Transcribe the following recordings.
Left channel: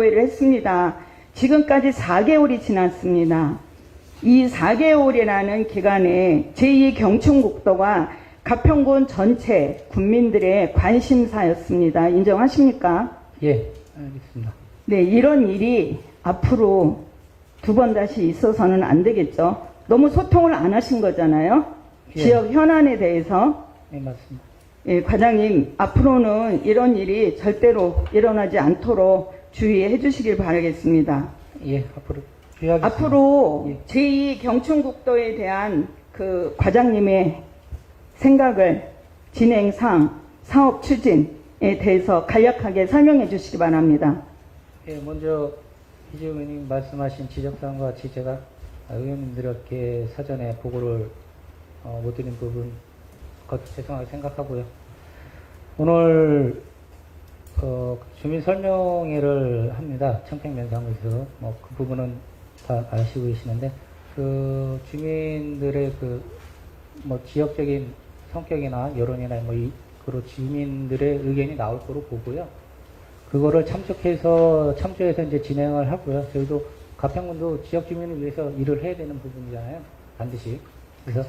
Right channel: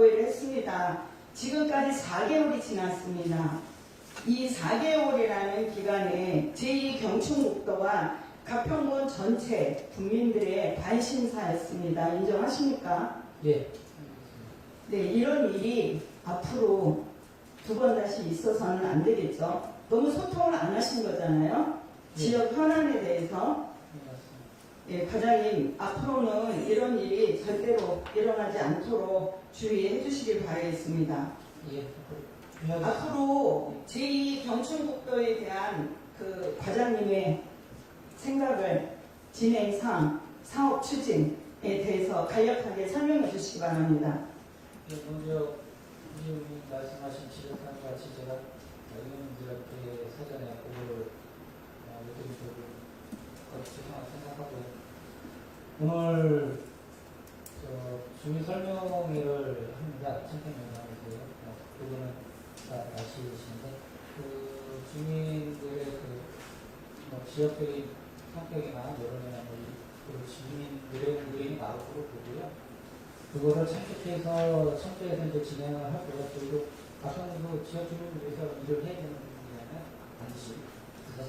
공고를 했습니다. 지금까지 4개월이 지났습니다. 이 4개월이라는 기간에 제2경춘국도가 가평군 전체 국민들의 관심사였습니다. 인정하십니까? 예, 알겠습니다. 네, 이런 일이 앞으로 두 번 다시 있어서는 안 되겠죠. 너무 소통을 안 하신 거잖아요. 예. 지역 현안에 대해서. 네, 맞습니다. 예, 과장님, 앞으로는 이런 일이 절대로 일어나지 않도록 주의해 주시길 바라겠습니다. 예, 앞으로 주의하겠습니다. 앞으로 예. 제2경춘국도에 대한 그 과장님의 생각을 진행상 사업 추진에 대해서 간략하게 설명해 주시기 바랍니다. 예, 먼저 이재용 의원님 말씀하신 지적사항과 같이 제가 의원님들께 사전에 보고를 못 드린 부분 죄송하게 생각하고요. 오늘 주민 설명회를 합니다. 청평면상에서 그 부분은 다 아시고 계시는데 그 주민들의 지역적인 성격이나 여론이나 그런 주민들의 의견이 나올 거로 보고요. 그거를 참조해서 이제 진행을 하고요. 저희도 가평군도 지역 주민을 위해서 일을 해야 되는 부분이잖아요. 반드시. 그래서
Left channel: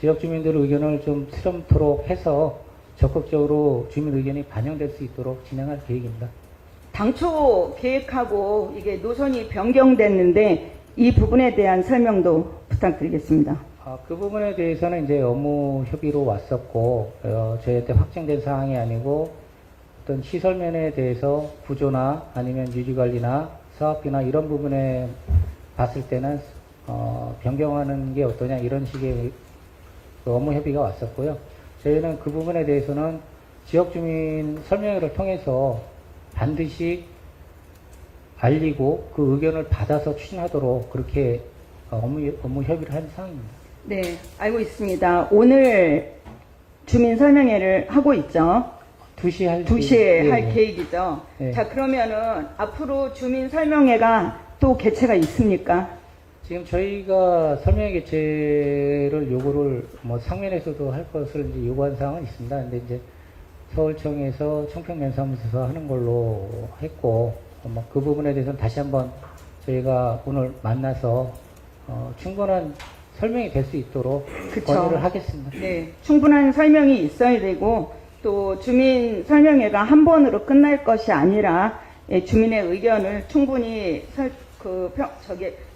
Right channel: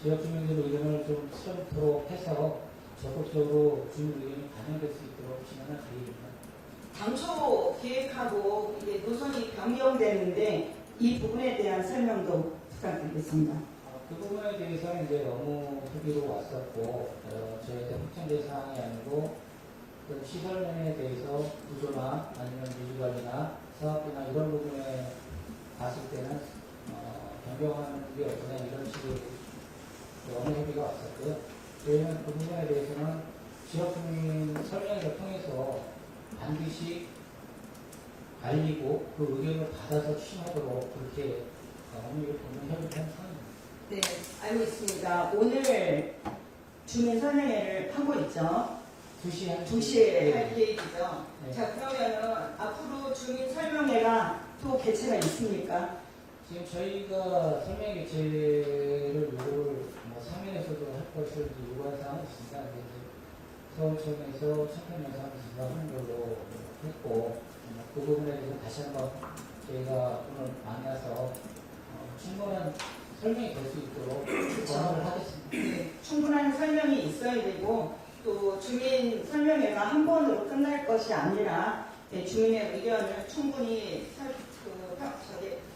지역 주민들의 의견을 좀 수렴토록 해서 적극적으로 주민 의견이 반영될 수 있도록 진행할 계획입니다. 당초 계획하고 이게 노선이 변경됐는데 이 부분에 대한 설명도 부탁드리겠습니다. 그 부분에 대해서는 이제 업무 협의로 왔었고, 저희한테 확정된 사항이 아니고, 어떤 시설면에 대해서 구조나 아니면 유지관리나 사업비나 이런 부분에 봤을 때는, 변경하는 게 어떠냐, 이런 식의 업무 협의가 왔었고요. 저희는 그 부분에 대해서는 지역주민 설명회를 통해서 반드시 알리고 그 의견을 받아서 추진하도록 그렇게 업무 협의를 한 사항입니다. 네, 알고 있습니다. 오늘 주민 설명회를 하고 있죠. 2시에 할 계획이죠. 네. 자, 그러면은 앞으로 주민 설명회가 또 개최가 있습니까? 지금 저희가 설명회 개최를 요구를 상면에서도 할 것을 이제 요구한 사항은 있습니다. 근데 이제 서울청에서 청평면사무소에서 하는 걸로 했고, 그 부분에 대해서는 다시 한번 저희가 오늘 만나서 충분한 설명이 될 수 있도록 권유를 하겠습니다. 네, 충분한 설명이 있어야 되고 또 주민 설명회가 한 번으로 끝날 것이 아니라 주민의 의견을 충분히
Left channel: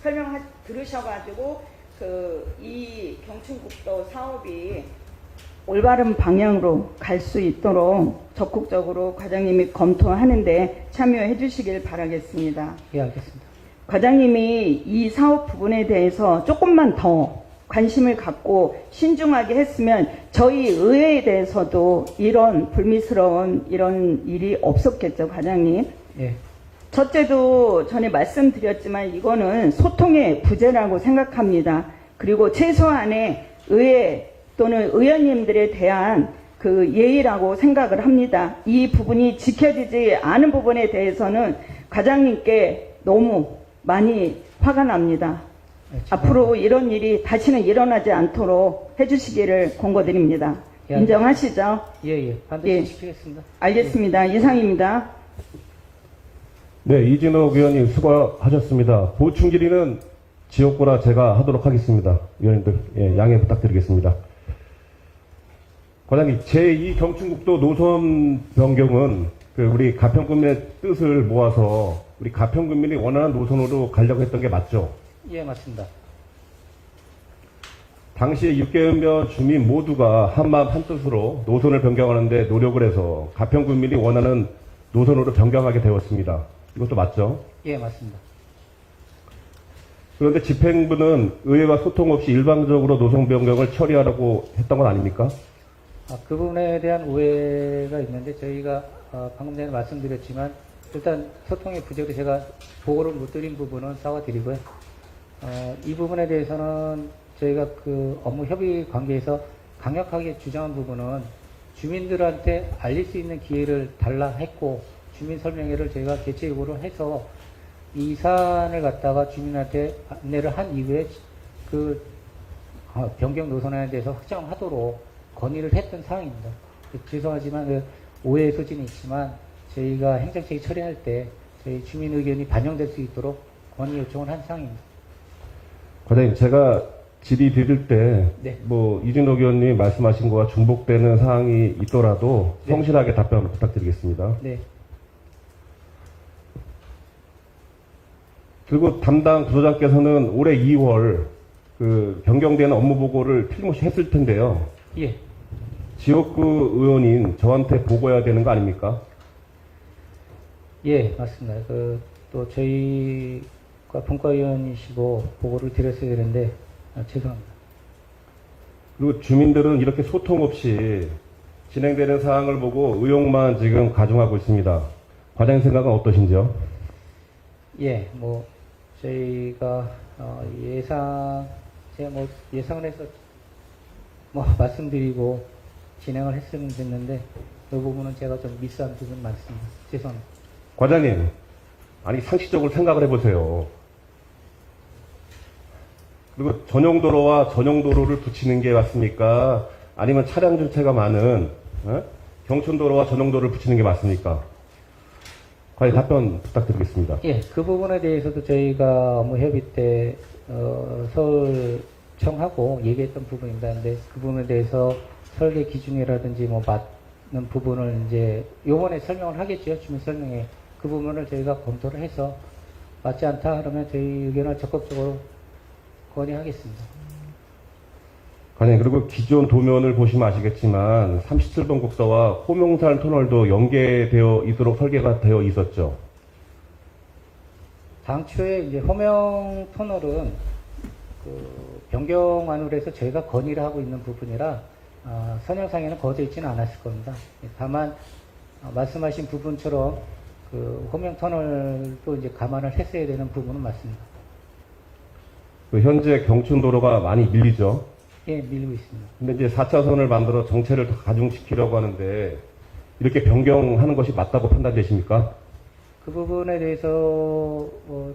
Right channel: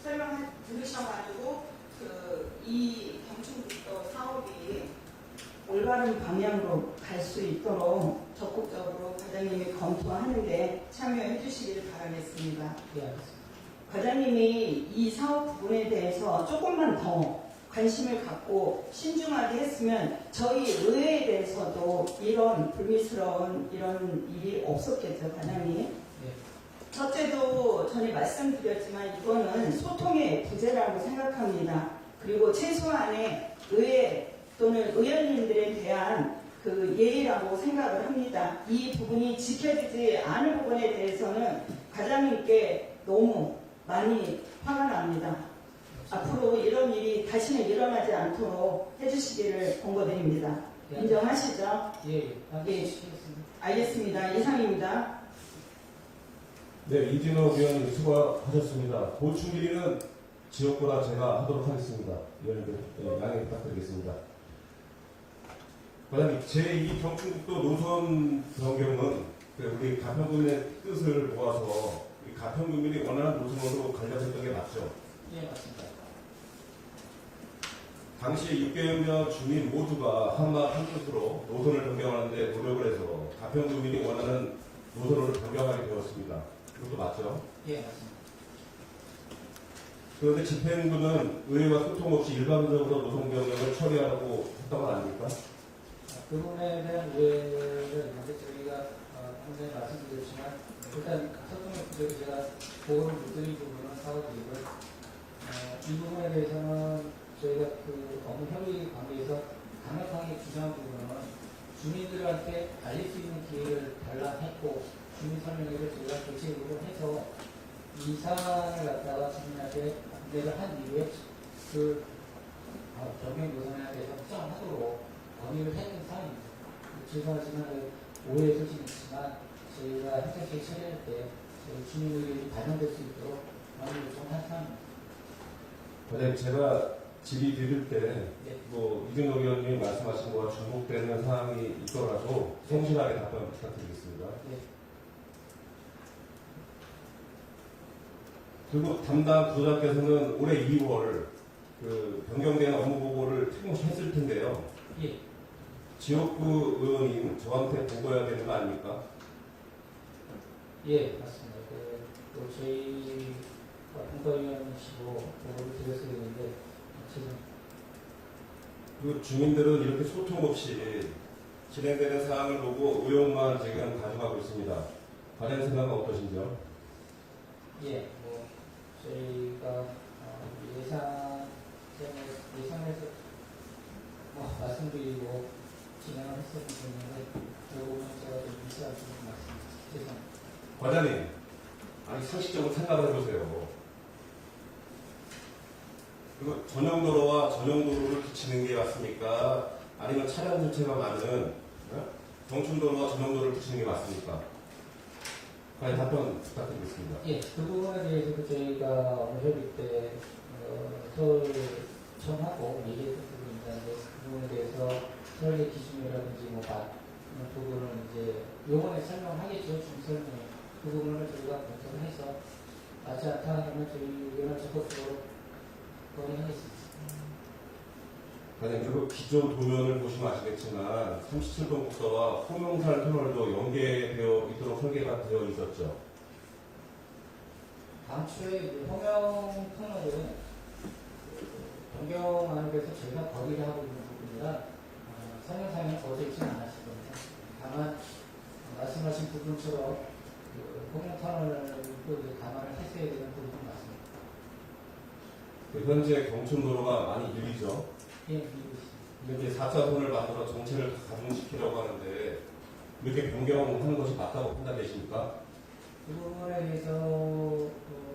설명 들으셔가지고 이 경춘국도 사업이 올바른 방향으로 갈 수 있도록 적극적으로 과장님이 검토하는데 참여해 주시길 바라겠습니다. 예, 알겠습니다. 과장님이 이 사업 부분에 대해서 조금만 더 관심을 갖고 신중하게 했으면 저희 의회에 대해서도 이런 불미스러운 이런 일이 없었겠죠, 과장님. 예. 첫째도 전에 말씀드렸지만 이거는 소통의 부재라고 생각합니다. 그리고 최소한의 의회 또는 의원님들에 대한 그 예의라고 생각을 합니다. 이 부분이 지켜지지 않은 부분에 대해서는 과장님께 너무 많이 화가 납니다. 네, 앞으로 이런 일이 다시는 일어나지 않도록 해주시기를 권고드립니다. 예, 인정하시죠? 예, 반드시 예. 지키겠습니다. 알겠습니다. 이상입니다. 네, 이진욱 의원님 수고하셨습니다. 보충 질의는 지역구나 제가 하도록 하겠습니다. 의원님들 양해 부탁드리겠습니다. 과장님, 제2경춘국도 노선 변경은 우리 가평군민의 뜻을 모아서 우리 가평군민이 원하는 노선으로 가려고 했던 게 맞죠? 예, 맞습니다. 당시에 6개월 주민 모두가 한마음 한뜻으로 노선을 변경하는데 노력을 해서 가평군민이 원하는 노선으로 변경하게 되었습니다. 이것도 맞죠? 예, 맞습니다. 그런데 집행부는 의회와 소통 없이 일방적으로 노선 변경을 처리하라고 했던 건 아닙니까? 그 부분에 대한 오해가 있는데 저희가 방금 전에 말씀드렸지만 일단 소통의 부재로 제가 보고를 못 드린 부분은 사과드리고요. 이 부분에 대해서는 저희가 그 업무 협의 관계에서 강력하게 주장한 부분은 주민들한테 알릴 수 있는 기회를 달라 했고 주민 설명회를 저희가 개최 요구를 해서 이 사안을 갖다가 주민한테 안내를 한 이후에 그 변경 노선에 대해서 확정하도록 건의를 했던 사항입니다. 죄송하지만 오해의 소지는 있지만 저희가 행정체계 처리할 때 저희 주민 의견이 반영될 수 있도록 건의 요청을 한 사항입니다. 과장님, 제가 질의 드릴 때, 네. 이진옥 의원님이 말씀하신 거와 중복되는 사항이 있더라도 네. 성실하게 답변 부탁드리겠습니다. 네. 그리고 담당 부서장께서는 올해 2월 그 변경되는 업무 보고를 틀림없이 했을 텐데요. 예. 지역구 의원인 저한테 보고해야 되는 거 아닙니까? 예, 맞습니다. 또 저희가 분과위원이시고 보고를 드렸어야 되는데, 죄송합니다. 그리고 주민들은 이렇게 소통 없이 진행되는 사항을 보고 의혹만 지금 가중하고 있습니다. 과장님 생각은 어떠신지요? 예, 저희가 예상을 해서 말씀드리고 진행을 했으면 됐는데, 그 부분은 제가 좀 미스한 부분이 많습니다. 죄송합니다. 과장님, 아니 상식적으로 생각을 해보세요. 그리고 전용도로와 전용도로를 붙이는 게 맞습니까? 아니면 차량 전체가 많은 경춘도로와 전용도로를 붙이는 게 맞습니까? 과연 답변 부탁드리겠습니다. 예, 그 부분에 대해서도 저희가 업무 협의 때 서울청하고 얘기했던 부분입니다. 근데 그 부분에 대해서 설계 기준이라든지 맞는 부분을 이제 요번에 설명을 하겠죠. 주민 설명회. 그 부분을 저희가 검토를 해서 맞지 않다 그러면 저희 의견을 적극적으로 건의하겠습니다. 과장님, 그리고 기존 도면을 보시면 아시겠지만 37번 국도와 호명산 터널도 연계되어 있도록 설계가 되어 있었죠. 당초에 이제 호명 터널은 변경안으로 해서 저희가 건의를 하고 있는 부분이라 선형상에는 거져 있지는 않았을 겁니다. 다만 말씀하신 부분처럼 호명 터널도 이제 감안을 했어야 되는 부분은 맞습니다. 현재 경춘도로가 많이 밀리죠. 예, 밀리고 있습니다. 근데 이제 4차선을 만들어 정체를 가중시키려고 하는데 이렇게 변경하는 것이 맞다고 판단되십니까? 그 부분에 대해서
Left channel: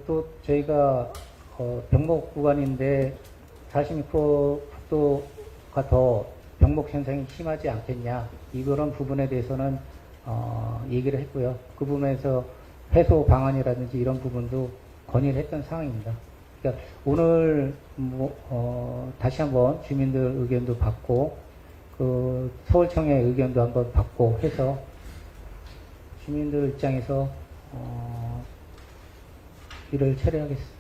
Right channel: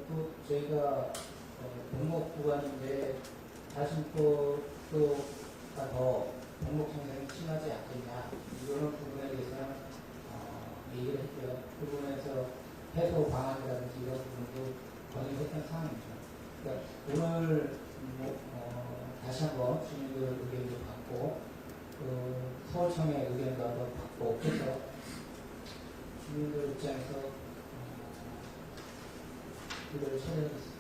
또 저희가 병목 구간인데 46%가 더 병목 현상이 심하지 않겠냐 이런 부분에 대해서는 얘기를 했고요. 그 부분에서 해소 방안이라든지 이런 부분도 건의를 했던 상황입니다. 그러니까 오늘 다시 한번 주민들 의견도 받고 서울청의 의견도 한번 받고 해서 주민들 입장에서 일을 처리하겠습니다.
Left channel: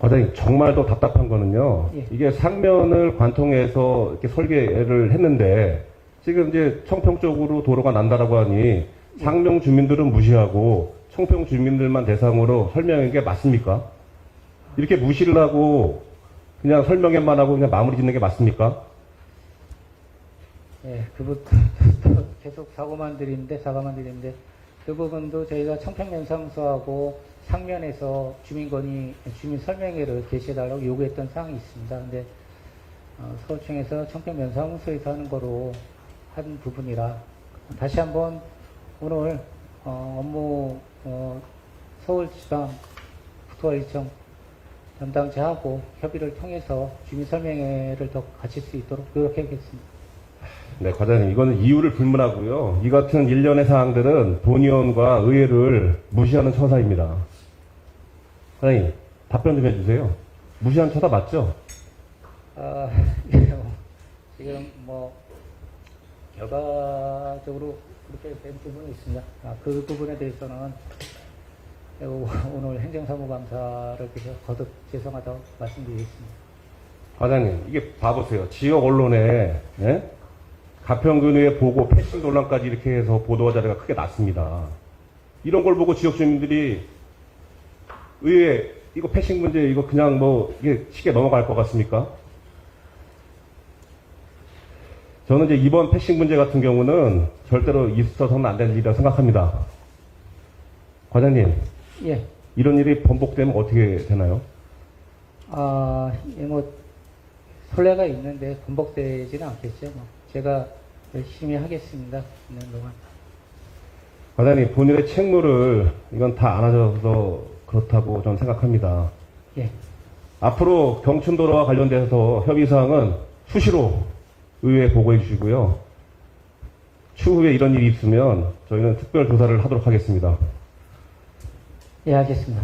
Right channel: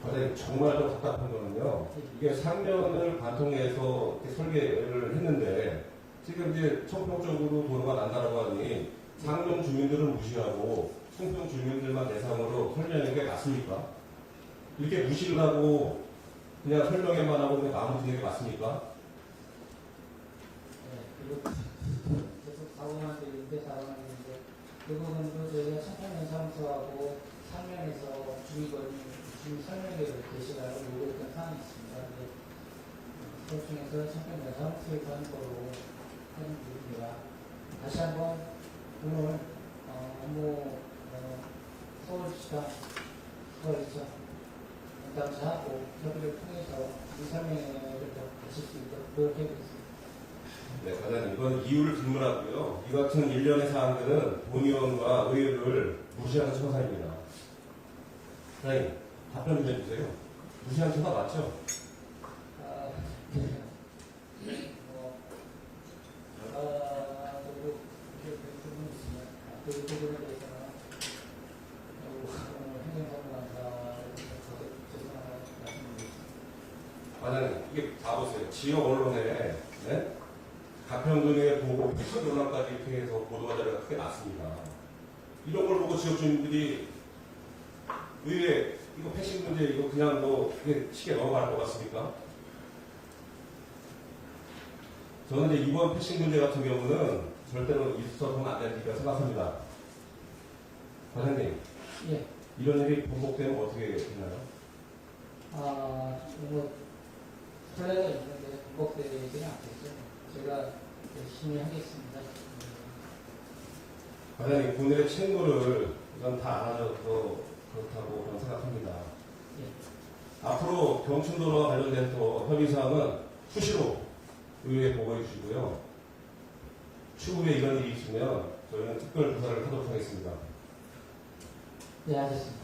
과장님, 정말 더 답답한 거는요. 예. 이게 상면을 관통해서 이렇게 설계를 했는데 지금 이제 청평 쪽으로 도로가 난다라고 하니 상명 주민들은 무시하고 청평 주민들만 대상으로 설명한 게 맞습니까? 이렇게 무시를 하고 그냥 설명회만 하고 그냥 마무리 짓는 게 맞습니까? 네, 계속 사과만 드리는데 그 부분도 저희가 청평면사무소하고 상면에서 주민 설명회를 개시해달라고 요구했던 사항이 있습니다. 근데 서울청에서 청평면사무소에서 하는 거로 한 부분이라 다시 한번 오늘 업무 서울지방 국토관리청 담당자하고 협의를 통해서 주민 설명회를 더 갖출 수 있도록 노력하겠습니다. 네, 과장님, 이거는 이유를 불문하고요. 이 같은 일련의 사항들은 본의원과 의회를 무시하는 처사입니다. 과장님, 답변 좀 해주세요. 무시하는 처사 맞죠? 지금 결과적으로 그렇게 된 부분이 있습니다. 그 부분에 대해서는 오늘 행정사무감사를 통해서 거듭 죄송하다고 말씀드리겠습니다. 과장님, 이게 봐보세요. 지역 언론에 가평군의 보고 패싱 논란까지 이렇게 해서 보도 자료가 크게 났습니다. 이런 걸 보고 지역 주민들이 의회 이거 패싱 문제 이거 그냥 이게 쉽게 넘어갈 것 같습니까? 저는 이제 이번 패싱 문제 같은 경우는 절대로 있어서는 안 되는 일이라고 생각합니다. 과장님, 예. 이런 일이 번복되면 어떻게 되나요? 선례가 있는데 번복되지는 않겠죠. 제가 열심히 하겠습니다. 과장님, 본인의 책무를 이건 다 안아줘서 그렇다고 저는 생각합니다. 예. 앞으로 경춘도로와 관련돼서 협의사항은 수시로 의회에 보고해 주시고요. 추후에 이런 일이 있으면 저희는 특별 조사를 하도록 하겠습니다. 예, 알겠습니다.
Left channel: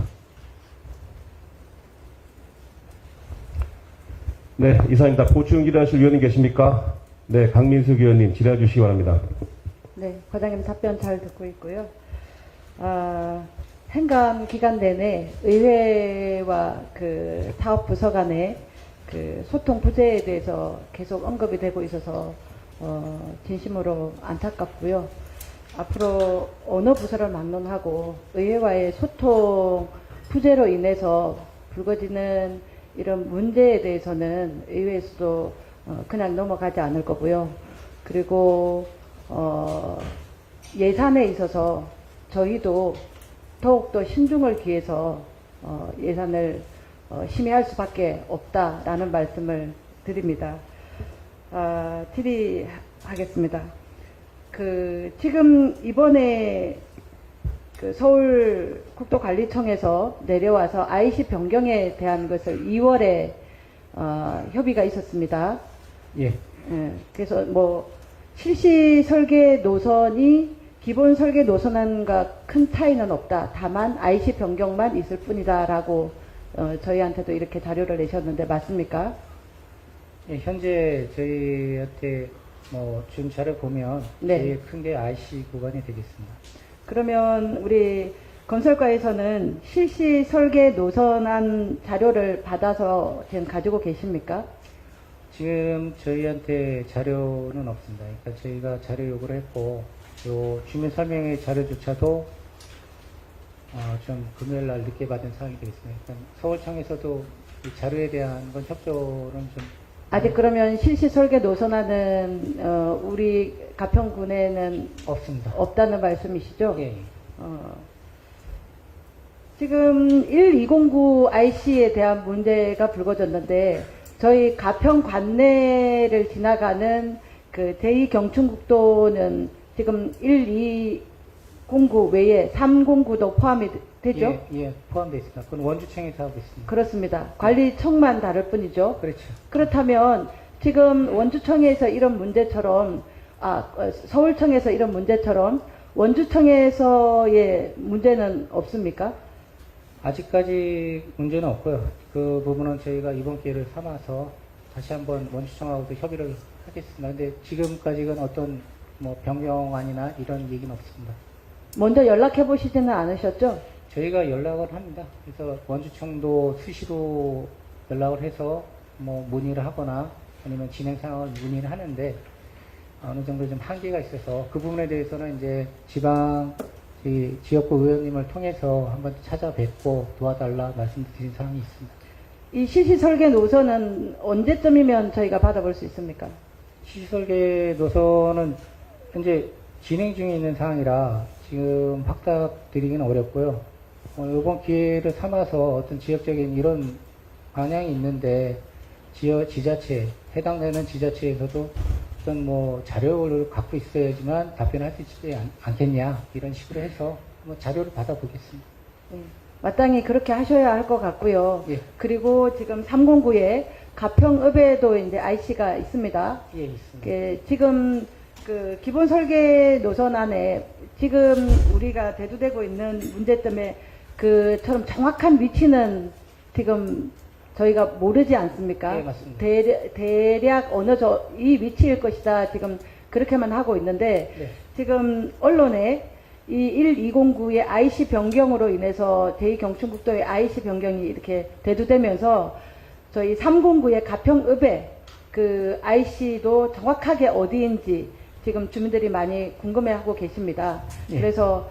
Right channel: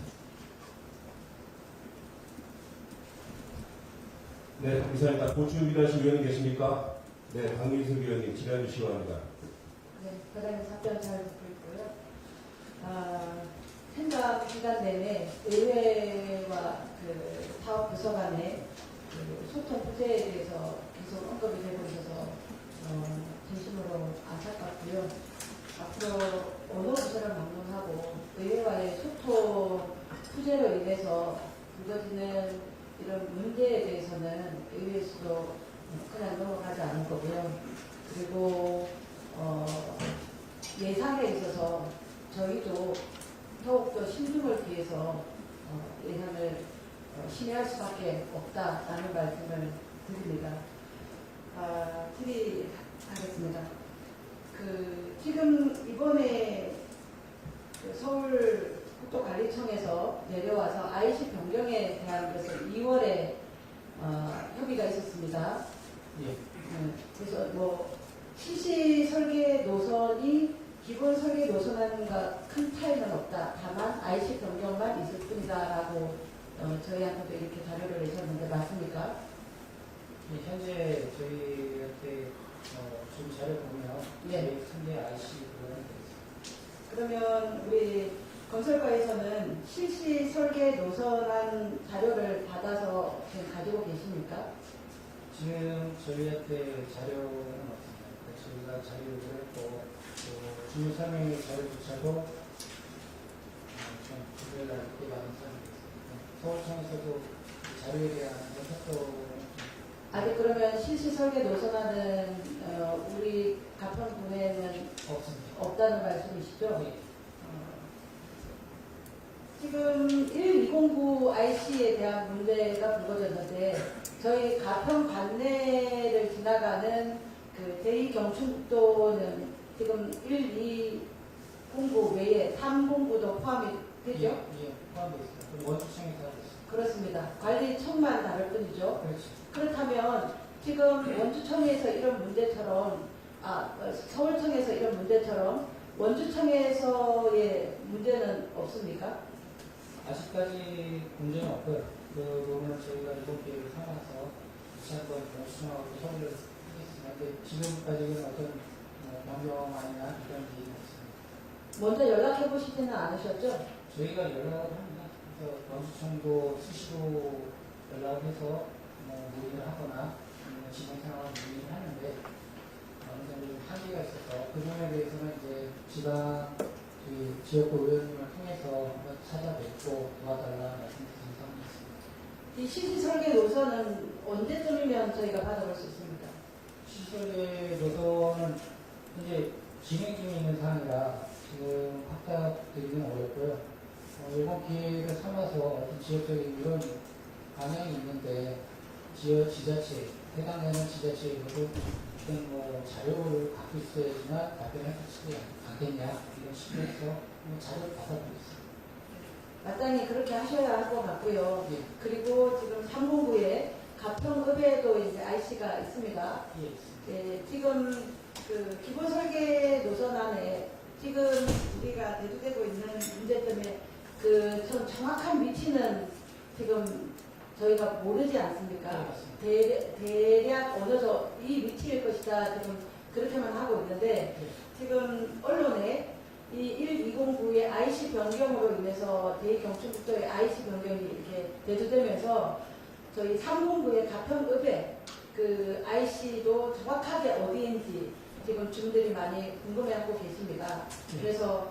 네, 이상입니다. 보충 질의하실 위원님 계십니까? 네, 강민숙 의원님 질의해 주시기 바랍니다. 네, 과장님 답변 잘 듣고 있고요. 행감 기간 내내 의회와 그 사업 부서 간의 그 소통 부재에 대해서 계속 언급이 되고 있어서 진심으로 안타깝고요. 앞으로 어느 부서를 막론하고 의회와의 소통 부재로 인해서 불거지는 이런 문제에 대해서는 의회에서도 그냥 넘어가지 않을 거고요. 그리고 예산에 있어서 저희도 더욱더 신중을 기해서 예산을 심의할 수밖에 없다라는 말씀을 드립니다. 질의하겠습니다. 지금 이번에 그 서울국도관리청에서 내려와서 IC 변경에 대한 것을 2월에 협의가 있었습니다. 예. 그래서 뭐 실시 설계 노선이 기본 설계 노선안과 큰 차이는 없다. 다만 IC 변경만 있을 뿐이다라고 저희한테도 이렇게 자료를 내셨는데 맞습니까? 예, 현재 저희한테 준 자료 보면 네. 제일 큰 게 IC 구간이 되겠습니다. 그러면 우리 건설과에서는 실시 설계 노선안 자료를 받아서 지금 가지고 계십니까? 지금 저희한테 자료는 없습니다. 그러니까 저희가 자료 요구를 했고, 요 주민 설명회 자료조차도 좀 금요일 날 늦게 받은 상황이 되겠습니다. 일단 서울청에서도 이 자료에 대한 건 협조는 좀 아직 그러면 실시 설계 노선안은 우리 가평군에는 없습니다. 없다는 말씀이시죠? 예. 지금 1209 IC에 대한 문제가 불거졌는데 저희 가평 관내를 지나가는 그 제2경춘국도는 지금 1209 외에 309도 포함이 되죠? 예, 포함되어 있습니다. 그건 원주청에서 하고 있습니다. 그렇습니다. 관리청만 다를 뿐이죠. 그렇죠. 그렇다면 지금 원주청에서 이런 문제처럼 서울청에서 이런 문제처럼 원주청에서의 문제는 없습니까? 아직까지 문제는 없고요. 그 부분은 저희가 이번 기회를 삼아서 다시 한번 원주청하고도 협의를 하겠습니다. 근데 지금까지는 어떤 변경안이나 이런 얘기는 없습니다. 먼저 연락해 보시지는 않으셨죠? 저희가 연락을 합니다. 그래서 원주청도 수시로 연락을 해서 문의를 하거나 아니면 진행 상황을 문의를 하는데 어느 정도 좀 한계가 있어서 그 부분에 대해서는 이제 지역구 의원님을 통해서 한번 찾아뵙고 도와달라 말씀드린 사항이 있습니다. 이 실시 설계 노선은 언제쯤이면 저희가 받아볼 수 있습니까? 시설계 노선은 현재 진행 중에 있는 사항이라 지금 확답 드리기는 어렵고요. 이번 기회를 삼아서 어떤 지역적인 이런 방향이 있는데 지자체, 해당되는 지자체에서도 어떤 자료를 갖고 있어야지만 답변할 수 있지 않겠냐 이런 식으로 해서 자료를 받아보겠습니다. 마땅히 그렇게 하셔야 할 것 같고요. 예. 그리고 지금 309에 가평읍에도 이제 IC가 있습니다. 예, 있습니다. 지금 그 기본 설계 노선안에 지금 우리가 대두되고 있는 문제점에 그처럼 정확한 위치는 지금 저희가 모르지 않습니까? 네, 맞습니다. 대략 이 위치일 것이다. 지금 그렇게만 하고 있는데 네. 지금 언론에 이 1209의 IC 변경으로 인해서 제2경춘국도의 IC 변경이 이렇게 대두되면서 저희 309의 가평읍에 그 IC도 정확하게 어디인지 지금 주민들이 많이 궁금해하고 계십니다. 예. 그래서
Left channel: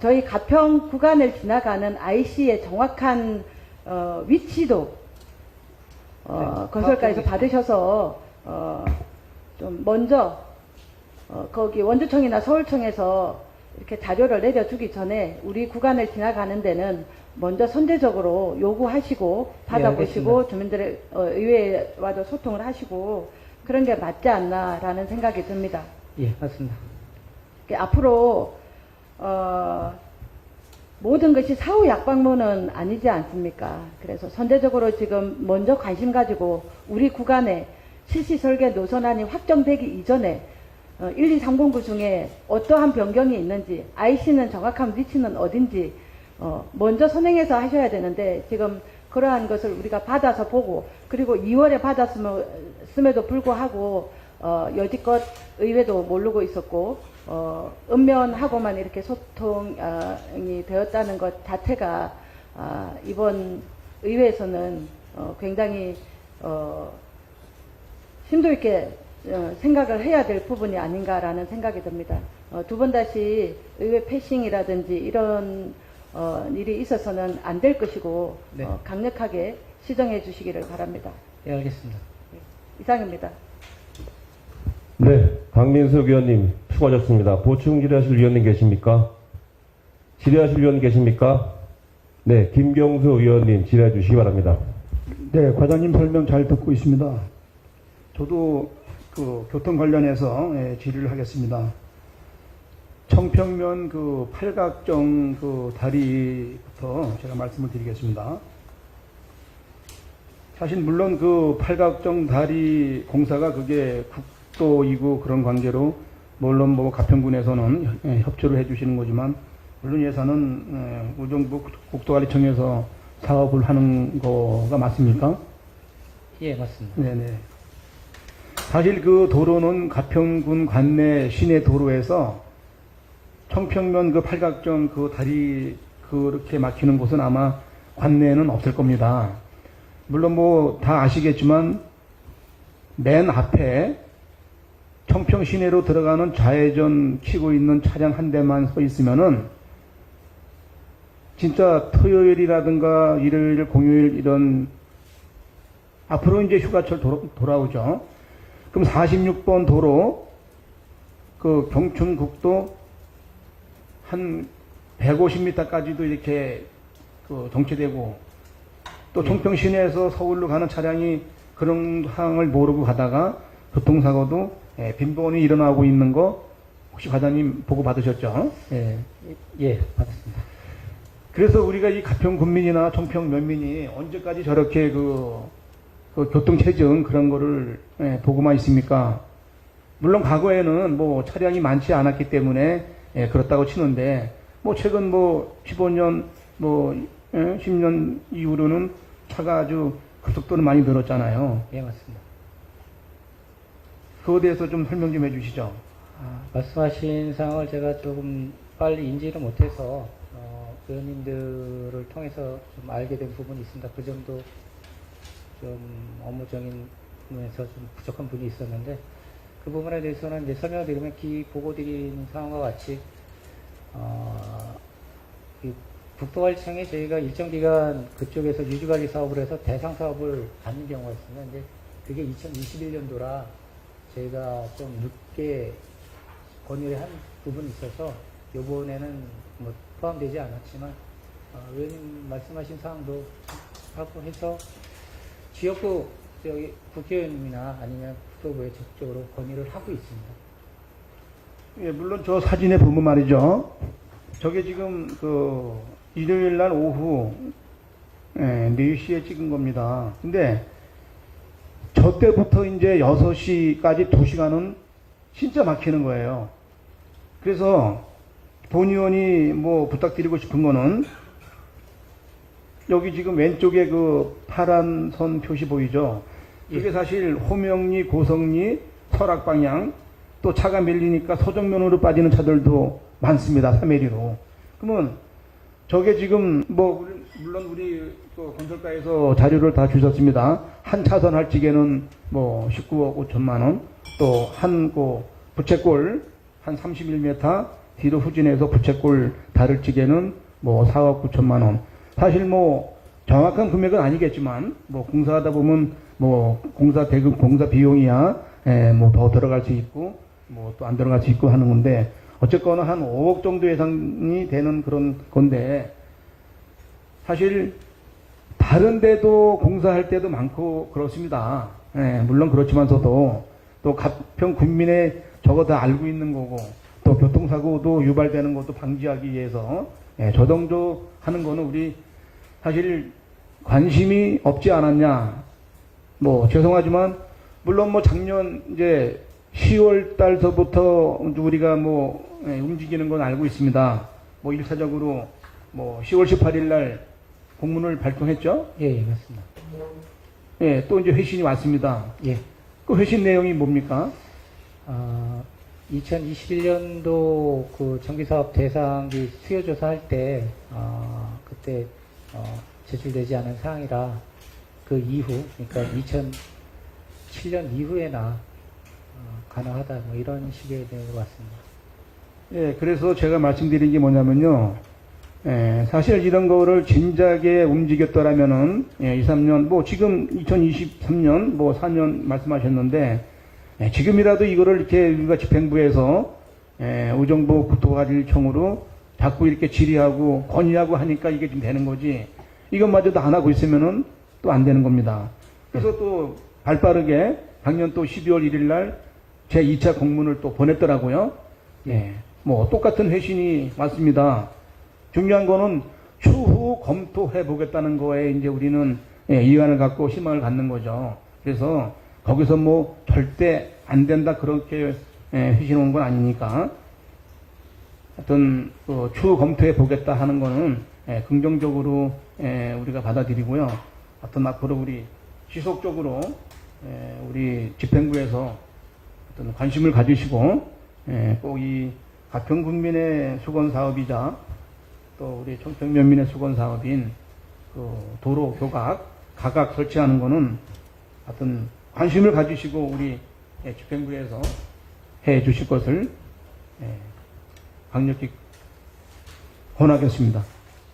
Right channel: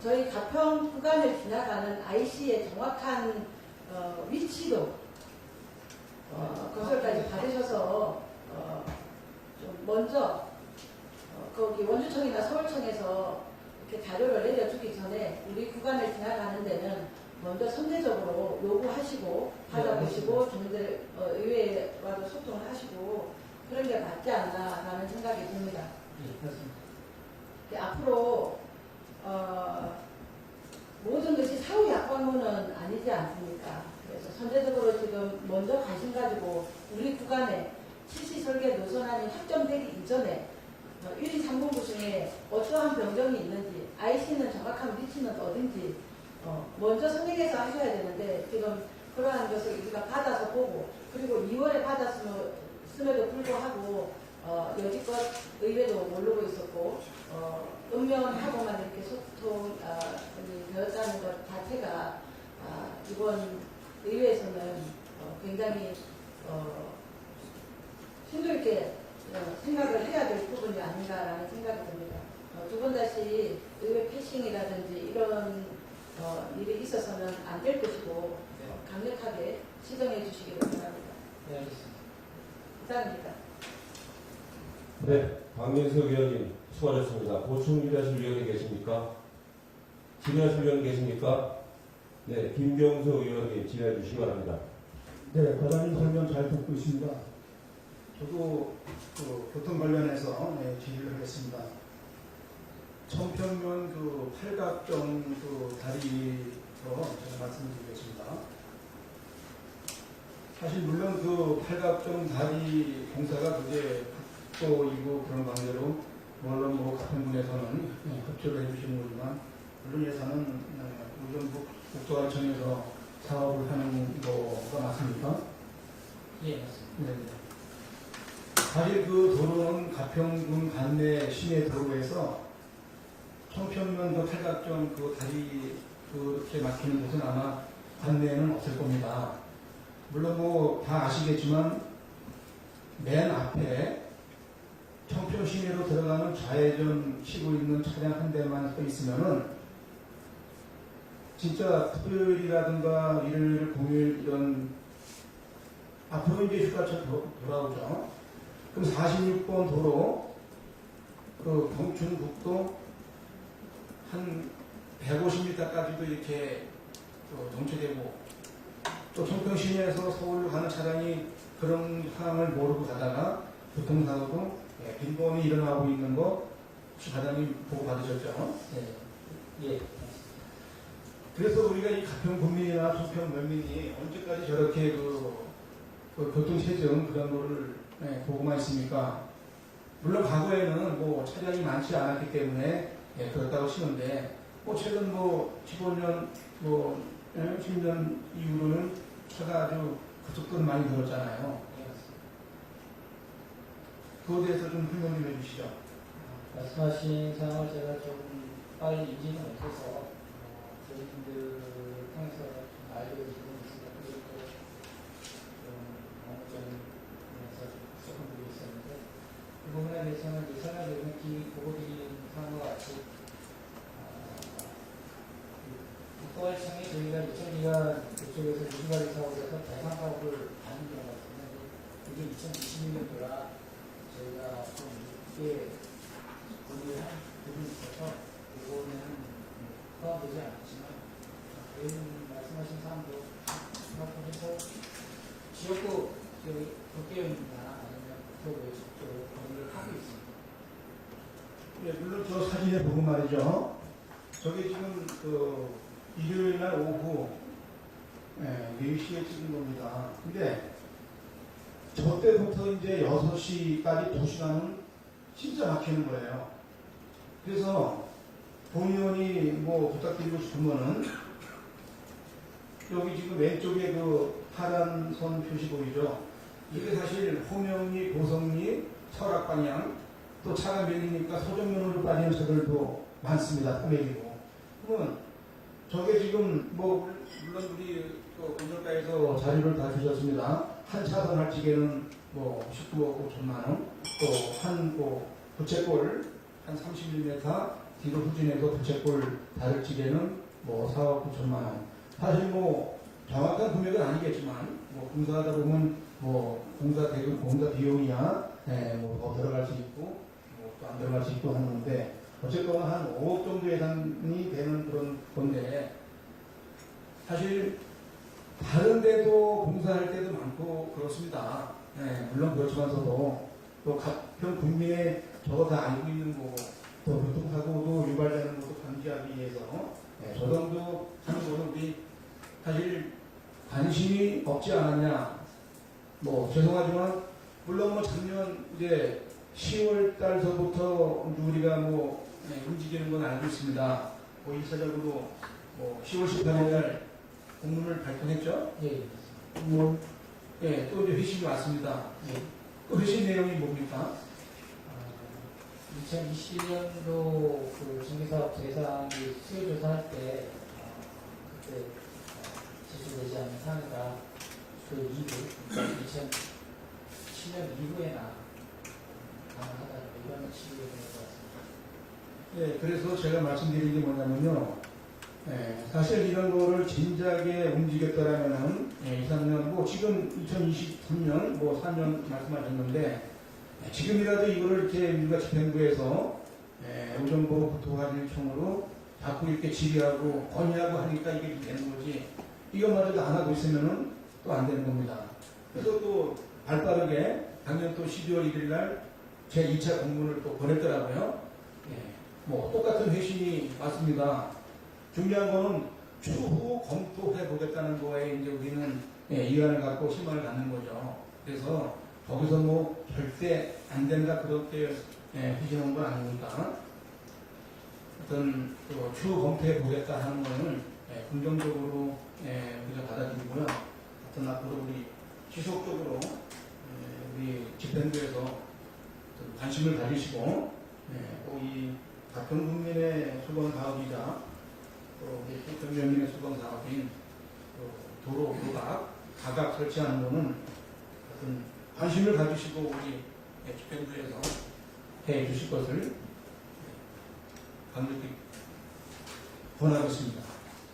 저희 가평 구간을 지나가는 IC의 정확한 위치도 건설과에서 받으셔서 좀 먼저 거기 원주청이나 서울청에서 이렇게 자료를 내려주기 전에 우리 구간을 지나가는 데는 먼저 선제적으로 요구하시고 받아보시고 네, 주민들의 의회와도 소통을 하시고 그런 게 맞지 않나라는 생각이 듭니다. 예, 맞습니다. 앞으로 모든 것이 사후 약방문은 아니지 않습니까? 그래서 선제적으로 지금 먼저 관심 가지고 우리 구간에 실시 설계 노선안이 확정되기 이전에 12309 중에 어떠한 변경이 있는지 IC는 정확한 위치는 어딘지 먼저 선행해서 하셔야 되는데 지금 그러한 것을 우리가 받아서 보고 그리고 2월에 받았음에도 불구하고 여지껏 의회도 모르고 있었고 읍면하고만 이렇게 소통이 되었다는 것 자체가 이번 의회에서는 굉장히 심도 있게 생각을 해야 될 부분이 아닌가라는 생각이 듭니다. 두 번 다시 의회 패싱이라든지 이런 일이 있어서는 안 될 것이고 네. 강력하게 시정해 주시기를 바랍니다. 예, 알겠습니다. 이상입니다. 네, 강민석 의원님 수고하셨습니다. 보충 질의하실 위원님 계십니까? 질의하실 위원 계십니까? 네, 김경수 의원님 질의해 주시기 바랍니다. 네, 과장님 설명 잘 듣고 있습니다. 저도 그 교통 관련해서 질의를 하겠습니다. 청평면 그 팔각정 그 다리부터 제가 말씀을 드리겠습니다. 사실 물론 그 팔각정 다리 공사가 그게 국도이고 그런 관계로 물론 뭐 가평군에서는 협조를 해주시는 거지만 물론 예산은 우정부 국도관리청에서 사업을 하는 거가 맞습니까? 예, 맞습니다. 네네. 사실 그 도로는 가평군 관내 시내 도로에서 청평면 그 팔각정 그 다리 그렇게 막히는 곳은 아마 관내에는 없을 겁니다. 물론 뭐 다 아시겠지만 맨 앞에 청평 시내로 들어가는 좌회전 치고 있는 차량 한 대만 서 있으면은 진짜 토요일이라든가 일요일, 공휴일 이런 앞으로 이제 휴가철 돌아오죠. 그럼 46번 도로 그 경춘국도 한 150m까지도 이렇게 그 정체되고 또 청평 시내에서 서울로 가는 차량이 그런 상황을 모르고 가다가 교통사고도 빈번히 일어나고 있는 거 혹시 과장님 보고 받으셨죠? 예, 예, 받았습니다. 그래서 우리가 이 가평 군민이나 청평 면민이 언제까지 저렇게 그 교통체증 그런 거를 보고만 있습니까? 물론 과거에는 뭐 차량이 많지 않았기 때문에 그렇다고 치는데 뭐 최근 뭐 15년 뭐 10년 이후로는 차가 아주 급속도로 많이 늘었잖아요. 예, 맞습니다. 그거에 대해서 좀 설명 좀 해주시죠. 말씀하신 사항을 제가 조금 빨리 인지를 못해서 의원님들을 통해서 좀 알게 된 부분이 있습니다. 그 정도 좀 업무적인 부분에서 좀 부족한 부분이 있었는데 그 부분에 대해서는 이제 설명을 드리면 보고드린 사항과 같이 국토관리청에 저희가 일정 기간 그쪽에서 유지관리 사업을 해서 대상 사업을 받는 경우가 있습니다. 근데 그게 2021년도라 저희가 좀 늦게 권유한 부분이 있어서 이번에는 뭐 포함되지 않았지만 의원님 말씀하신 사항도 하고 해서 지역구 저기 국회의원님이나 아니면 국토부에 적극적으로 건의를 하고 있습니다. 예, 물론 저 사진에 보면 말이죠. 저게 지금 그 일요일 날 오후 4시에 찍은 겁니다. 근데 저 때부터 이제 6시까지 2시간은 진짜 막히는 거예요. 그래서 본 의원이 뭐 부탁드리고 싶은 거는 여기 지금 왼쪽에 그 파란 선 표시 보이죠? 이게 사실 호명리, 고성리, 설악 방향 또 차가 밀리니까 서정면으로 빠지는 차들도 많습니다. 3회리로. 그러면 저게 지금 뭐 물론 우리 또 건설가에서 자료를 다 주셨습니다. 한 차선 할 적에는 뭐 19억 5천만 원, 또 한 부채꼴 한 31m 뒤로 후진해서 부채꼴 다를 적에는 뭐 4억 9천만 원. 사실 뭐 정확한 금액은 아니겠지만 뭐 공사하다 보면 뭐 공사 대금 공사 비용이야 뭐 더 들어갈 수 있고 뭐 또 안 들어갈 수 있고 하는 건데 어쨌거나 한 5억 정도 예상이 되는 그런 건데 사실 다른 데도 공사할 때도 많고 그렇습니다. 물론 그렇지만서도 또 가평 군민의 저거 다 알고 있는 거고 또 교통사고도 유발되는 것도 방지하기 위해서 저 정도 하는 거는 우리 사실 관심이 없지 않았냐. 뭐 죄송하지만 물론 뭐 작년 이제 10월 달서부터 우리가 뭐 움직이는 건 알고 있습니다. 뭐 1차적으로 뭐 10월 18일 날 공문을 발송했죠. 예, 예, 맞습니다. 예, 또 이제 회신이 왔습니다. 예. 그 회신 내용이 뭡니까? 2021년도 그 정비사업 대상비 수요조사할 때, 그때, 제출되지 않은 사항이라 그 이후, 그러니까 2007년 이후에나 가능하다, 뭐 이런 식의 내용인 것 같습니다. 예, 그래서 제가 말씀드린 게 뭐냐면요. 예, 사실 이런 거를 진작에 움직였더라면은, 예, 2, 3년, 뭐 지금 2023년, 뭐 4년 말씀하셨는데, 예, 지금이라도 이거를 이렇게 우리가 집행부에서, 예, 의정부 국토관리청으로 자꾸 이렇게 질의하고 건의하고 하니까 이게 좀 되는 거지, 이것마저도 안 하고 있으면은 또 안 되는 겁니다. 그래서 또 발빠르게 작년 또 12월 1일 날 제 2차 공문을 또 보냈더라고요. 예, 뭐 똑같은 회신이 왔습니다. 중요한 거는 추후 검토해 보겠다는 거에 이제 우리는 예, 이관을 갖고 희망을 갖는 거죠. 그래서 거기서 뭐 절대 안 된다 그렇게 예, 회신 온 건 아니니까 하여튼 그 추후 검토해 보겠다 하는 거는 예, 긍정적으로 예, 우리가 받아들이고요. 하여튼 앞으로 우리 지속적으로 예, 우리 집행부에서 어떤 관심을 가지시고 예, 꼭 이 가평 국민의 수건 사업이자 또 우리 청평면민의 수건 사업인 그 도로 교각 가각 설치하는 거는 하여튼 관심을 가지시고 우리 예, 집행부에서 해 주실 것을 예, 강력히 권하겠습니다.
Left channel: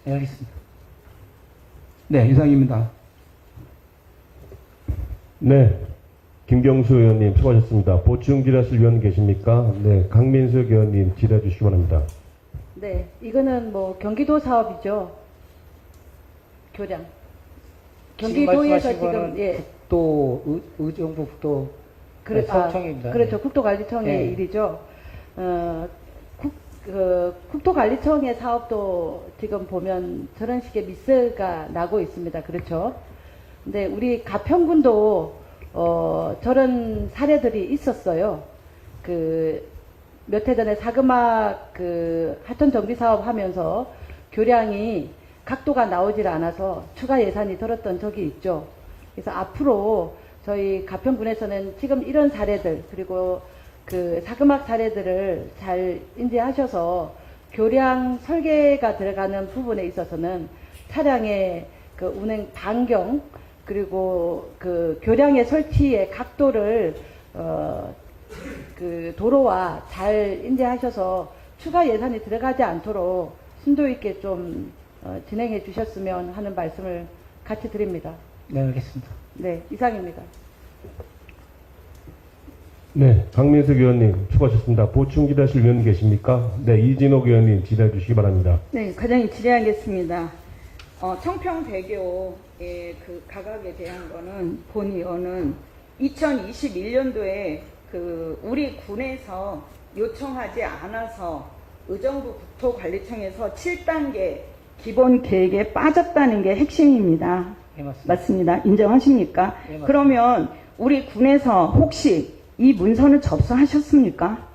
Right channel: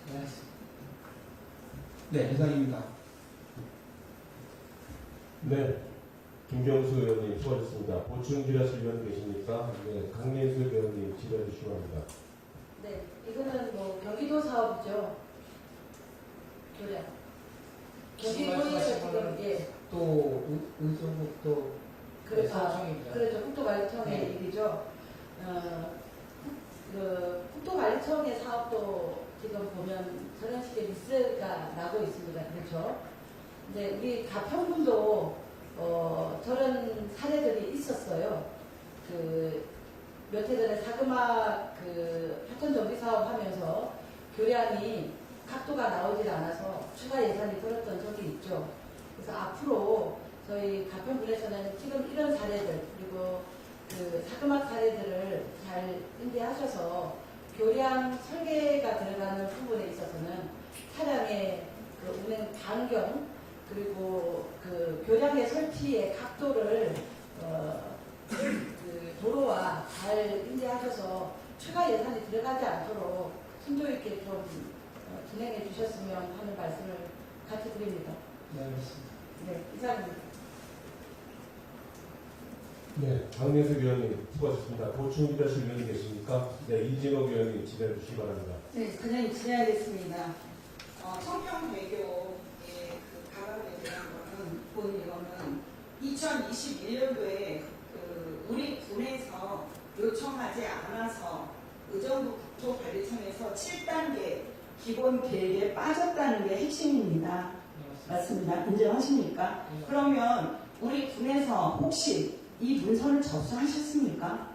네, 알겠습니다. 네, 이상입니다. 네. 김경수 의원님 수고하셨습니다. 보충 질의하실 위원 계십니까? 네. 강민석 의원님 질의해 주시기 바랍니다. 네, 이거는 뭐 경기도 사업이죠. 교량. 경기도에서 지금 예. 국도, 의정부 국도 서청입니다. 그렇죠. 국토관리청의 네. 일이죠. 국토관리청의 사업도 지금 보면 저런 식의 미스가 나고 있습니다. 그렇죠. 근데 우리 가평군도 저런 사례들이 있었어요. 몇 해 전에 사금악 하천 정비 사업 하면서 교량이 각도가 나오질 않아서 추가 예산이 들었던 적이 있죠. 그래서 앞으로 저희 가평군에서는 지금 이런 사례들 그리고 사금악 사례들을 잘 인지하셔서 교량 설계가 들어가는 부분에 있어서는 차량의 운행 반경 그리고 교량의 설치의 각도를 도로와 잘 인지하셔서 추가 예산이 들어가지 않도록 심도 있게 좀 진행해 주셨으면 하는 말씀을 같이 드립니다. 네, 알겠습니다. 네, 이상입니다. 네. 강민석 의원님 수고하셨습니다. 보충 질의하실 위원 계십니까? 네. 이진옥 의원님 질의해 주시기 바랍니다. 네, 과장님 질의하겠습니다. 청평대교의 가각에 대한 거는 본 의원은 2021년도에 우리 군에서 요청하지 않아서 의정부 국토관리청에서 7단계 기본 계획에 빠졌다는 게 핵심입니다. 네, 맞습니다. 맞습니다. 인정하십니까? 네, 맞습니다. 그러면 우리 군에서 혹시 이 문서는 접수하셨습니까?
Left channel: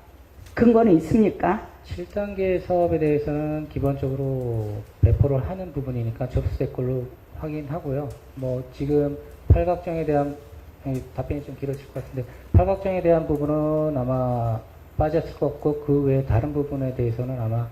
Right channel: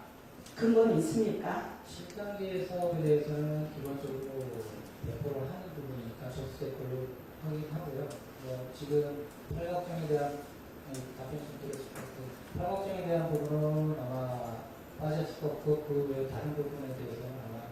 근거는 있습니까? 7단계 사업에 대해서는 기본적으로 배포를 하는 부분이니까 접수될 걸로 확인하고요. 뭐 지금 팔각정에 대한 답변이 좀 길어질 것 같은데 팔각정에 대한 부분은 아마 빠졌을 것 같고 그 외에 다른 부분에 대해서는 아마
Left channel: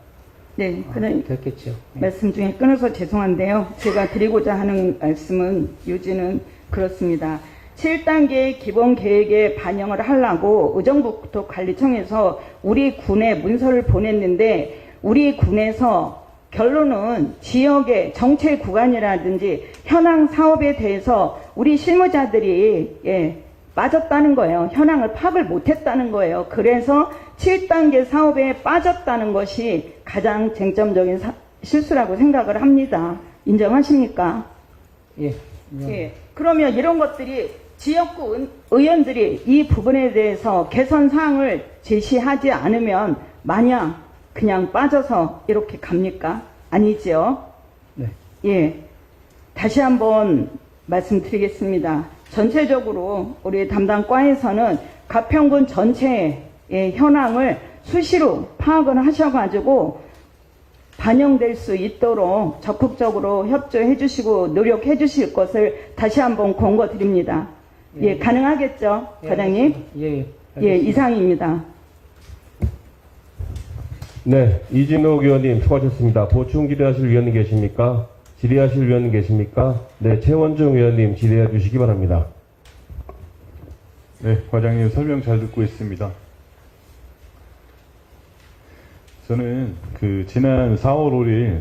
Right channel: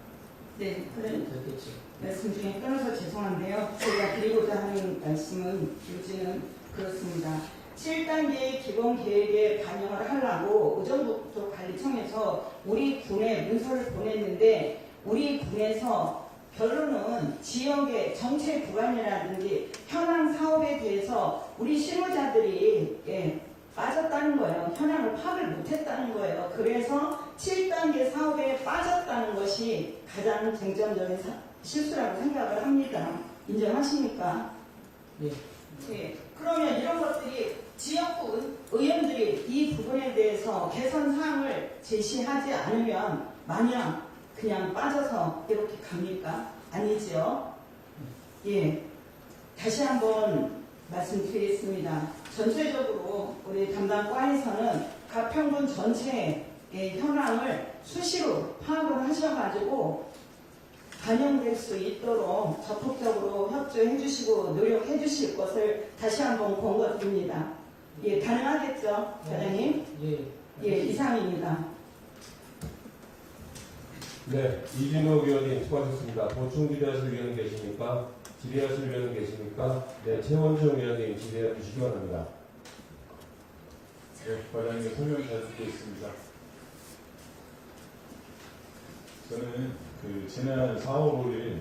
네, 그런 됐겠죠. 네. 말씀 중에 끊어서 죄송한데요. 제가 드리고자 하는 말씀은 요지는 그렇습니다. 7단계 기본 계획에 반영을 하려고 의정부 국토관리청에서 우리 군에 문서를 보냈는데 우리 군에서 결론은 지역의 정체 구간이라든지 현황 사업에 대해서 우리 실무자들이 빠졌다는 거예요. 현황을 파악을 못했다는 거예요. 그래서 7단계 사업에 빠졌다는 것이 가장 쟁점적인 실수라고 생각을 합니다. 인정하십니까? 예. 예. 그러면 이런 것들이 지역구 의원들이 이 부분에 대해서 개선 사항을 제시하지 않으면 마냥 그냥 빠져서 이렇게 갑니까? 아니죠. 네. 예. 다시 한번 말씀드리겠습니다. 전체적으로 우리 담당 과에서는 가평군 전체의 현황을 수시로 파악을 하셔가지고 반영될 수 있도록 적극적으로 협조해 주시고 노력해 주실 것을 다시 한번 권고드립니다. 예, 가능하겠죠, 과장님? 예. 예, 이상입니다. 네, 이진욱 의원님 수고하셨습니다. 보충 질의하실 위원님 계십니까? 질의하실 위원님 계십니까? 네, 최원중 의원님 질의해 주시기 바랍니다. 네, 과장님 설명 잘 듣고 있습니다. 저는 지난 4월 5일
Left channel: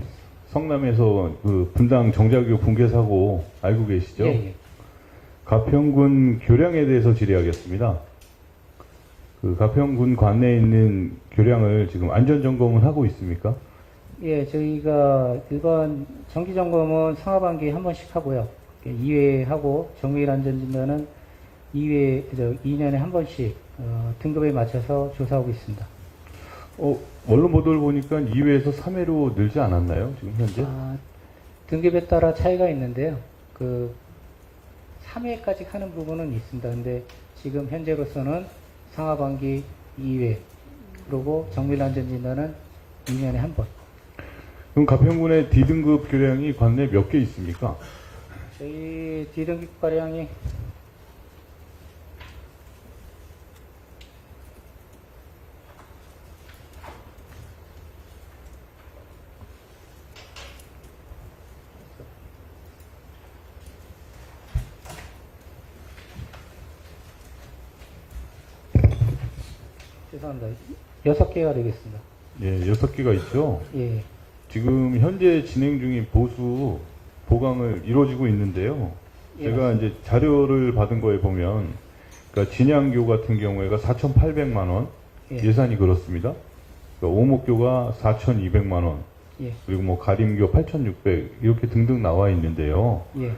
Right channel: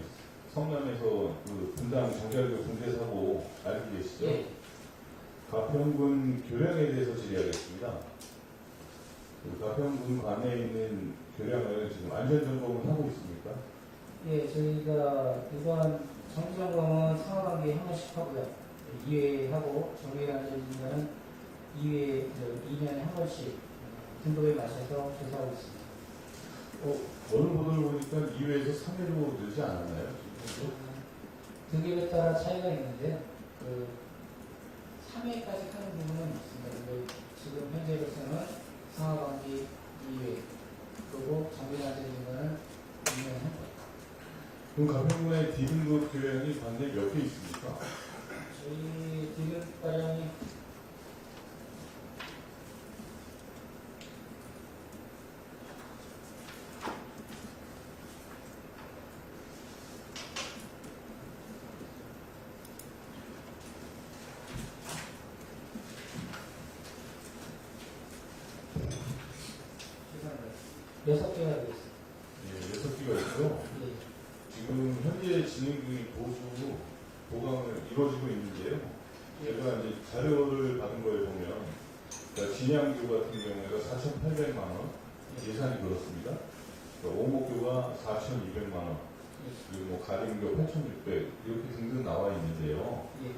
성남에서 분당 정자교 붕괴 사고 알고 계시죠? 예. 가평군 교량에 대해서 질의하겠습니다. 가평군 관내에 있는 교량을 지금 안전 점검을 하고 있습니까? 예, 저희가 일반 정기 점검은 상하반기에 한 번씩 하고요. 2회 하고 정밀 안전진단은 2년에 한 번씩 등급에 맞춰서 조사하고 있습니다. 언론 보도를 보니까 2회에서 3회로 늘지 않았나요? 지금 현재? 등급에 따라 차이가 있는데요. 3회까지 하는 부분은 있습니다. 근데 지금 현재로서는 상하반기 2회, 그리고 정밀 안전진단은 2년에 한 번. 그럼 가평군의 D등급 교량이 관내에 몇 개 있습니까? 저희 D등급 과량이 죄송합니다. 6개가 되겠습니다. 예, 6개가 있죠. 예. 지금 현재 진행 중인 보수 보강을 이루어지고 있는데요. 제가 이제 자료를 받은 거에 보면, 그러니까 진양교 같은 경우에가 4,800만 원 예. 예산이 그렇습니다. 그러니까 오목교가 4,200만 원, 예. 그리고 뭐 가림교 8,600 이렇게 등등 나와 있는데요. 예.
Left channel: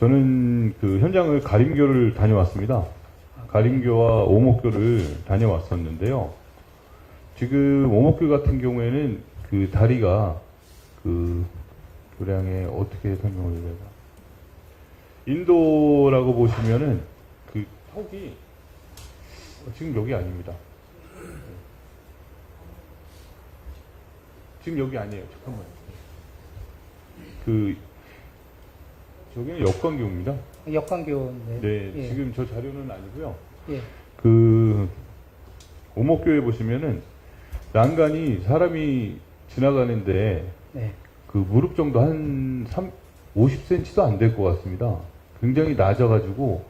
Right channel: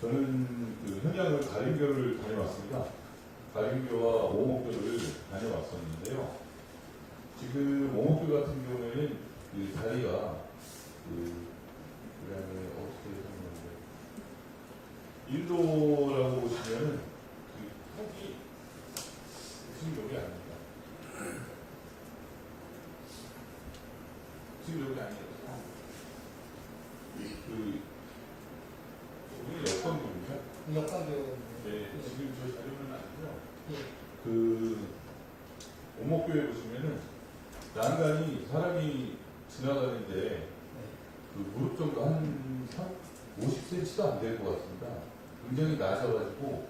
저는 현장을 가림교를 다녀왔습니다. 가림교와 오목교를 다녀왔었는데요. 지금 오목교 같은 경우에는 다리가 교량에 어떻게 설명을 해야 되나? 인도라고 보시면은 턱이 지금 여기 아닙니다. 지금 여기 아니에요. 잠깐만요. 저기는 역광교입니다. 역광교인데. 네, 예. 지금 저 자료는 아니고요. 예. 오목교에 보시면은 난간이 사람이 지나가는데 네. 무릎 정도 한 50cm도 안 될 것 같습니다. 굉장히 낮아가지고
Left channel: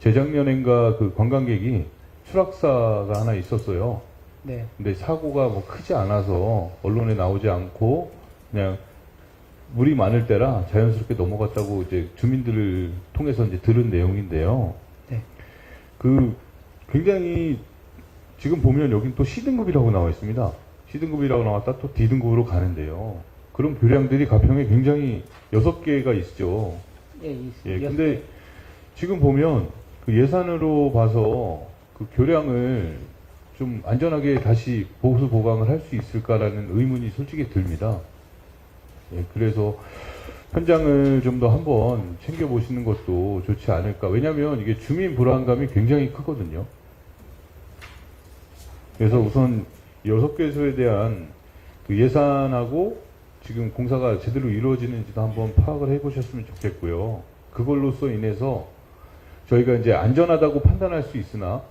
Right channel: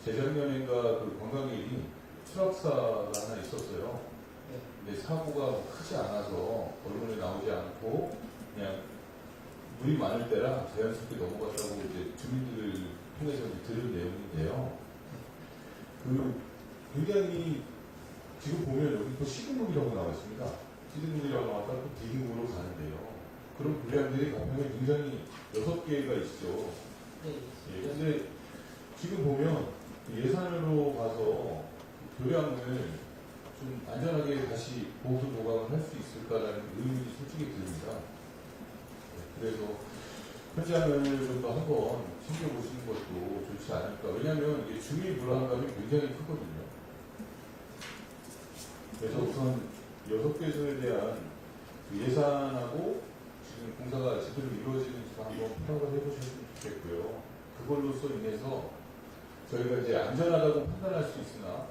재작년엔가 관광객이 추락사가 하나 있었어요. 네. 근데 사고가 뭐 크지 않아서 언론에 나오지 않고 그냥 물이 많을 때라 자연스럽게 넘어갔다고 이제 주민들을 통해서 이제 들은 내용인데요. 네. 굉장히 지금 보면 여기 또 C등급이라고 나와 있습니다. C등급이라고 나왔다 또 D등급으로 가는데요. 그런 교량들이 가평에 굉장히 6개가 있죠. 예, 예, 근데 지금 보면 예산으로 봐서 교량을 좀 안전하게 다시 보수 보강을 할 수 있을까라는 의문이 솔직히 듭니다. 예, 그래서 현장을 좀 더 한번 챙겨보시는 것도 좋지 않을까. 왜냐하면 이게 주민 불안감이 굉장히 크거든요. 그래서 우선 6개소에 대한 예산하고 지금 공사가 제대로 이루어지는지도 한번 파악을 해보셨으면 좋겠고요. 그걸로써 인해서 저희가 이제 안전하다고 판단할 수 있으나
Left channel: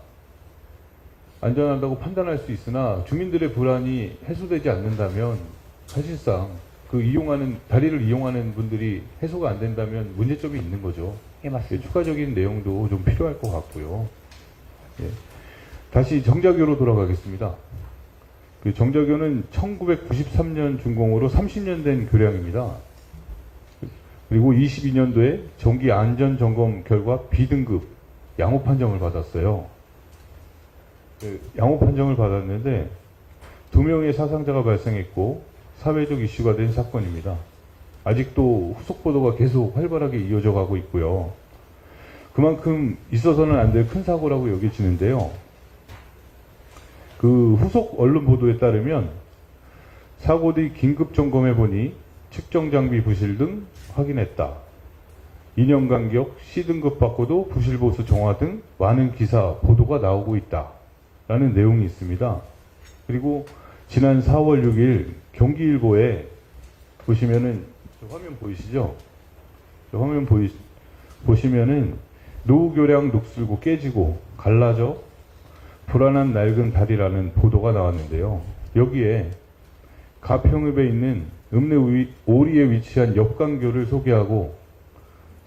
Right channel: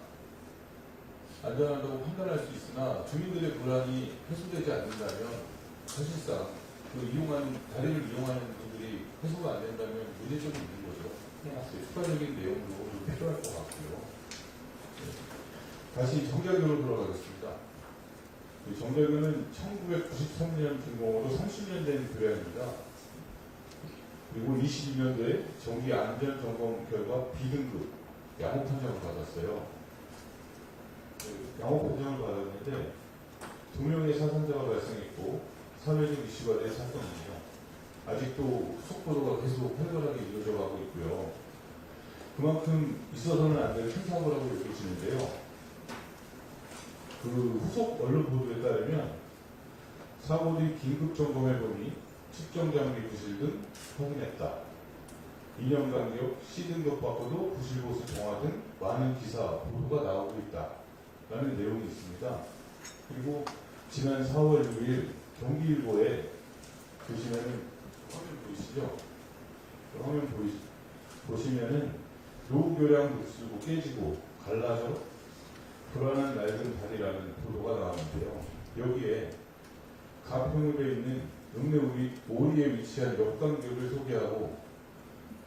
주민들의 불안이 해소되지 않는다면 사실상 다리를 이용하는 분들이 해소가 안 된다면 문제점이 있는 거죠. 예, 맞습니다. 추가적인 내용도 좀 필요할 것 같고요. 예. 다시 정자교로 돌아가겠습니다. 정자교는 1993년 준공으로 30년 된 교량입니다. 그리고 22년도에 정기 안전점검 결과 B등급 양호 판정을 받았어요. 양호 판정을 받았는데 2명의 사상자가 발생했고 사회적 이슈가 된 사건입니다. 아직도 후속 보도가 계속 활발하게 이어져 가고 있고요. 그만큼 있어서는 안 될 큰 사고라고 여겨지는데요. 후속 언론 보도에 따르면 사고 뒤 긴급 점검해 보니 측정 장비 부실 등 확인했다. 2년 간격 C등급 받고도 부실 보수 정화 등 많은 기사 보도가 나오고 있다. 라는 내용이 있습니다. 그리고 지난 4월 6일 경기일보에 보시면은 화면 보이시죠? 화면 보시면은 노후교량 녹슬고 깨지고 갈라져 불안한 낡은 다리라는 보도가 나왔는데요. 여기에 가평읍에 있는 읍내 오리에 위치한 역광교를 소개하고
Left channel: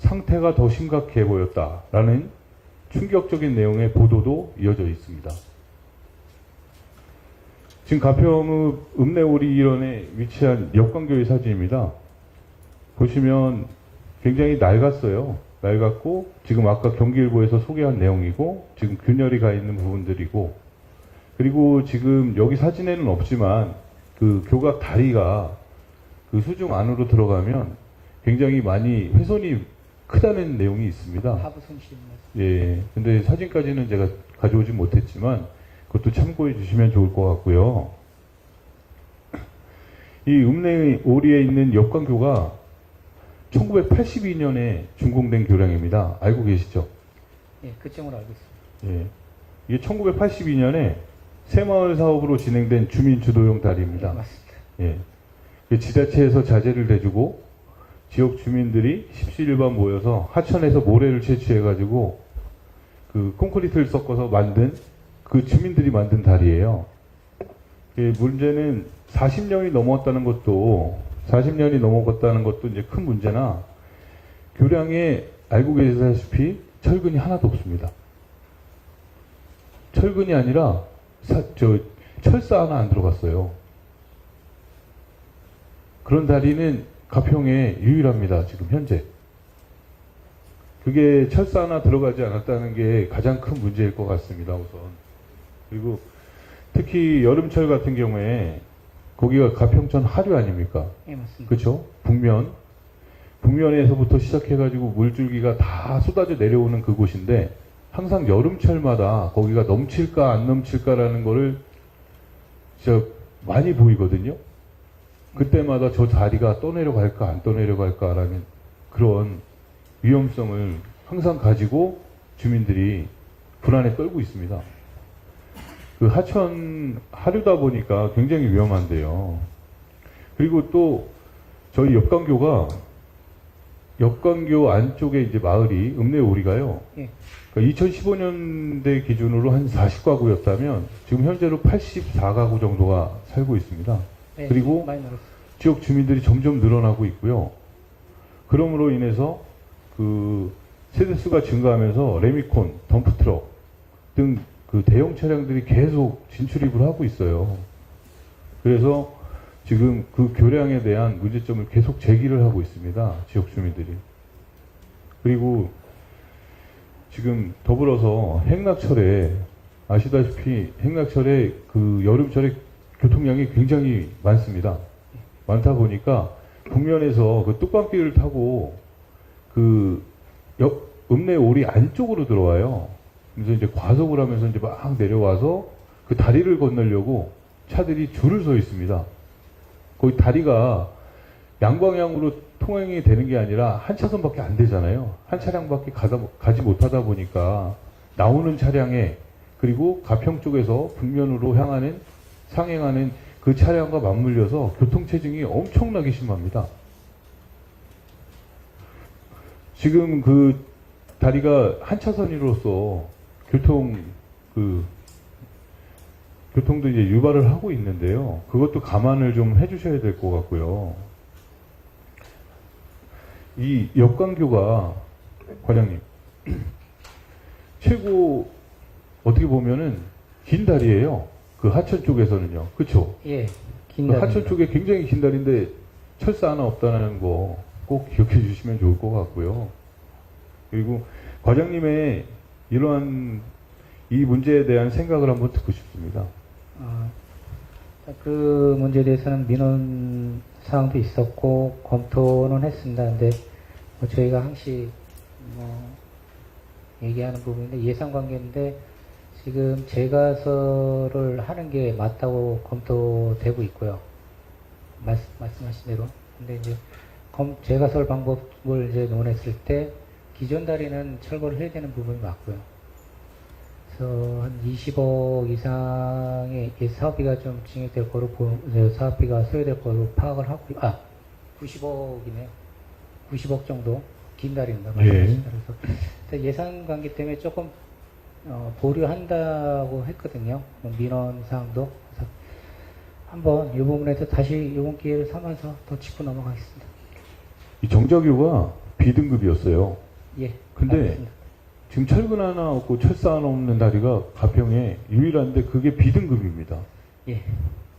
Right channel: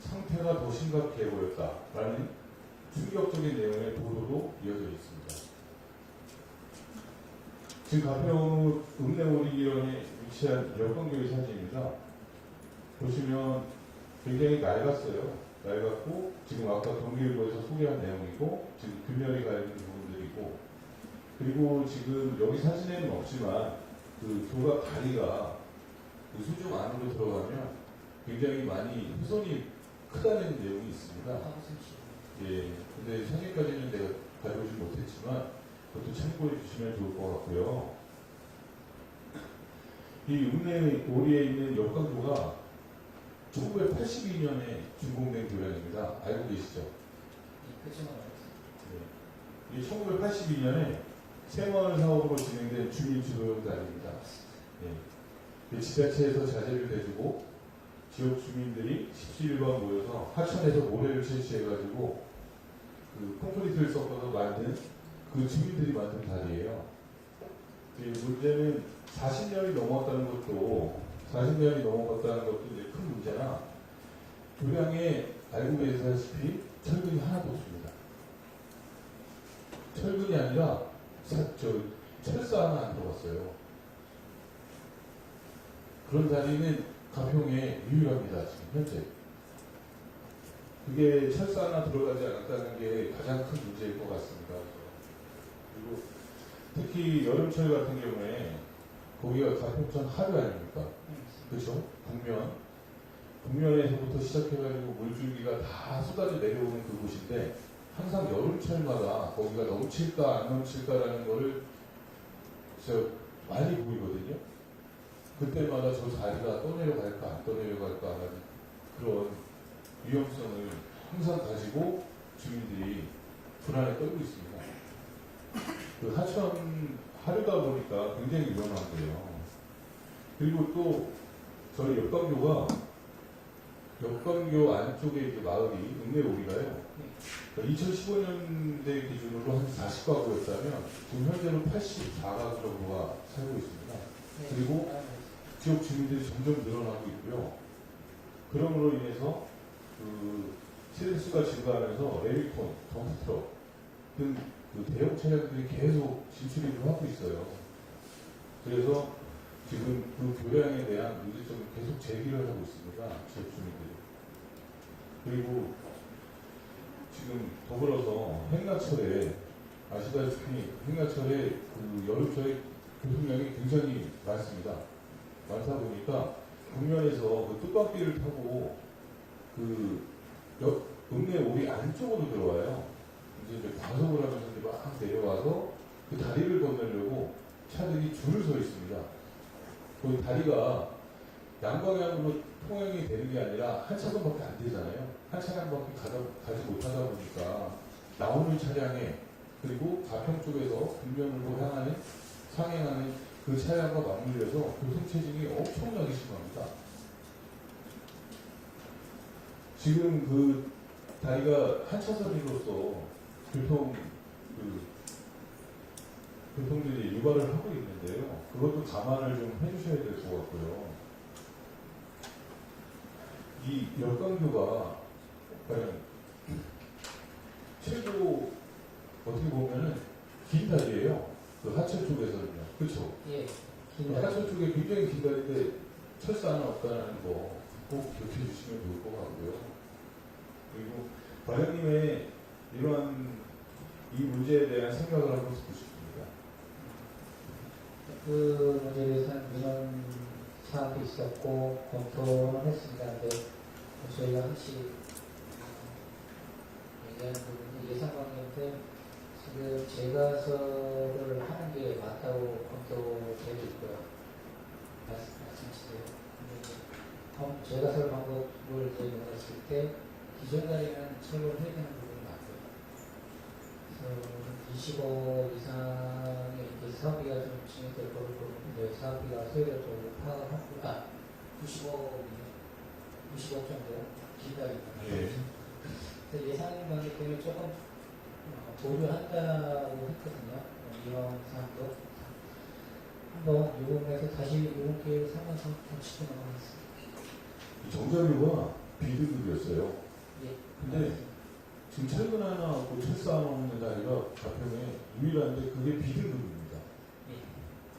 상태가 더 심각해 보였다라는 충격적인 내용의 보도도 이어져 있습니다. 지금 가평읍 읍내오리 일원에 위치한 역광교의 사진입니다. 보시면 굉장히 낡았어요. 낡았고 지금 아까 경기일보에서 소개한 내용이고 지금 균열이 가 있는 부분들이고 그리고 지금 여기 사진에는 없지만 그 교각 다리가 그 수중 안으로 들어가면 굉장히 많이 훼손이 크다는 내용이 있습니다. 하부순 씨. 예, 근데 사진까지는 제가 가져오지 못했지만 그것도 참고해 주시면 좋을 것 같고요. 이 읍내 오리에 있는 역광교가 1982년에 준공된 교량입니다. 알고 계시죠? 예, 그쯤으로 알고 있습니다. 예. 이게 1982년에 새마을 사업으로 진행된 주민주도용 다리입니다. 예, 맞습니다. 예. 그 지자체에서 자재를 대주고 지역 주민들이 십시일반 모여서 하천에서 모래를 채취해가지고 그 콘크리트를 섞어서 만든 그 주민들이 만든 다리예요. 예, 문제는 40년이 넘었다는 것도 이제 큰 문제나 교량에 알고 계시다시피 철근이 하나도 없습니다. 철근이 아니라 철사 하나 안 들어갔어요. 그런 다리는 가평에 유일합니다. 지금 현재. 그게 철사 하나 들어가지 않았다는 게 가장 큰 문제일 것 같습니다. 우선. 그리고 특히 여름철 같은 경우에 거기가 가평천 하류 아닙니까? 예, 맞습니다. 그렇죠? 북면에서부터 시작해가지고 물줄기가 다 쏟아져 내려오는 그곳인데 항상 여름철마다 거기가 넘칠까 안 넘칠까라는 거를 진짜 많이 보이거든요. 그때마다 저 다리가 떠내려갈까 안 떠내려갈까라는 그런 위험성을 항상 가지고 주민들이 불안에 떨고 있습니다. 그 하천 하류다 보니까 굉장히 위험한데요. 그리고 또 저희 역광교 안쪽에 이제 마을이 읍내오리가요. 예. 그러니까 2015년대 기준으로 한 40가구였다면 지금 현재로 84가구 정도가 살고 있습니다. 네, 그리고 많이 늘었습니다. 지역 주민들이 점점 늘어나고 있고요. 그러므로 인해서 그 세대수가 증가하면서 레미콘, 덤프트럭 등 그 대형 차량들이 계속 진출입을 하고 있어요. 그래서 지금 그 교량에 대한 문제점을 계속 제기를 하고 있습니다. 지역 주민들이. 그리고 지금 더불어서 행락철에 아시다시피 행락철에 그 여름철에 교통량이 굉장히 많습니다. 많다 보니까 북면에서 그 뚝방길을 타고 그 읍내 오리 안쪽으로 들어와요. 그래서 이제 과속을 하면서 이제 막 내려와서 그 다리를 건너려고 차들이 줄을 서 있습니다. 거기 다리가 양방향으로 통행이 되는 게 아니라 한 차선밖에 안 되잖아요. 한 차량밖에 가지 못하다 보니까 나오는 차량에 그리고 가평 쪽에서 북면으로 상행하는 그 차량과 맞물려서 교통체증이 엄청나게 심합니다. 지금 그 다리가 한 차선으로서 교통도 이제 유발을 하고 있는데요. 그것도 감안을 좀 해주셔야 될 것 같고요. 이 역광교가 과장님 최고 어떻게 보면은 긴 다리예요. 그 하천 쪽에서는요. 그렇죠? 예. 긴 그 다리. 하천 쪽에 굉장히 긴 다리인데 철사 하나 없다는 거 꼭 기억해 주시면 좋을 것 같고요. 그리고 과장님의 이러한 이 문제에 대한 생각을 한번 듣고 싶습니다. 그 문제에 대해서는 민원 사항도 있었고 검토는 했습니다. 근데 뭐 저희가 항시 얘기하는 부분인데 예산관계인데 지금 재가설을 하는 게 맞다고 검토되고 있고요. 말씀하신 대로. 근데 이제 재가설 방법을 이제 논했을 때 기존 다리는 철거를 해야 되는 부분이 맞고요. 그래서 한 20억 이상의 이렇게 사업비가 좀 증액될 거로, 사업비가 소요될 거로 파악을 하고, 90억이네요. 90억 정도 긴 달입니다. 예. 그래서 예산 관계 때문에 조금 보류한다고 했거든요. 민원 사항도. 그래서 한번 이 부분에 대해서 다시 이번 기회를 삼아서 더 짚고 넘어가겠습니다. 이 정자교가 B등급이었어요. 예. 근데 알겠습니다. 지금 철근 하나 없고 철사 하나 없는 다리가 가평에 유일한데 그게 B등급입니다. 예.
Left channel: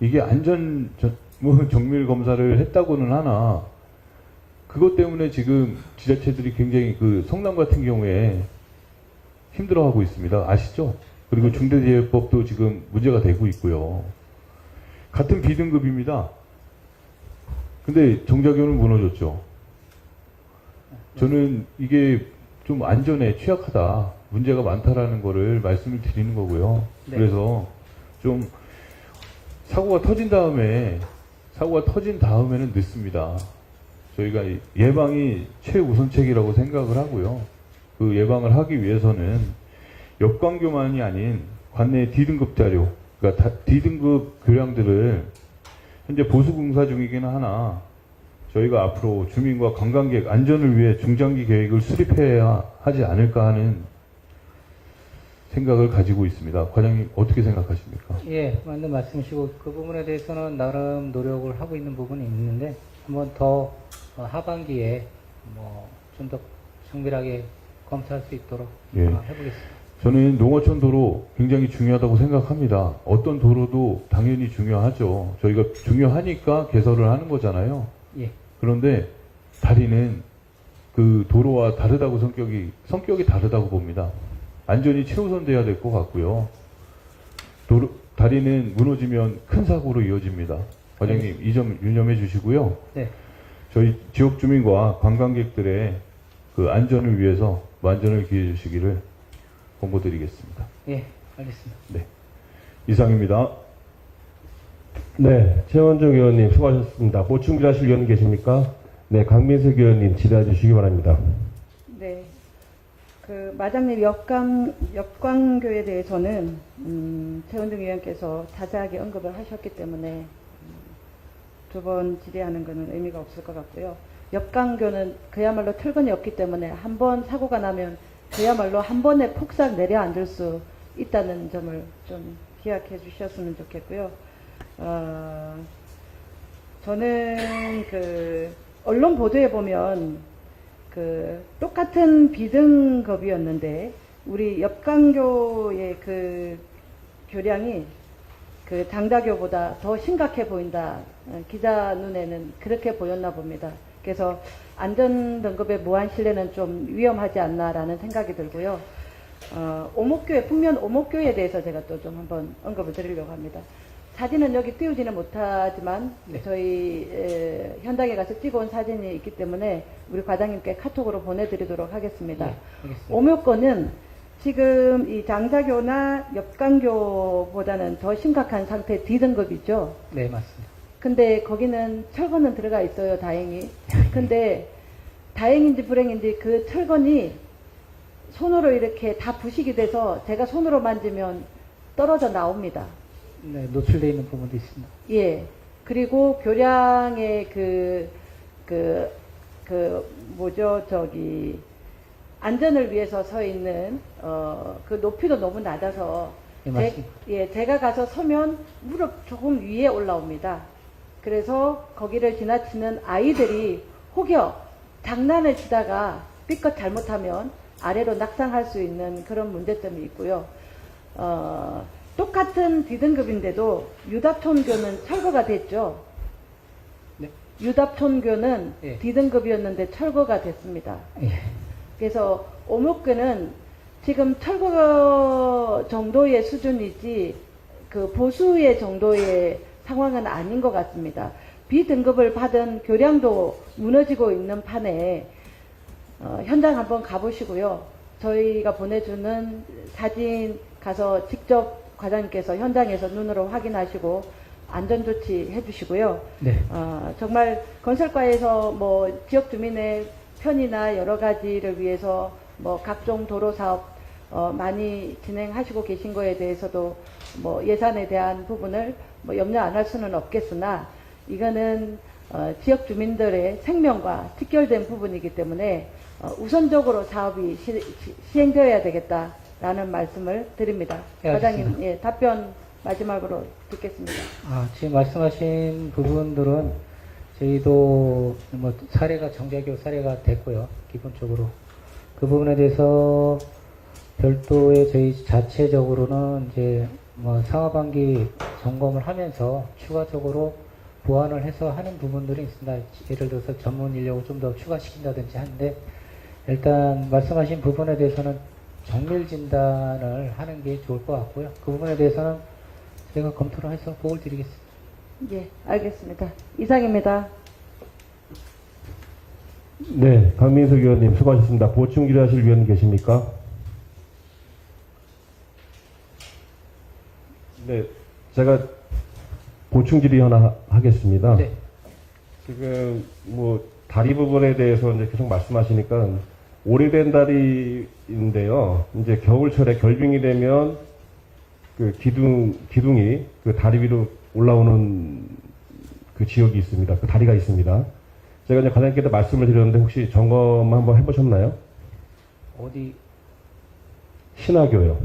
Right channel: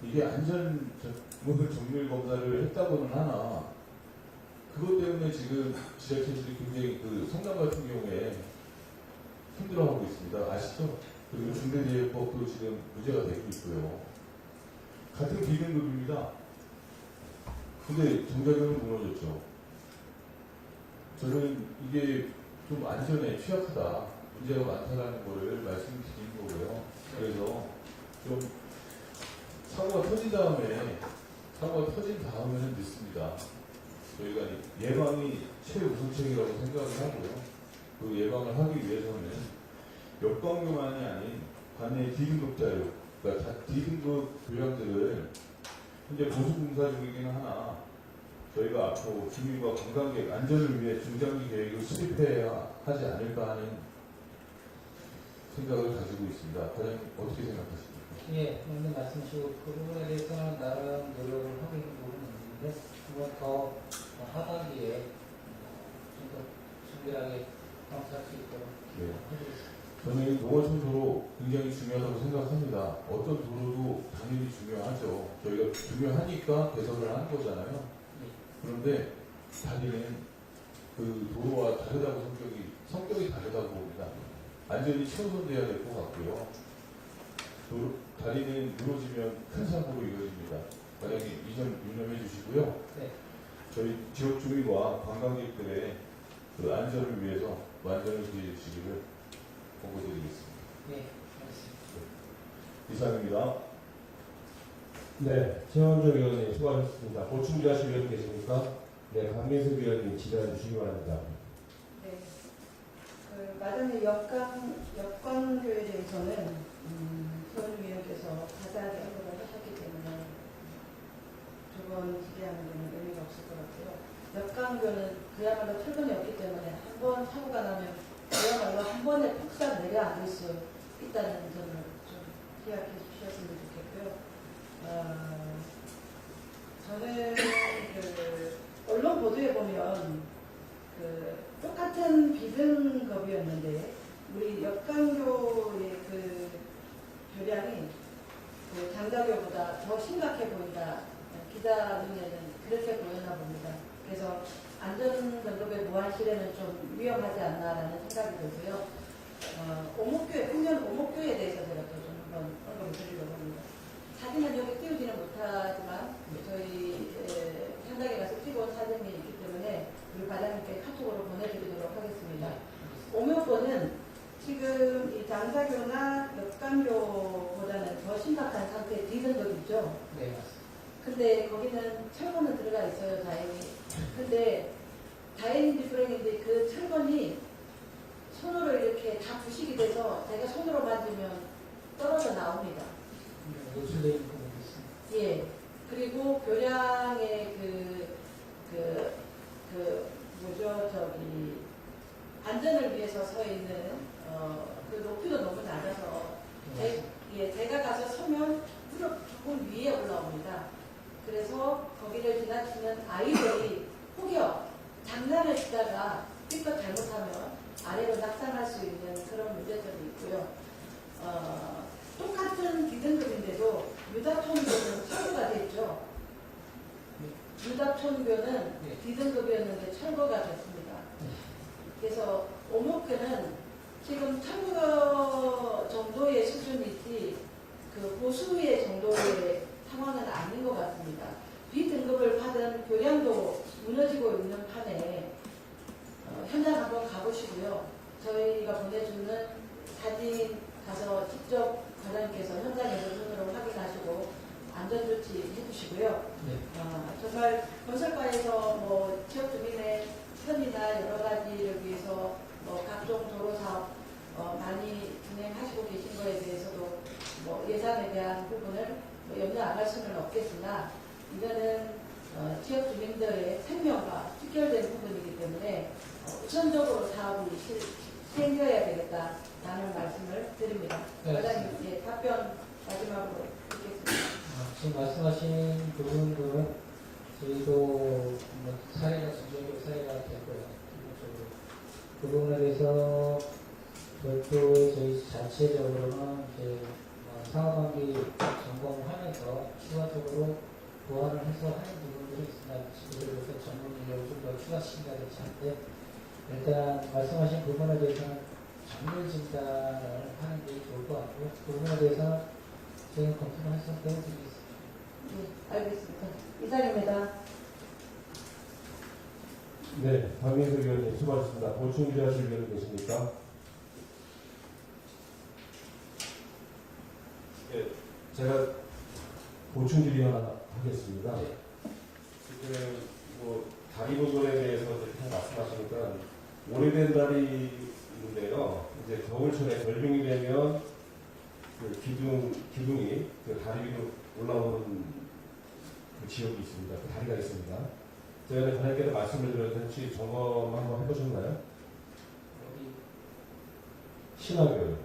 이게 정밀 검사를 했다고는 하나 그것 때문에 지금 지자체들이 굉장히 그 성남 같은 경우에 힘들어하고 있습니다. 아시죠? 그리고 중대재해법도 지금 문제가 되고 있고요. 같은 B등급입니다. 근데 정자교는 무너졌죠. 저는 이게 좀 안전에 취약하다, 문제가 많다라는 거를 말씀을 드리는 거고요. 네. 그래서 좀 사고가 터진 다음에는 늦습니다. 저희가 예방이 최우선책이라고 생각을 하고요. 그 예방을 하기 위해서는 역광교만이 아닌 관내 D등급 자료, 그러니까 D등급 교량들을 현재 보수공사 중이기는 하나 저희가 앞으로 주민과 관광객 안전을 위해 중장기 계획을 수립해야 하지 않을까 하는 생각을 가지고 있습니다. 과장님 어떻게 생각하십니까? 예, 맞는 말씀이시고 그 부분에 대해서는 나름 노력을 하고 있는 부분이 있는데 한번 더 하반기에 좀 더 정밀하게 검토할 수 있도록 예. 해보겠습니다. 저는 농어촌 도로 굉장히 중요하다고 생각합니다. 어떤 도로도 당연히 중요하죠. 저희가 중요하니까 개설을 하는 거잖아요. 예. 그런데 다리는 그 도로와 다르다고 성격이 다르다고 봅니다. 안전이 최우선 돼야 될 것 같고요. 다리는 무너지면 큰 사고로 이어집니다. 과장님 이 점 유념해 주시고요. 네. 저희 지역 주민과 관광객들의 그 안전을 위해서 만전을 기해 주시기를 권고드리겠습니다. 예, 알겠습니다. 네. 이상입니다. 네, 최원정 의원님 수고하셨습니다. 보충질하실 의원 계십니까? 네, 강민석 의원님 질의해 주시기 바랍니다. 네. 그 마장님 역광교에 대해서는 최원중 의원께서 자세하게 언급을 하셨기 때문에 두 번 질의하는 것은 의미가 없을 것 같고요. 역광교는 그야말로 철근이 없기 때문에 한 번 사고가 나면 그야말로 한 번에 폭삭 내려앉을 수 있다는 점을 좀 기억해 주셨으면 좋겠고요. 저는 그 언론 보도에 보면 그 똑같은 B등급이었는데 우리 역광교의 그 교량이 그 장자교보다 더 심각해 보인다. 기자 눈에는 그렇게 보였나 봅니다. 그래서 안전등급의 무한 신뢰는 좀 위험하지 않나라는 생각이 들고요. 풍면 오목교에 대해서 제가 또 좀 한번 언급을 드리려고 합니다. 사진은 여기 띄우지는 못하지만 네. 저희 현장에 가서 찍어온 사진이 있기 때문에 우리 과장님께 카톡으로 보내드리도록 하겠습니다. 네, 알겠습니다. 오목교는 지금 이 장자교나 역광교보다는 더 심각한 상태 D등급이죠. 네, 맞습니다. 근데 거기는 철거는 들어가 있어요, 다행히. 근데 다행인지 불행인지 그 철건이 손으로 이렇게 다 부식이 돼서 제가 손으로 만지면 떨어져 나옵니다. 네, 노출되어 있는 부분도 있습니다. 예. 그리고 교량의 안전을 위해서 서 있는, 그 높이도 너무 낮아서, 네, 맞습니다. 제가 가서 서면 무릎 조금 위에 올라옵니다. 그래서 거기를 지나치는 아이들이 혹여 장난을 치다가 삐끗 잘못하면 아래로 낙상할 수 있는 그런 문제점이 있고요. 똑같은 D등급인데도 유답촌교는 철거가 됐죠. 네. 유답촌교는 예. D등급이었는데 철거가 됐습니다. 예. 그래서 오목교는 지금 철거 정도의 수준이지 그 보수의 정도의 상황은 아닌 것 같습니다. B등급을 받은 교량도 무너지고 있는 판에 현장 한번 가보시고요. 저희가 보내주는 사진 가서 직접 과장님께서 현장에서 눈으로 확인하시고 안전조치 해주시고요. 네. 정말 건설과에서 뭐 지역 주민의 편의나 여러 가지를 위해서 뭐 각종 도로 사업 많이 진행하시고 계신 거에 대해서도 뭐 예산에 대한 부분을 뭐 염려 안 할 수는 없겠으나 이거는 지역 주민들의 생명과 직결된 부분이기 때문에 우선적으로 사업이 시행되어야 되겠다라는 말씀을 드립니다. 예, 과장님, 예, 답변 마지막으로 듣겠습니다. 지금 말씀하신 부분들은 저희도 뭐 사례가 정자교 사례가 됐고요. 기본적으로 그 부분에 대해서 별도의 저희 자체적으로는 이제 뭐 상하반기 점검을 하면서 추가적으로 보완을 해서 하는 부분들이 있습니다. 예를 들어서 전문 인력을 좀 더 추가시킨다든지 하는데 일단 말씀하신 부분에 대해서는 정밀 진단을 하는 게 좋을 것 같고요. 그 부분에 대해서는 제가 검토를 해서 보고를 드리겠습니다. 예, 알겠습니다. 이상입니다. 네, 강민석 의원님 수고하셨습니다. 보충 질의하실 위원 계십니까? 네, 제가 보충 질의 하나 하겠습니다. 네. 지금 뭐 다리 부분에 대해서 이제 계속 말씀하시니까 오래된 다리인데요. 이제 겨울철에 결빙이 되면 그 기둥이 그 다리 위로 올라오는 그 지역이 있습니다. 그 다리가 있습니다. 제가 이제 과장님께도 말씀을 드렸는데 혹시 점검 한번 해보셨나요? 어디? 신화교요.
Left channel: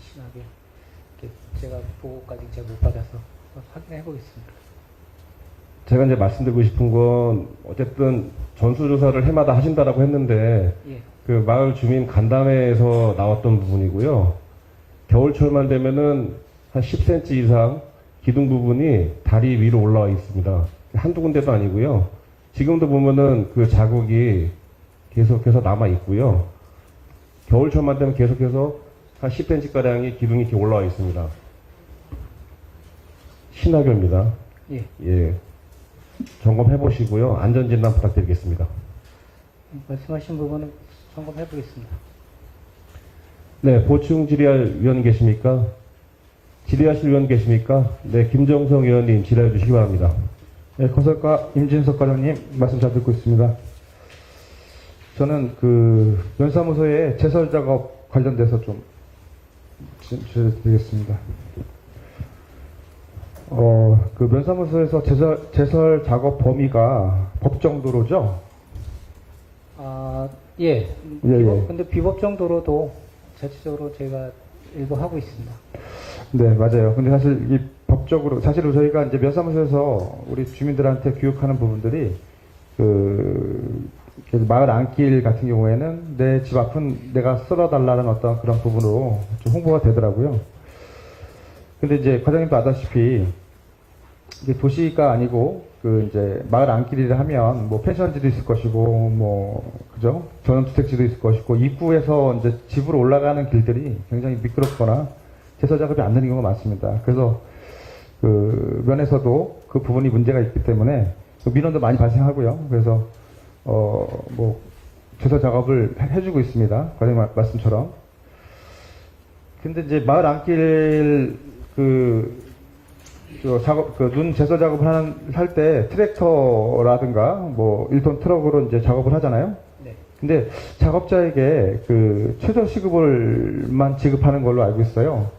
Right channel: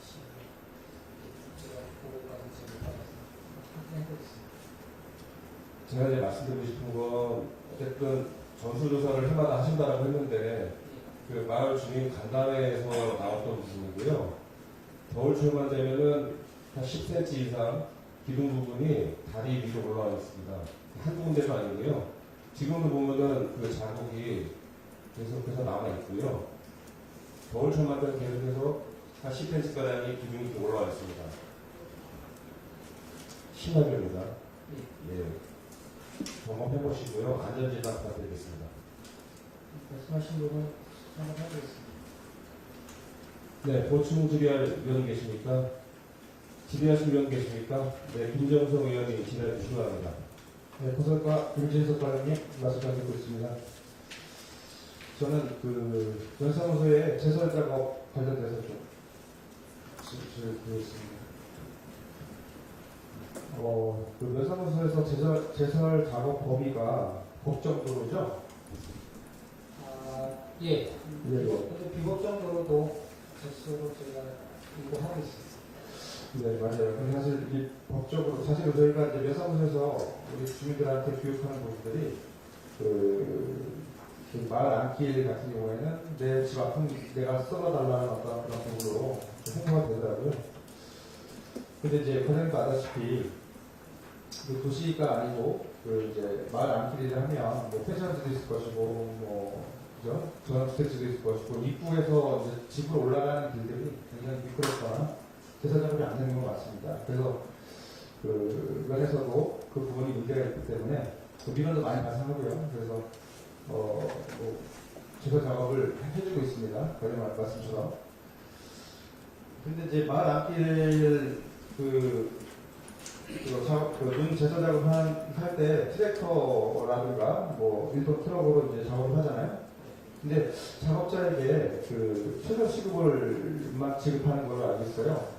신하게. 제가 보고까지 제가 못 받아서 확인해 보겠습니다. 제가 이제 말씀드리고 싶은 건 어쨌든 전수조사를 해마다 하신다라고 했는데 예. 그 마을 주민 간담회에서 나왔던 부분이고요. 겨울철만 되면은 한 10cm 이상 기둥 부분이 다리 위로 올라와 있습니다. 한두 군데도 아니고요. 지금도 보면은 그 자국이 계속해서 남아 있고요. 겨울철만 되면 계속해서 한 10cm 가량이 기둥이 이렇게 올라와 있습니다. 신화교입니다. 예. 예. 점검해 보시고요. 안전진단 부탁드리겠습니다. 말씀하신 부분은 점검해 보겠습니다. 네, 보충 질의할 위원 계십니까? 질의하실 위원 계십니까? 네, 김정성 의원님 질의해 주시기 바랍니다. 네, 건설과 임진석 과장님 말씀 잘 듣고 있습니다. 저는 그 면사무소의 제설 작업 관련돼서 좀 질의드리겠습니다. 그 면사무소에서 제설 작업 범위가 법정 도로죠? 예. 예. 근데 비법정 도로도 자체적으로 저희가 일부 하고 있습니다. 네, 맞아요. 근데 사실 이 법적으로, 사실은 저희가 이제 면사무소에서 우리 주민들한테 교육하는 부분들이 그 마을 안길 같은 경우에는 내 집 앞은 내가 쓸어달라는 어떤 그런 부분으로 좀 홍보가 되더라고요. 근데 이제 과장님도 아다시피 이게 도시가 아니고 그 이제 마을 안길이라 하면 뭐 펜션지도 있을 것이고 뭐 그죠? 전원주택지도 있을 것이고 입구에서 이제 집으로 올라가는 길들이 굉장히 미끄럽거나 제설 작업이 안 되는 경우가 많습니다. 그래서 그 면에서도 그 부분이 문제가 있기 때문에 민원도 많이 발생하고요. 그래서 뭐 제설 작업을 해주고 있습니다. 과장님 말씀처럼. 근데 이제 마을 안길 눈 제설 작업을 할 때 트랙터라든가 뭐 1톤 트럭으로 이제 작업을 하잖아요. 네. 근데 작업자에게 그 최저 시급을만 지급하는 걸로 알고 있어요.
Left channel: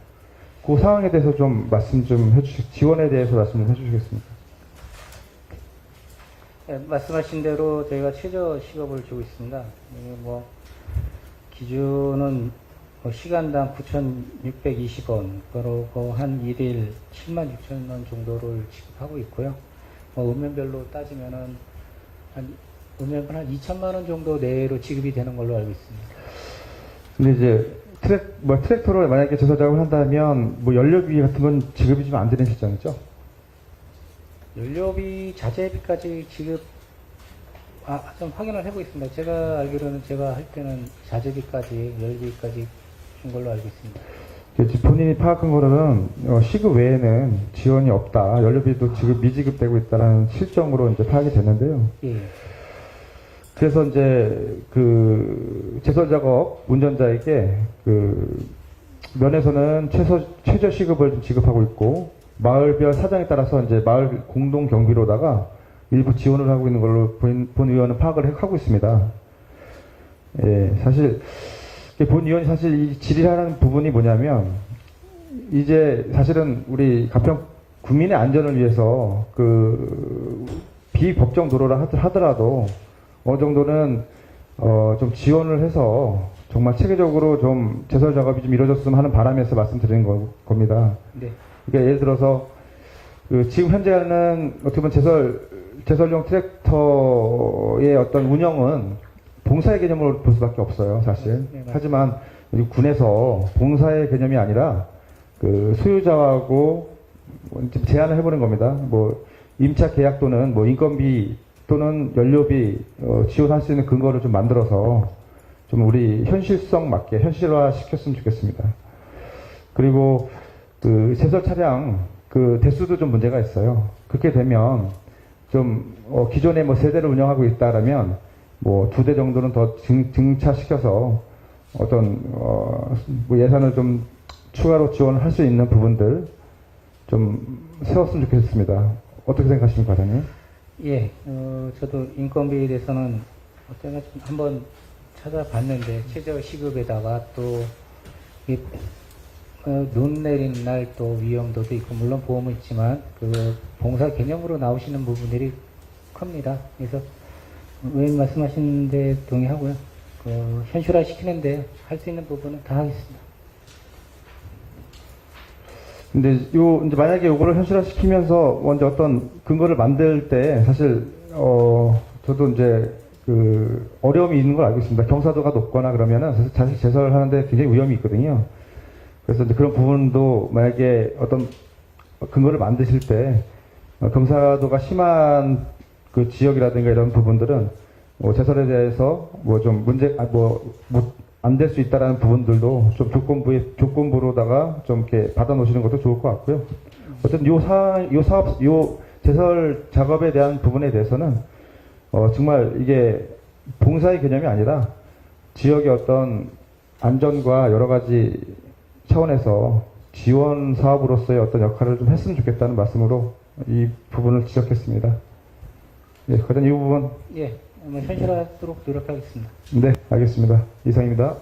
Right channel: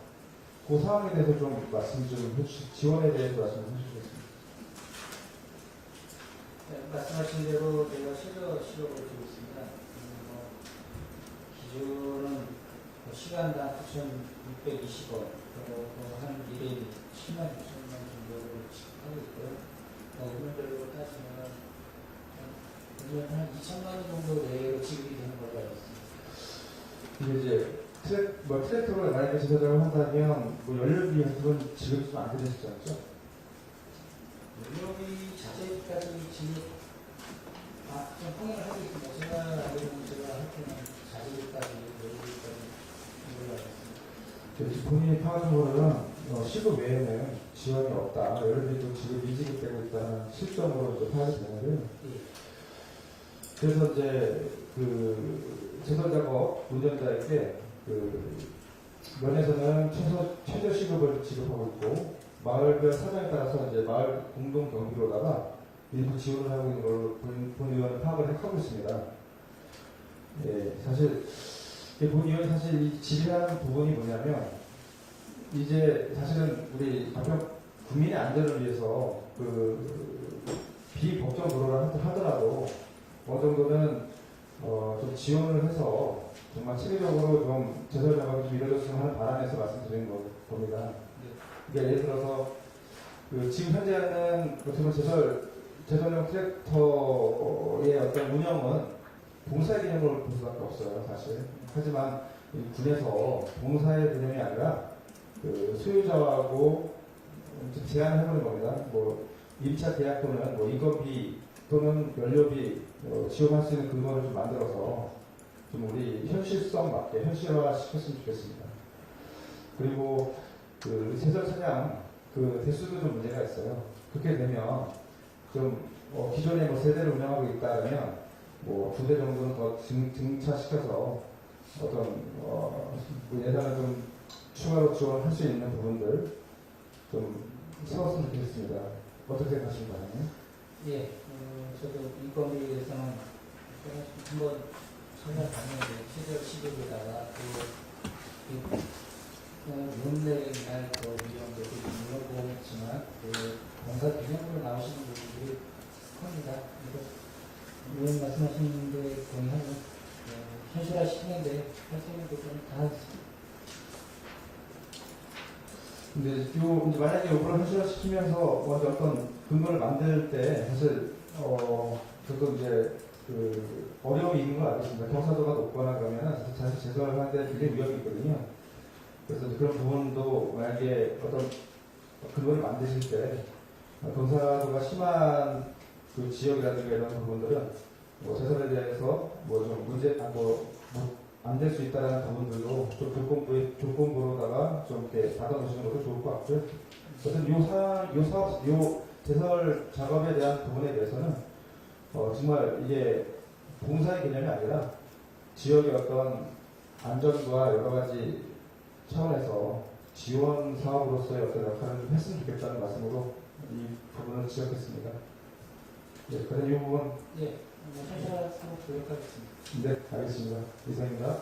그 상황에 대해서 좀 말씀 좀 지원에 대해서 말씀 좀 해주시겠습니까? 네, 말씀하신 대로 저희가 최저 시급을 주고 있습니다. 뭐 기준은 시간당 9,620원, 그리고 한 일일 7만 6천 원 정도를 지급하고 있고요. 읍면별로 따지면은 읍면 한 2천만 원 정도 내로 지급이 되는 걸로 알고 있습니다. 근데 이제 트랙터로 만약에 제설 작업을 한다면 뭐 연료비 같은 건 지급이 좀 안 되는 시점이죠? 연료비, 자재비까지 지급, 좀 확인을 해보겠습니다. 제가 알기로는 제가 할 때는 자재비까지, 연료비까지 준 걸로 알고 있습니다. 본인이 파악한 거로는 시급 외에는 지원이 없다. 연료비도 미지급되고 있다는 실정으로 이제 파악이 됐는데요. 예. 그래서 이제 그 제설 작업 운전자에게 그 면에서는 최저 시급을 좀 지급하고 있고 마을별 사정에 따라서 이제 마을 공동 경비로다가 일부 지원을 하고 있는 걸로 본 의원은 파악을 하고 있습니다. 예, 사실 본 의원이 사실 이 질의하는 부분이 뭐냐면 이제 사실은 우리 가평 국민의 안전을 위해서 그 비법정 도로라 하더라도 어느 정도는 좀 지원을 해서 정말 체계적으로 좀 제설 작업이 좀 이루어졌으면 하는 바람에서 말씀드리는 겁니다. 네. 그러니까 예를 들어서 그 지금 현재는 어떻게 보면 제설용 트랙터의 어떤 운영은 봉사의 개념으로 볼 수밖에 없어요, 사실. 하지만 우리 군에서 봉사의 개념이 아니라 그 소유자하고 좀 제안을 해보는 겁니다. 뭐 임차 계약 또는 뭐 인건비 또는 연료비 지원할 수 있는 근거를 좀 만들어서 좀 우리 현실성 맞게 현실화 시켰으면 좋겠습니다. 그리고 그 제설 차량 그 대수도 좀 문제가 있어요. 그렇게 되면 좀 기존에 뭐 세 대를 운영하고 있다라면 뭐 2대 정도는 더 증차시켜서 어떤 뭐 예산을 좀 추가로 지원을 할 수 있는 부분들 좀 세웠으면 좋겠습니다. 어떻게 생각하십니까, 과장님? 예, 저도 인건비에 대해서는 제가 좀 한번 찾아봤는데 최저 시급에다가 또 눈 내린 날 또 위험도도 있고 물론 보험은 있지만 그 봉사 개념으로 나오시는 부분들이 큽니다. 그래서 의원님 말씀하시는데 동의하고요. 현실화 시키는데 할 수 있는 부분은 다 하겠습니다. 근데 이제 만약에 이거를 현실화시키면서 먼저 어떤 근거를 만들 때 사실 저도 이제 그 어려움이 있는 걸 알고 있습니다. 경사도가 높거나 그러면은 사실 제설하는데 굉장히 위험이 있거든요. 그래서 이제 그런 부분도 만약에 어떤 근거를 만드실 때 경사도가 심한 그 지역이라든가 이런 부분들은 제설에 대해서 뭐 좀 문제 안 될 수 있다라는 부분들도 좀 조건부로다가 좀 이렇게 받아 놓으시는 것도 좋을 것 같고요. 어쨌든 요 제설 작업에 대한 부분에 대해서는 정말 이게 봉사의 개념이 아니라 지역의 어떤 안전과 여러 가지 차원에서 지원 사업으로서의 어떤 역할을 좀 했으면 좋겠다는 말씀으로 이 부분을 지적했습니다. 예, 과연 이 부분. 예, 현실화하도록 노력하겠습니다. 네, 알겠습니다. 이상입니다.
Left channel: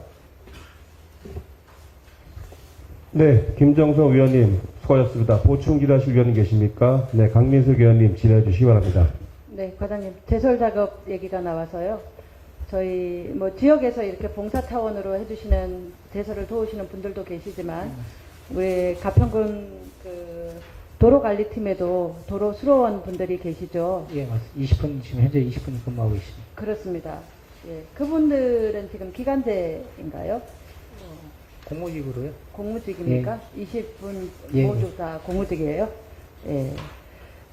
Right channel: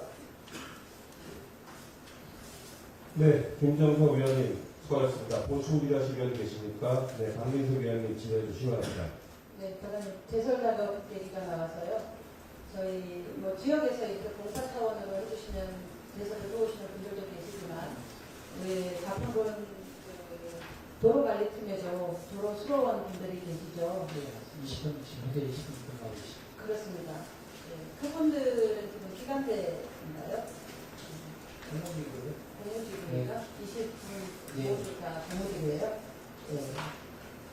네, 김정석 의원님 수고하셨습니다. 보충 질의하실 의원님 계십니까? 네, 강민석 의원님 질의해 주시기 바랍니다. 네, 과장님 제설 작업 얘기가 나와서요. 저희 뭐 지역에서 이렇게 봉사 차원으로 해주시는 제설을 도우시는 분들도 계시지만 우리 가평군 그 도로관리팀에도 도로 수로원 분들이 계시죠. 예, 맞습니다. 20분 지금 현재 20분 근무하고 있습니다. 그렇습니다. 예, 그분들은 지금 기간제인가요? 공무직으로요? 공무직입니까? 20분 예. 모두 다 공무직이에요? 예.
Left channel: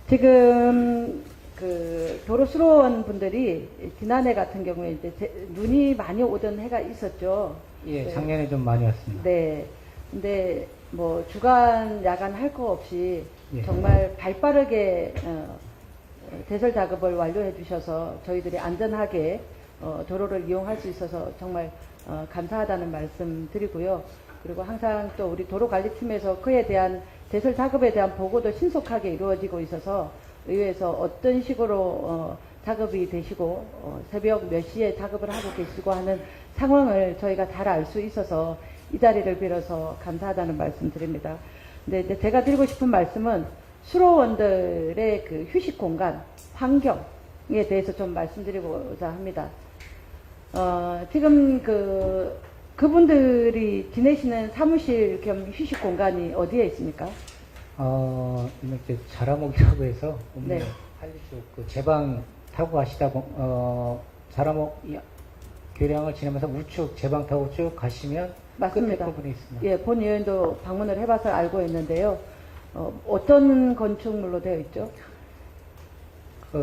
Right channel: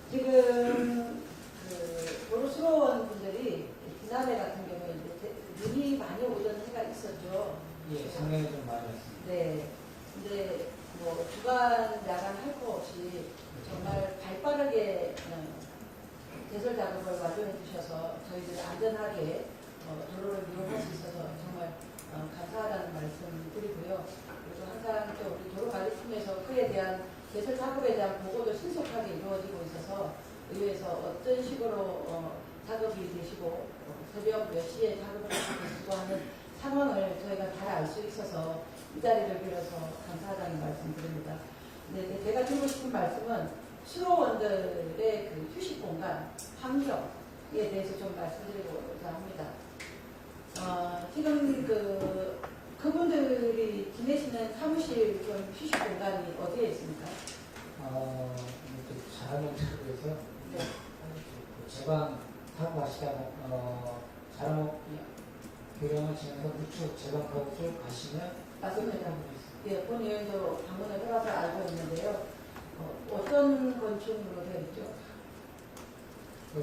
지금 그 도로수로원 분들이 지난해 같은 경우에 이제 눈이 많이 오던 해가 있었죠. 예, 네. 작년에 좀 많이 왔습니다. 네. 근데 뭐 주간 야간 할 거 없이 예. 정말 발빠르게 제설 작업을 완료해 주셔서 저희들이 안전하게 도로를 이용할 수 있어서 정말 감사하다는 말씀 드리고요. 그리고 항상 또 우리 도로관리팀에서 그에 대한 제설 작업에 대한 보고도 신속하게 이루어지고 있어서 의회에서 어떤 식으로 작업이 되시고 새벽 몇 시에 작업을 하고 계시고 하는 상황을 저희가 잘 알 수 있어서 이 자리를 빌어서 감사하다는 말씀 드립니다. 근데 이제 제가 드리고 싶은 말씀은 수로원들의 그 휴식 공간, 환경에 대해서 좀 말씀드리고자 합니다. 지금 그분들이 지내시는 사무실 겸 휴식 공간이 어디에 있습니까? 이때 자라목이라고 해서 네. 그 제방 타고 가시다가 자라목 교량을 지나면서 우측 제방 타고 쭉 가시면 맞습니다. 끝에 부분에 있습니다. 예, 본 의원도 방문을 해봐서 알고 있는데요. 어떤 건축물로 되어 있죠?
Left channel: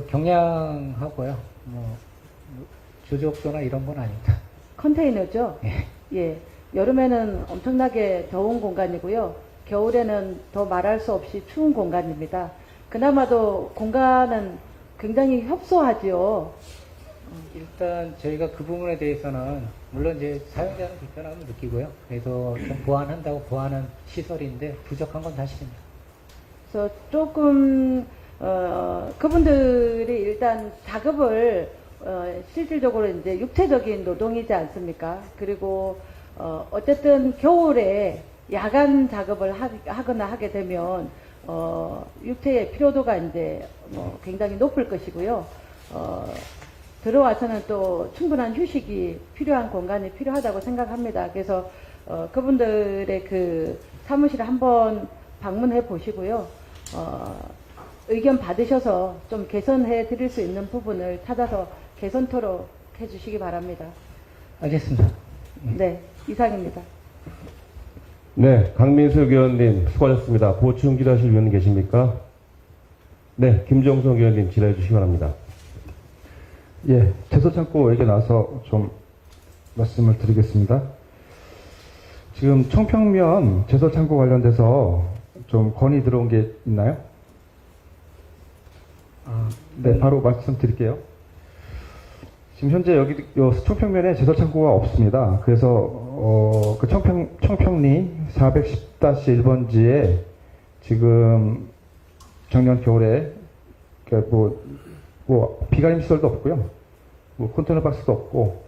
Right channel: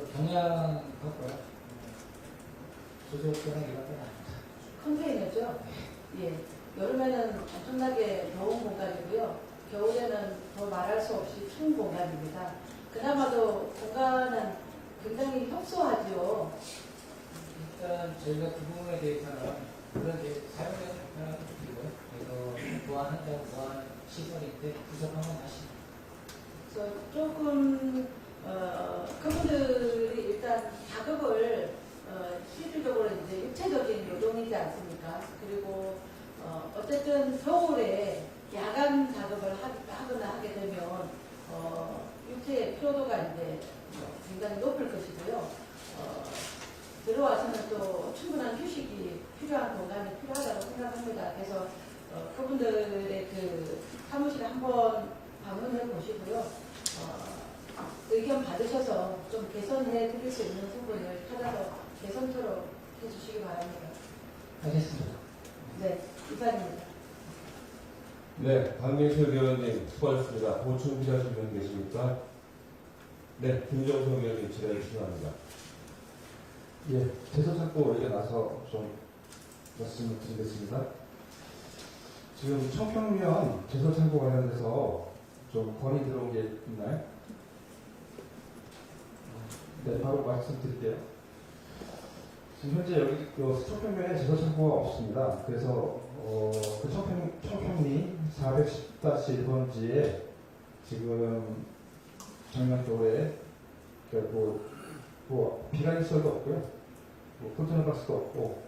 경량하고요. 조적도나 이런 건 아닙니다. 컨테이너죠? 예. 여름에는 엄청나게 더운 공간이고요. 겨울에는 더 말할 수 없이 추운 공간입니다. 그나마도 공간은 굉장히 협소하지요. 일단 저희가 그 부분에 대해서는 물론 이제 사용자는 불편함을 느끼고요. 그래서 좀 보완한다고 보완한 시설인데 부족한 건 사실입니다. 그래서 조금 그분들이 일단 작업을 실질적으로 이제 육체적인 노동이지 않습니까? 그리고 어쨌든 겨울에 야간 작업을 하거나 하게 되면 육체의 피로도가 이제 굉장히 높을 것이고요. 들어와서는 또 충분한 휴식이 필요한 공간이 필요하다고 생각합니다. 그래서 그분들의 그 사무실에 한번 방문해 보시고요. 의견 받으셔서 좀 개선해 드릴 수 있는 부분을 찾아서 개선토록 해주시기 바랍니다. 알겠습니다. 네, 이상입니다. 네, 강민수 의원님 수고하셨습니다. 보충 질의하실 의원 계십니까? 네, 김정성 의원님 질의해 주시기 바랍니다. 예, 제설창고 얘기 나와서 좀 말씀을 드리겠습니다. 지금 청평면 제설창고 관련돼서 좀 건의 들어온 게 있나요? 네, 바로 말씀드릴게요. 지금 현재 여기 청평면에 제설창고가 없습니다. 그래서 그 청평리 410-1번지에 지금 작년 겨울에 뭐 비가림 시설도 없고요, 뭐 컨테이너 박스도 없고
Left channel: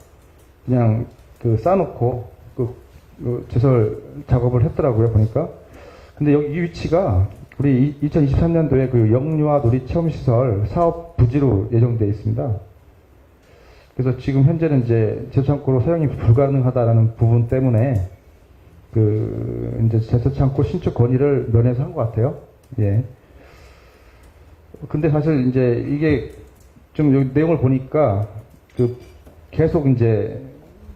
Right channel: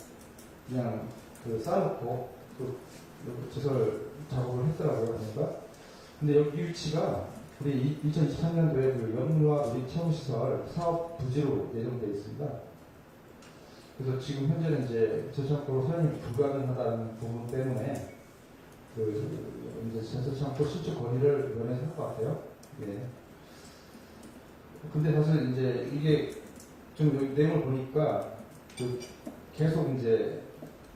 그냥 그 쌓아놓고 그 제설 작업을 했더라고요 보니까. 근데 여기 이 위치가 우리 2023년도에 그 영유아 놀이 체험 시설 사업 부지로 예정되어 있습니다. 그래서 지금 현재는 이제 제설창고로 사용이 불가능하다라는 부분 때문에 그 이제 제설창고 신축 건의를 면해서 한 것 같아요. 예. 근데 사실 이제 이게 좀 여기 내용을 보니까 그 계속 이제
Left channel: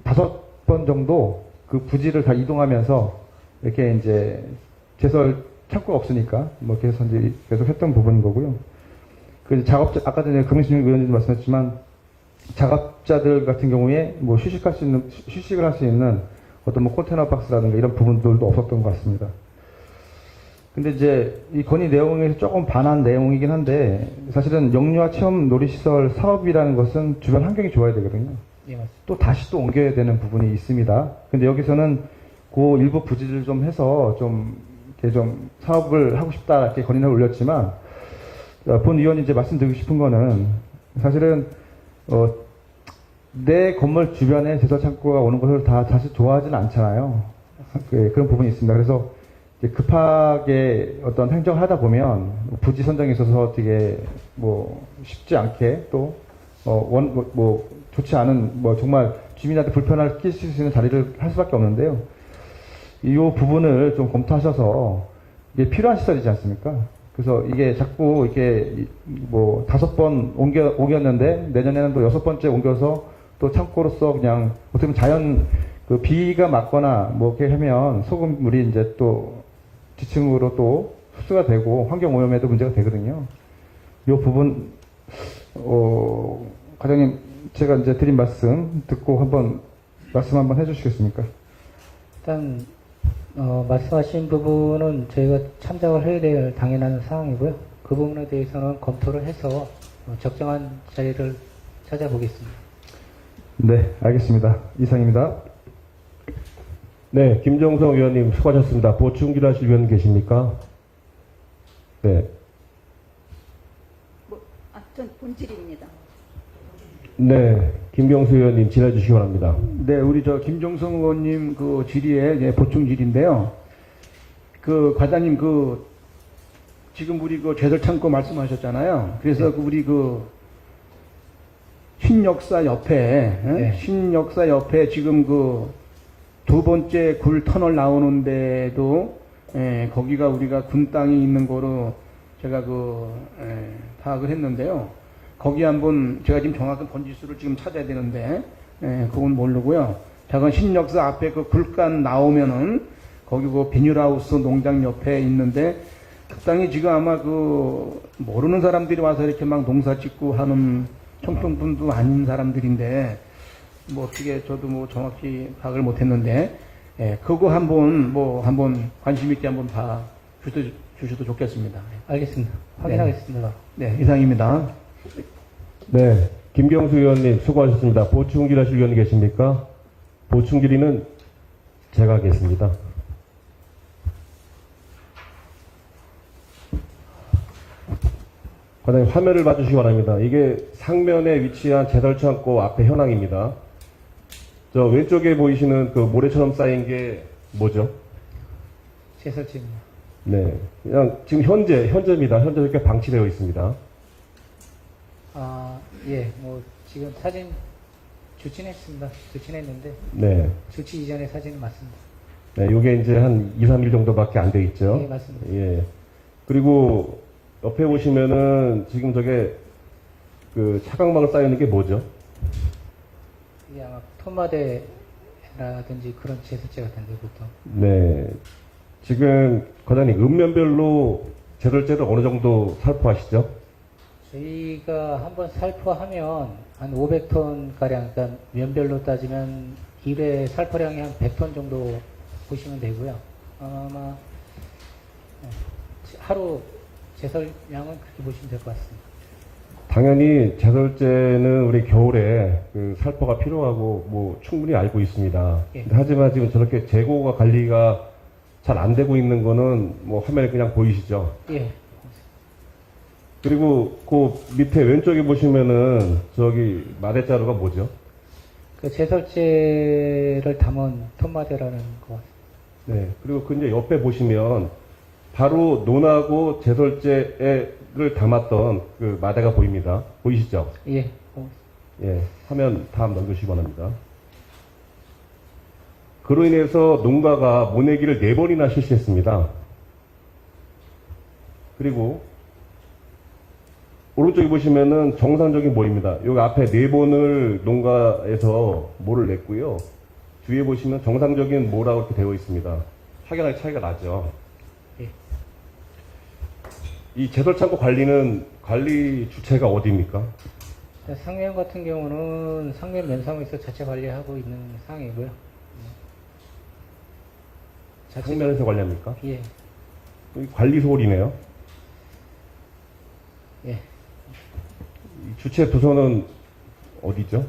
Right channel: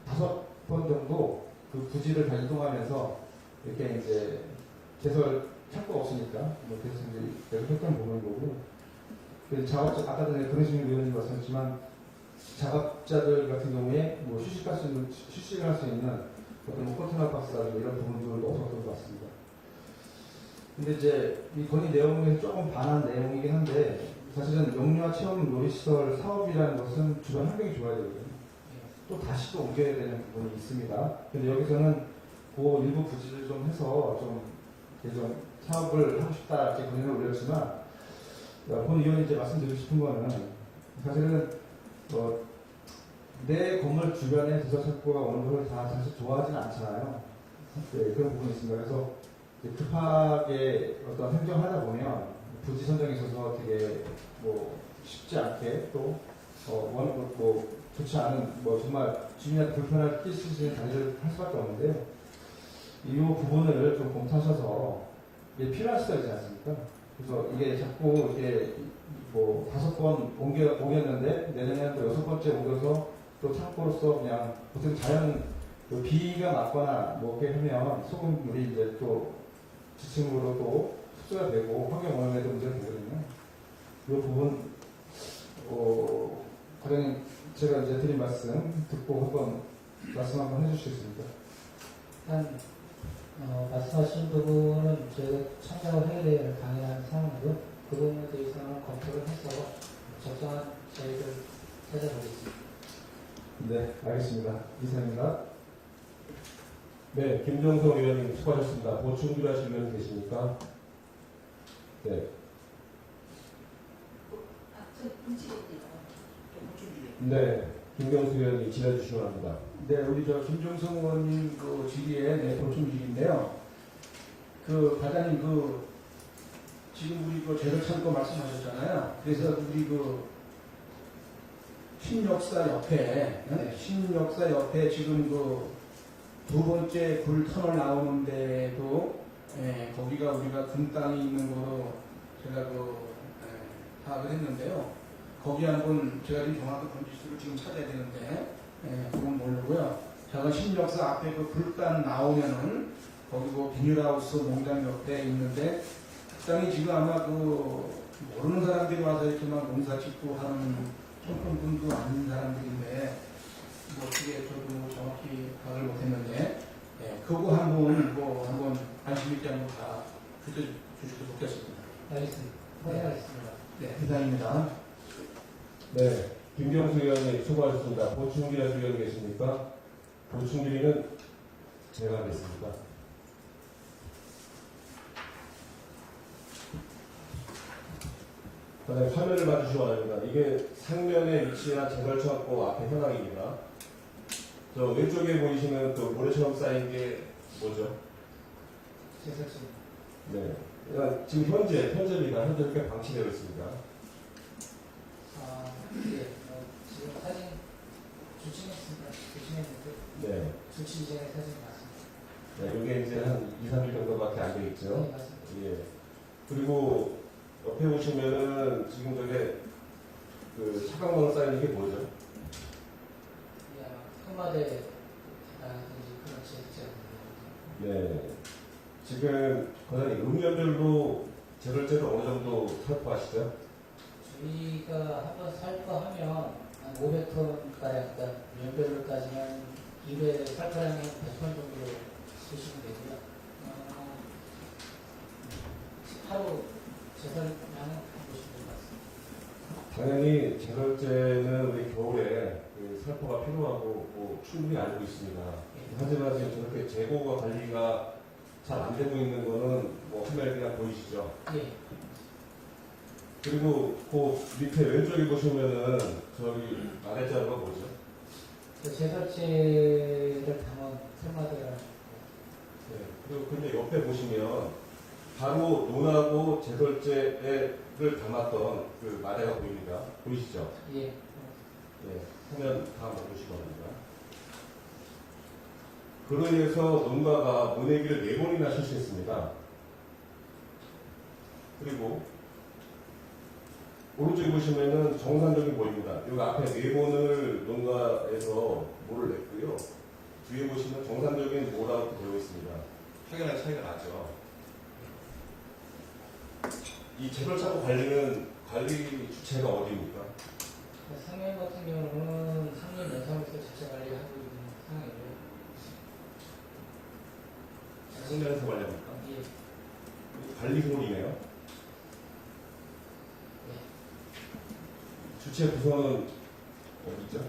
5번 정도 그 부지를 다 이동하면서 이렇게 이제 제설 창고가 없으니까 뭐 계속 이제 계속 했던 부분인 거고요. 그 작업자 아까 전에 금신영 의원님도 말씀하셨지만 작업자들 같은 경우에 뭐 휴식을 할 수 있는 어떤 뭐 컨테이너 박스라든가 이런 부분들도 없었던 것 같습니다. 근데 이제 이 건의 내용에서 조금 반한 내용이긴 한데 사실은 영유아 체험 놀이시설 사업이라는 것은 주변 환경이 좋아야 되거든요. 예, 맞습니다. 또 다시 또 옮겨야 되는 부분이 있습니다. 근데 여기서는 그 일부 부지를 좀 해서 좀 이렇게 좀 사업을 하고 싶다 이렇게 건의를 올렸지만 본 의원이 이제 말씀드리고 싶은 거는 사실은 내 건물 주변에 제설 창고가 오는 것을 다 사실 좋아하지는 않잖아요. 그런 부분이 있습니다. 그래서 급하게 어떤 행정을 하다 보면 부지 선정에 있어서 되게 뭐 쉽지 않게 또 좋지 않은 뭐 정말 주민한테 불편을 끼칠 수 있는 자리를 할 수밖에 없는데요. 이 부분을 좀 검토하셔서 이게 필요한 시설이지 않습니까? 그래서 이게 자꾸 이렇게 뭐 5번 옮겼는데 내년에는 또 6번째 옮겨서 또 창고로서 그냥 어떻게 보면 자연 그 비가 맞거나 뭐 이렇게 하면 소금물이 이제 또 지층으로 또 흡수가 되고 환경 오염에도 문제가 되거든요. 이 부분 과장님 제가 이제 드린 말씀 듣고 한번 말씀 한번 해주시겠습니까? 일단 말씀하신 부분은 저희가 참작을 해야 될 당연한 사항이고요. 그 부분에 대해서는 검토를 해서 적정한 자리를 찾아보겠습니다. 네, 알겠습니다. 이상입니다. 네, 김정성 의원님 수고하셨습니다. 보충 질의하실 의원 계십니까? 네. 전 본질입니다. 네, 김경수 의원님 질의해 주시기 바랍니다. 네, 우리 김종성 의원님 그 질의에 보충 질의인데요. 그 과장님 지금 우리 제설 창고 말씀하셨잖아요. 그래서 우리 신역사 옆에 네. 신역사 옆에 지금 2번째 굴 터널 나오는데도 거기가 우리가 군 땅이 있는 거로 제가 파악을 했는데요. 거기 한번 제가 지금 정확한 번지수를 지금 찾아야 되는데 그건 모르고요. 작은 신역사 앞에 굴간 나오면은 거기 비닐하우스 농장 옆에 있는데 그 땅이 지금 아마 모르는 사람들이 와서 이렇게 막 농사 짓고 하는 청평분도 아닌 사람들인데 뭐 어떻게 저도 뭐 정확히 파악을 못했는데 그거 한번 관심 있게 한번 봐 주셔도 좋겠습니다. 알겠습니다. 확인하겠습니다. 네, 이상입니다. 네, 김경수 의원님 수고하셨습니다. 보충 질의하실 의원 계십니까? 보충 질의는 제가 하겠습니다. 과장님 화면을 봐주시기 바랍니다. 이게 상면에 위치한 제설창고 앞에 현황입니다. 저 왼쪽에 보이시는 그 모래처럼 쌓인 게 뭐죠? 제설집입니다. 네. 그냥 지금 현재입니다. 현재 이렇게 방치되어 있습니다. 예, 뭐 지금 사진 조치했습니다. 조치했는데 네. 조치 이전의 사진은 맞습니다. 네, 요게 이제 한 2, 3일 정도밖에 안 돼 있죠. 예, 맞습니다. 예. 그리고 옆에 보시면은 지금 저게 그 차광막을 쌓여 있는 게 뭐죠? 이게 아마 토마대라든지 그런 제설제 같은데 보통. 네. 지금 과장님 읍면별로 제설제를 어느 정도 살포하시죠? 저희가 한번 살포하면 한 500톤 가량, 그러니까 면별로 따지면 1회 살포량이 한 100톤 정도 보시면 되고요. 아마 하루 제설량은 그렇게 보시면 될 것 같습니다. 당연히 제설제는 우리 겨울에 그 살포가 필요하고 뭐 충분히 알고 있습니다. 예. 하지만 지금 저렇게 재고가 관리가 잘 안 되고 있는 거는 뭐 화면에 그냥 보이시죠? 예, 그리고 그 밑에 왼쪽에 보시면은 저기 마대자루가 뭐죠? 그 제설제를 담은 톤마대라는 거. 네. 그리고 그 이제 옆에 보시면 바로 논하고 제설제를 담았던 그 마대가 보입니다. 보이시죠? 예, 예. 화면 다음 넘겨주시기 바랍니다. 그로 인해서 농가가 모내기를 4번이나 실시했습니다. 그리고 오른쪽에 보시면은 정상적인 모입니다. 여기 앞에 4번을 농가에서 모를 냈고요. 뒤에 보시면 정상적인 모라고 이렇게 되어 있습니다. 확연하게 차이가 나죠. 예. 이 제설창고 관리는 관리 주체가 어디입니까? 상면 같은 경우는 상면 면사무에서 자체 관리하고 있는 상황이고요. 상면에서 관리합니까? 예, 여기 관리소홀이네요. 예. 주체 부서는 어디죠?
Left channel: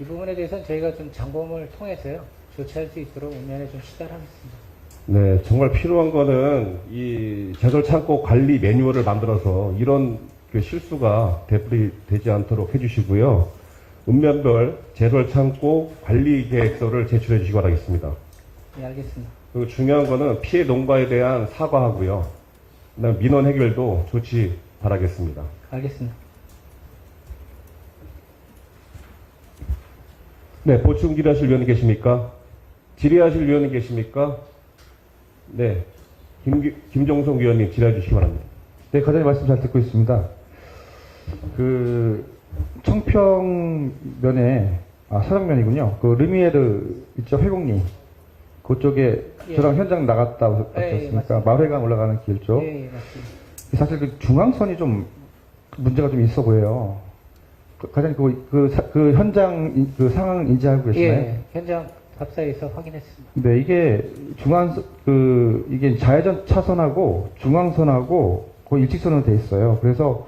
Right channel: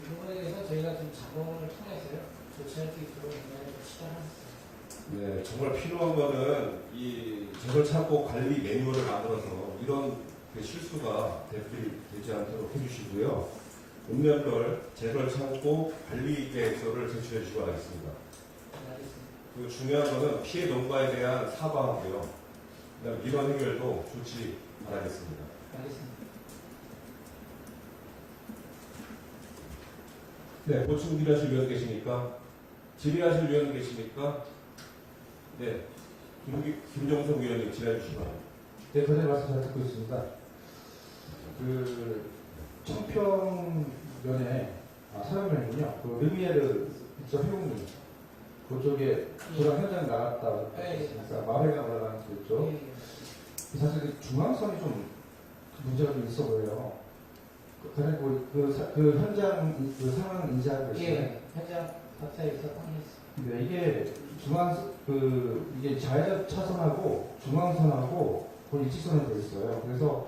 이 부분에 대해서는 저희가 좀 점검을 통해서요, 조치할 수 있도록 인면에 좀 시달하겠습니다. 네, 정말 필요한 거는 이 제설 창고 관리 매뉴얼을 만들어서 이런 그 실수가 되풀이되지 않도록 해주시고요. 읍면별 제설 창고 관리 계획서를 제출해 주시기 바라겠습니다. 예, 알겠습니다. 그리고 중요한 거는 피해 농가에 대한 사과하고요. 그다음 민원 해결도 조치 바라겠습니다. 알겠습니다. 네, 보충 질의하실 위원이 계십니까? 질의하실 위원이 계십니까? 네, 김종성 위원님 질의해 주시기 바랍니다. 네, 과장님 말씀 잘 듣고 있습니다. 그 청평면에 사정면이군요. 그 르미에르 있죠, 회곡리 그쪽에 예. 저랑 현장 나갔다 예, 왔었으니까 맞습니다. 마회강 올라가는 길 쪽. 예, 예, 맞습니다. 사실 그 중앙선이 좀 문제가 좀 있어 보여요. 과장님 그 현장 그 상황 인지하고 계시나요? 예, 현장 답사에서 확인했습니다. 네, 이게 이게 좌회전 차선하고 중앙선하고 거의 일직선으로 돼 있어요. 그래서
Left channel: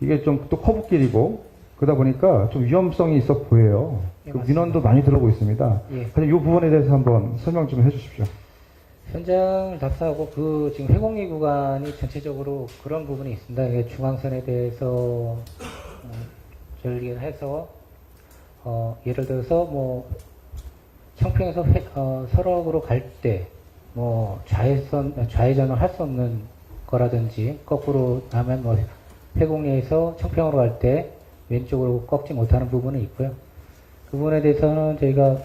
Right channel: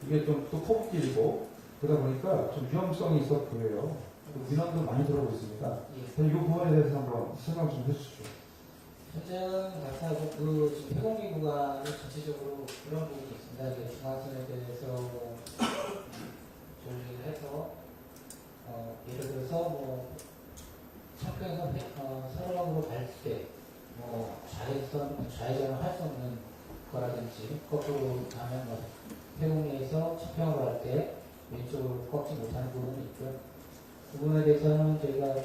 이게 좀 또 커브길이고 그러다 보니까 좀 위험성이 있어 보여요. 예, 그 맞습니다. 민원도 많이 들어오고 있습니다. 예. 이 부분에 대해서 한번 설명 좀 해주십시오. 현장 답사하고 그 지금 회곡리 구간이 전체적으로 그런 부분이 있습니다. 이게 중앙선에 대해서 전리해서 예를 들어서 뭐 청평에서 설악으로 갈 때 뭐 좌회전을 할 수 없는 거라든지 거꾸로 하면 뭐 회곡리에서 청평으로 갈 때 왼쪽으로 꺾지 못하는 부분이 있고요. 그 부분에 대해서는 저희가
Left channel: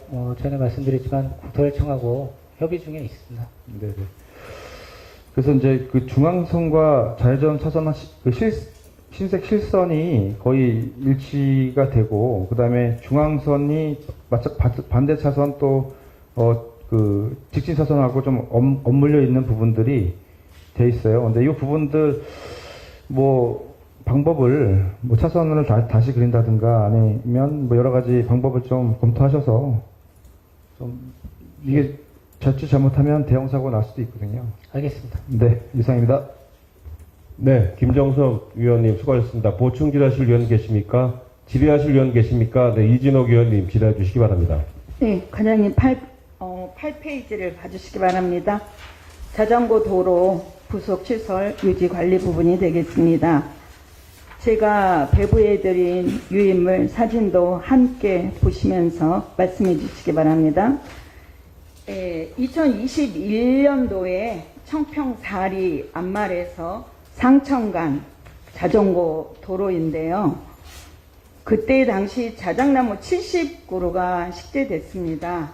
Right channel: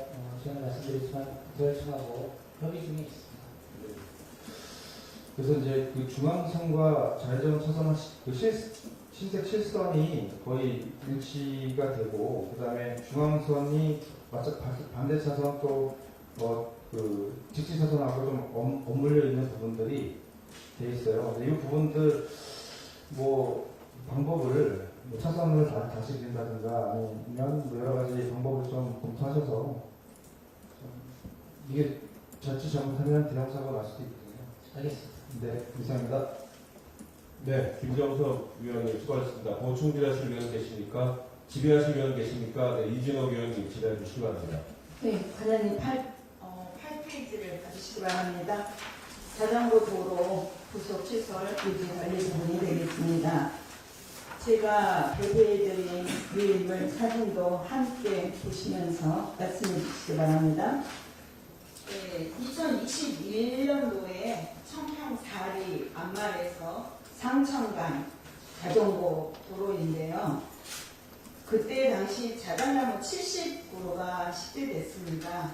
전에 말씀드렸지만 국토혈청하고 협의 중에 있습니다. 네. 그래서 이제 그 중앙선과 좌회전 차선 흰색 실선이 거의 일치가 되고, 그 다음에 중앙선이 반대 차선 또, 그 직진 차선하고 좀 엇물려 있는 부분들이 돼 있어요. 근데 이 부분들, 방법을, 차선을 다시 그린다든가 아니면 여러 가지 방법을 좀 검토하셔서 좀 이게 자칫 잘못하면 대형사고 날 수도 있거든요. 알겠습니다. 네, 이상입니다. 네, 김정석 위원님 수고하셨습니다. 보충 질의하실 위원 계십니까? 질의하실 위원 계십니까? 네, 이진옥 위원님 질의해 주시기 바랍니다. 네, 과장님 8페이지를 봐주시기 바랍니다. 자전거 도로 부속 시설 유지 관리 부분이 되겠습니다. 제가 배부해드린 유인물 사진도 함께 보시면서 말씀해 주시기 바랍니다. 2021년도에 청평 사리 앞말에서 상천간 자전거 도로인데요. 그때 당시 자작나무 70그루가 식재됐습니다.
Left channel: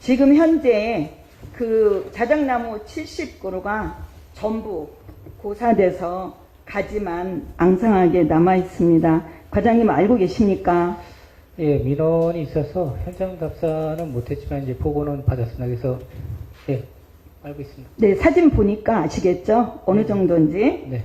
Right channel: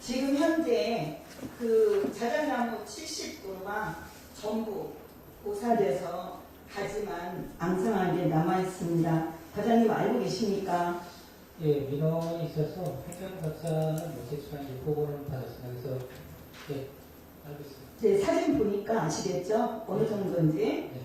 지금 현재 그 자작나무 70그루가 전부 고사돼서 가지만 앙상하게 남아 있습니다. 과장님 알고 계십니까? 예, 민원이 있어서 현장 답사는 못했지만 이제 보고는 받았습니다. 그래서 예, 알고 있습니다. 네, 사진 보니까 아시겠죠? 어느 정도인지. 네,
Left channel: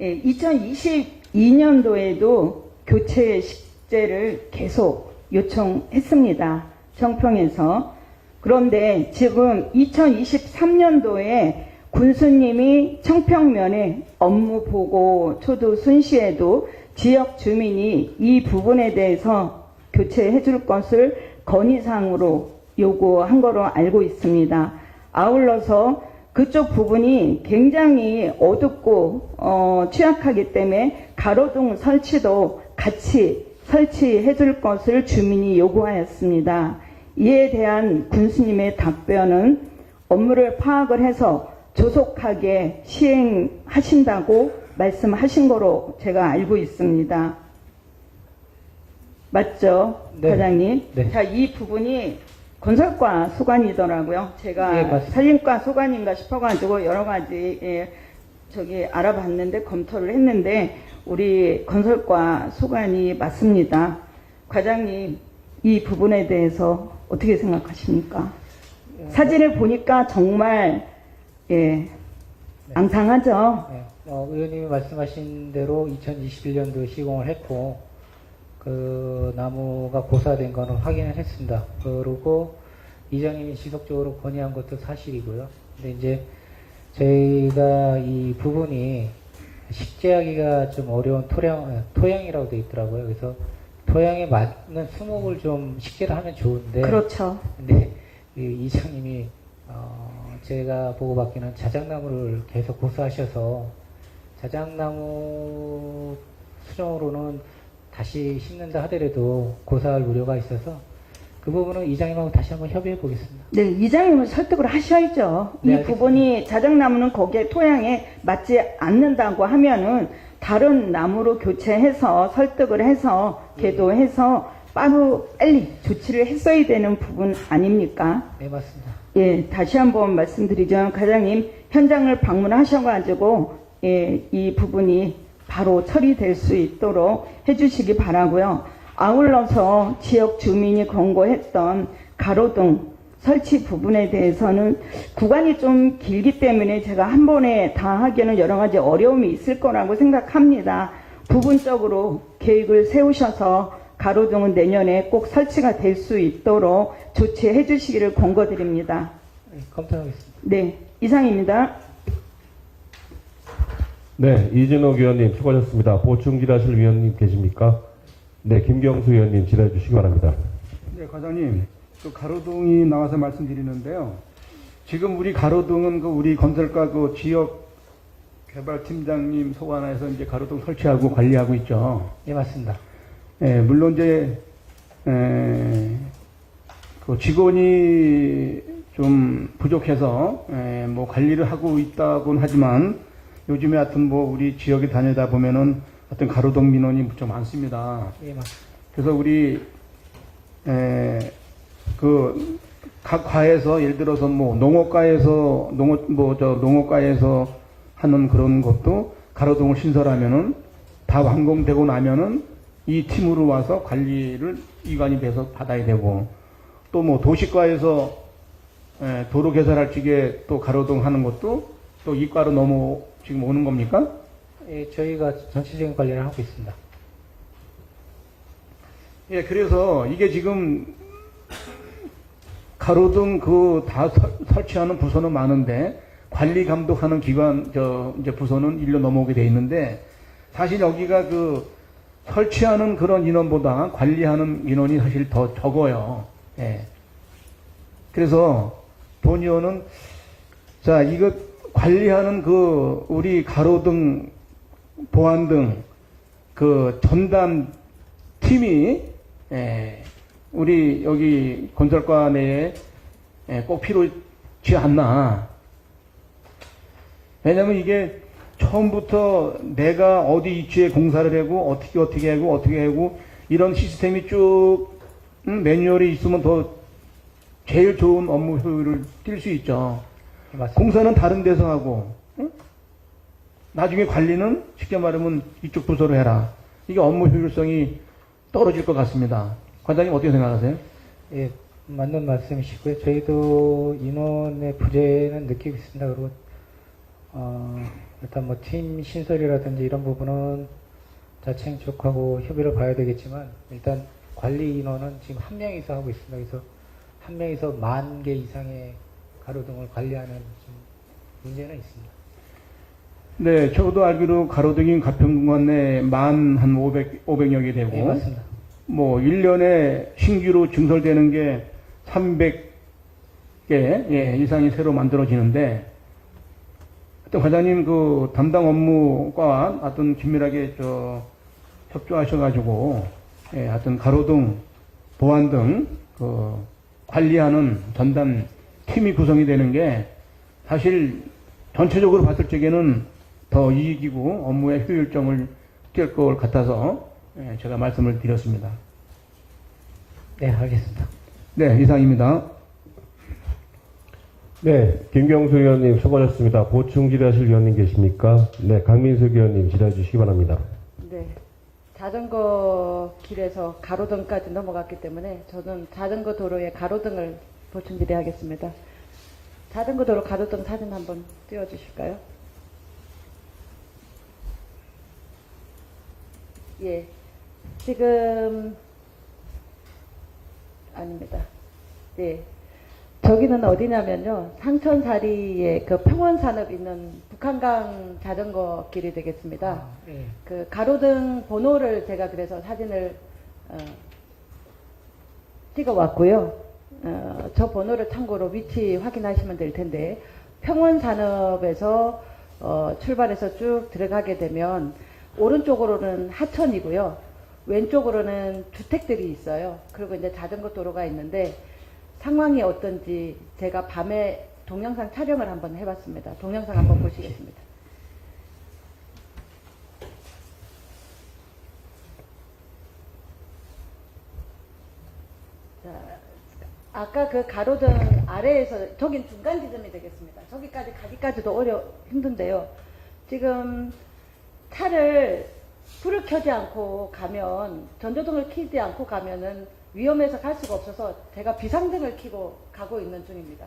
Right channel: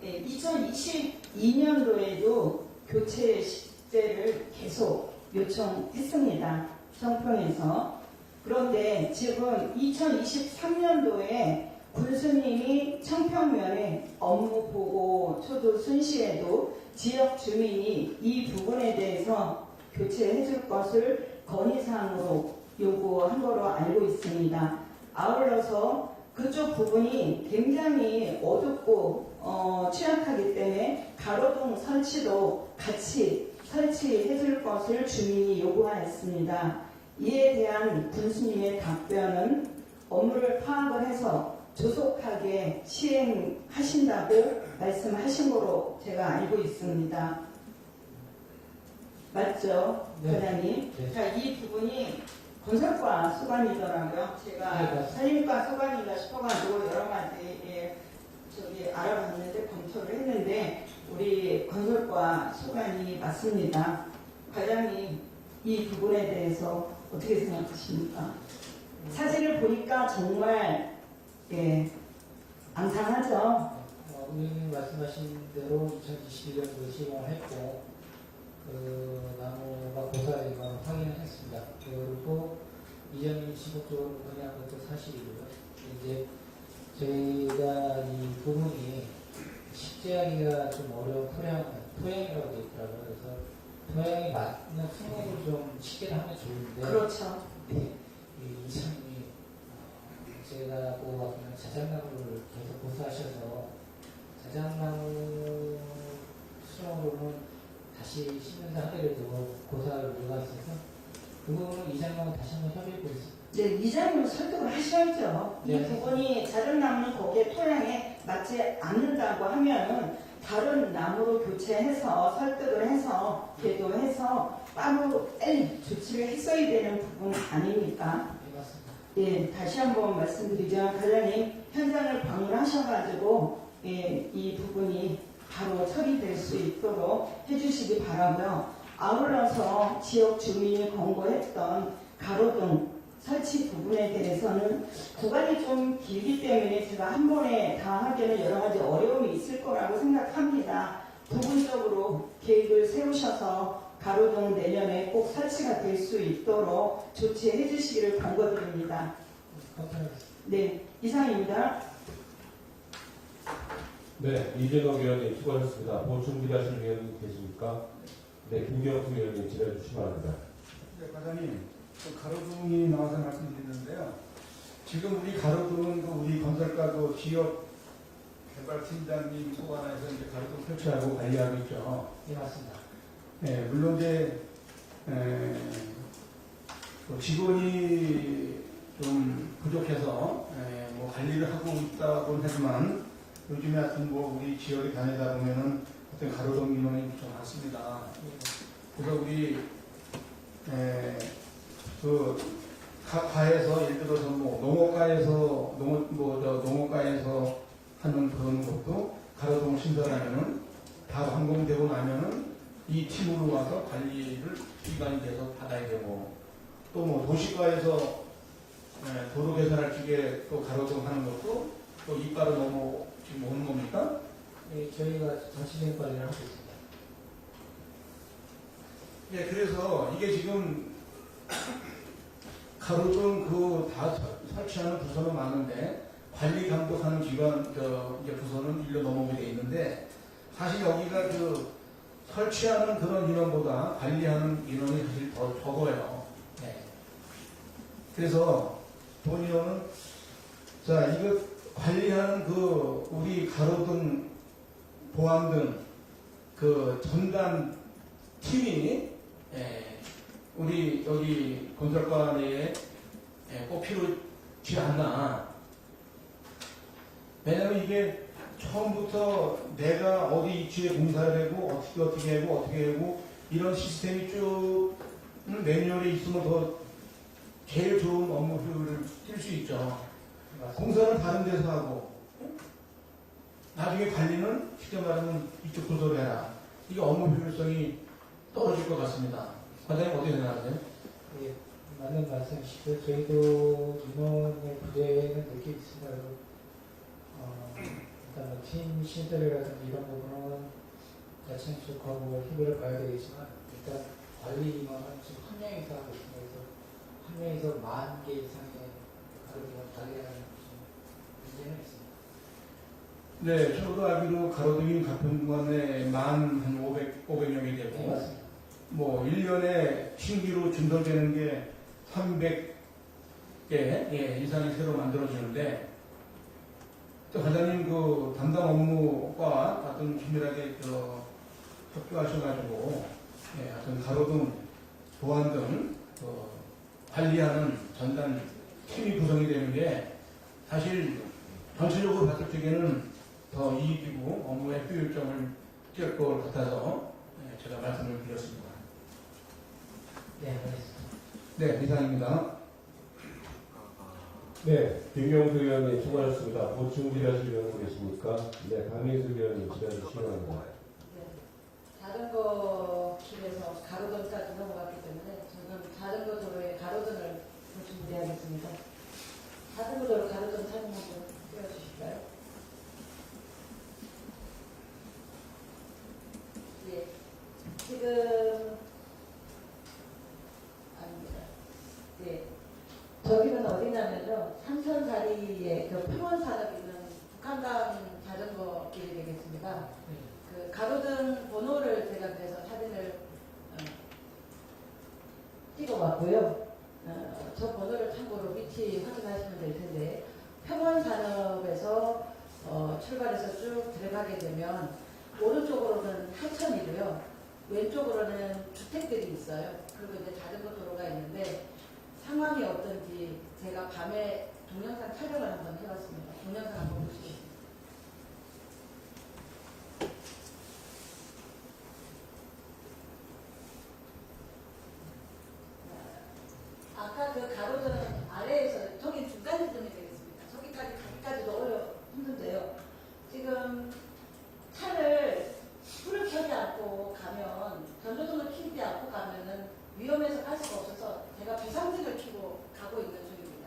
예, 2022년도에도 교체 식재를 계속 요청했습니다. 청평에서. 그런데 지금 2023년도에 군수님이 청평면에 업무 보고 초도 순시에도 지역 주민이 이 부분에 대해서 교체해 줄 것을 건의사항으로 요구한 거로 알고 있습니다. 아울러서 그쪽 부분이 굉장히 어둡고 취약하기 때문에 가로등 설치도 같이 설치해 줄 것을 주민이 요구하였습니다. 이에 대한 군수님의 답변은 업무를 파악을 해서 조속하게 시행하신다고 말씀하신 거로 제가 알고 있습니다. 맞죠, 네. 과장님? 네. 자, 이 부분이 건설과 소관이더라고요. 제가 네, 맞습니다. 산림과 소관인가 싶어가지고 여러 가지 알아봤는데 검토를 했는데 우리 건설과 소관이 맞습니다. 과장님, 이 부분에 대해서 어떻게 생각하십니까? 사진을 보니까 정말 앙상하죠. 네. 의원님이 말씀하신 대로 2021년도 시공을 했고 그 나무가 고사된 거는 확인을 했습니다. 그리고 이장님이 지속적으로 건의한 것도 사실이고요. 근데 이제 저희가 이 부분이 식재하기가 좀 어려운 토양이라고 되어 있더라고요. 그래서 토양에 맞는 수목을 좀 식재를 하면 좋은데 그렇죠. 근데 이 이장님이 제가 보고받기는 자작나무를 계속 고수하셔서 자작나무 수정으로는 다시 심는다 하더라도 고사할 우려가 있어서 그 부분은 이장님하고 다시 한번 협의해 보겠습니다. 네, 이장님은 설득을 하셔야죠. 네, 이 알겠습니다. 부분이 자작나무는 거기에 토양에 맞지 않는다고 하면은 다른 나무로 교체해서 설득을 해서 계도해서 빨리 조치를 했어야 되는 부분 아닙니까? 네, 맞습니다. 예, 다시 한번 말씀드리자면 과장님 현장을 방문하셔가지고 이 부분이 바로 처리될 수 있도록 해주시기 바라고요. 아울러서 지역 주민이 권고했던 가로등 설치 부분에 대해서는 구간이 좀 길기 때문에 제가 한 번에 다 하기에는 여러 가지 어려움이 있을 거라고 생각합니다. 부분적으로 계획을 세우셔서 가로등은 내년에 꼭 설치가 될 수 있도록 조치해 주시기를 권고드립니다. 네, 검토하겠습니다. 네, 이상입니다. 네, 이진욱 의원님 수고하셨습니다. 보충 질의하실 위원님 계십니까? 네, 김경수 의원님 질의해 주시기 바랍니다. 네, 과장님, 또 가로등이 나와서 말씀드리는데요. 지금 우리 가로등은 그 우리 건설과 그 지역 개발팀장님 소관하에서 이제 가로등 설치하고 관리하고 있죠. 네, 맞습니다. 물론 이제 그 직원이 좀 부족해서 뭐 관리를 하고 있다고는 하지만 요즘에 하여튼 뭐 우리 지역에 다니다 보면은 하여튼 가로등 민원이 좀 많습니다. 네, 맞습니다. 그래서 우리 그 각 과에서 예를 들어서 뭐 농업과에서 농업과에서 하는 그런 것도 가로등을 신설하면은 다 완공되고 나면은 이 팀으로 와서 관리를 이관이 돼서 받아야 되고 또 뭐 도시과에서 도로 개설할 적에 또 가로등 하는 것도 또 이과로 지금 오는 겁니까? 예, 저희가 전체적인 관리를 하고 있습니다. 예, 그래서 이게 지금 가로등 그 다 설치하는 부서는 많은데 관리 감독하는 기관 이제 부서는 일로 넘어오게 돼 있는데 사실 여기가 그 설치하는 그런 인원보다 관리하는 인원이 사실 더 적어요. 예. 그래서 본 의원은 자 이거 관리하는 그 우리 가로등 보안 등 그 전담 팀이 우리 여기 건설과 내에 꼭 필요치 않나. 왜냐면 이게 처음부터 내가 어디 위치에 공사를 하고 어떻게 하고 이런 시스템이 쭉 매뉴얼이 있으면 더 제일 좋은 업무 효율을 뛸 수 있죠. 맞습니다. 공사는 다른 데서 하고 나중에 관리는 쉽게 말하면 이쪽 부서로 해라. 이게 업무 효율성이 떨어질 것 같습니다. 관장님 어떻게 생각하세요? 예, 맞는 말씀이시고요. 저희도 인원의 부재는 느끼고 있습니다. 그리고 일단 뭐 팀 신설이라든지 이런 부분은 자칭 쪽하고 협의를 봐야 되겠지만 일단 관리 인원은 지금 한 명이서 하고 있습니다. 그래서 한 명이서 10,000개 이상의 가로등을 관리하는 좀 문제는 있습니다. 네, 저도 알기로 가로등인 가평군 내에 한 500여 개 되고, 예, 맞습니다. 뭐 1년에 신규로 증설되는 게 300개 이상이 새로 만들어지는데, 하여튼 과장님 그 담당 업무과 하여튼 긴밀하게 협조하셔가지고, 하여튼 가로등, 보안 등 관리하는 전담 팀이 구성이 되는 게 사실 전체적으로 봤을 적에는 더 이익이고 업무의 효율성을 뛸 것 같아서 제가 말씀을 드렸습니다. 네, 알겠습니다. 네, 이상입니다. 네, 김경수 의원님 수고하셨습니다. 보충 질의하실 의원님 계십니까? 네, 강민석 의원님 질의해 주시기 바랍니다. 네. 자전거 길에서 가로등까지 넘어갔기 때문에 저는 자전거 도로에 가로등을 보충 질의하겠습니다. 자전거 도로 가로등 사진 한번 띄워주실까요? 예. 지금 아닙니다. 네. 저기는 어디냐면요. 상천다리에 그 평원산업 있는 북한강 자전거 길이 되겠습니다. 예. 그 가로등 번호를 제가 그래서 사진을 찍어왔고요. 저 번호를 참고로 위치 확인하시면 될 텐데 평원산업에서 출발해서 쭉 들어가게 되면 오른쪽으로는 하천이고요. 왼쪽으로는 주택들이 있어요. 그리고 이제 자전거 도로가 있는데 상황이 어떤지 제가 밤에 동영상 촬영을 한번 해봤습니다. 동영상 한번 보시겠습니다. 자, 아까 그 가로등 아래에서 저긴 중간 지점이 되겠습니다. 저기까지 가기까지도 힘든데요. 지금 차를 불을 켜지 않고 가면 전조등을 켜지 않고 가면은 위험해서 갈 수가 없어서 제가 비상등을 켜고 가고 있는 중입니다.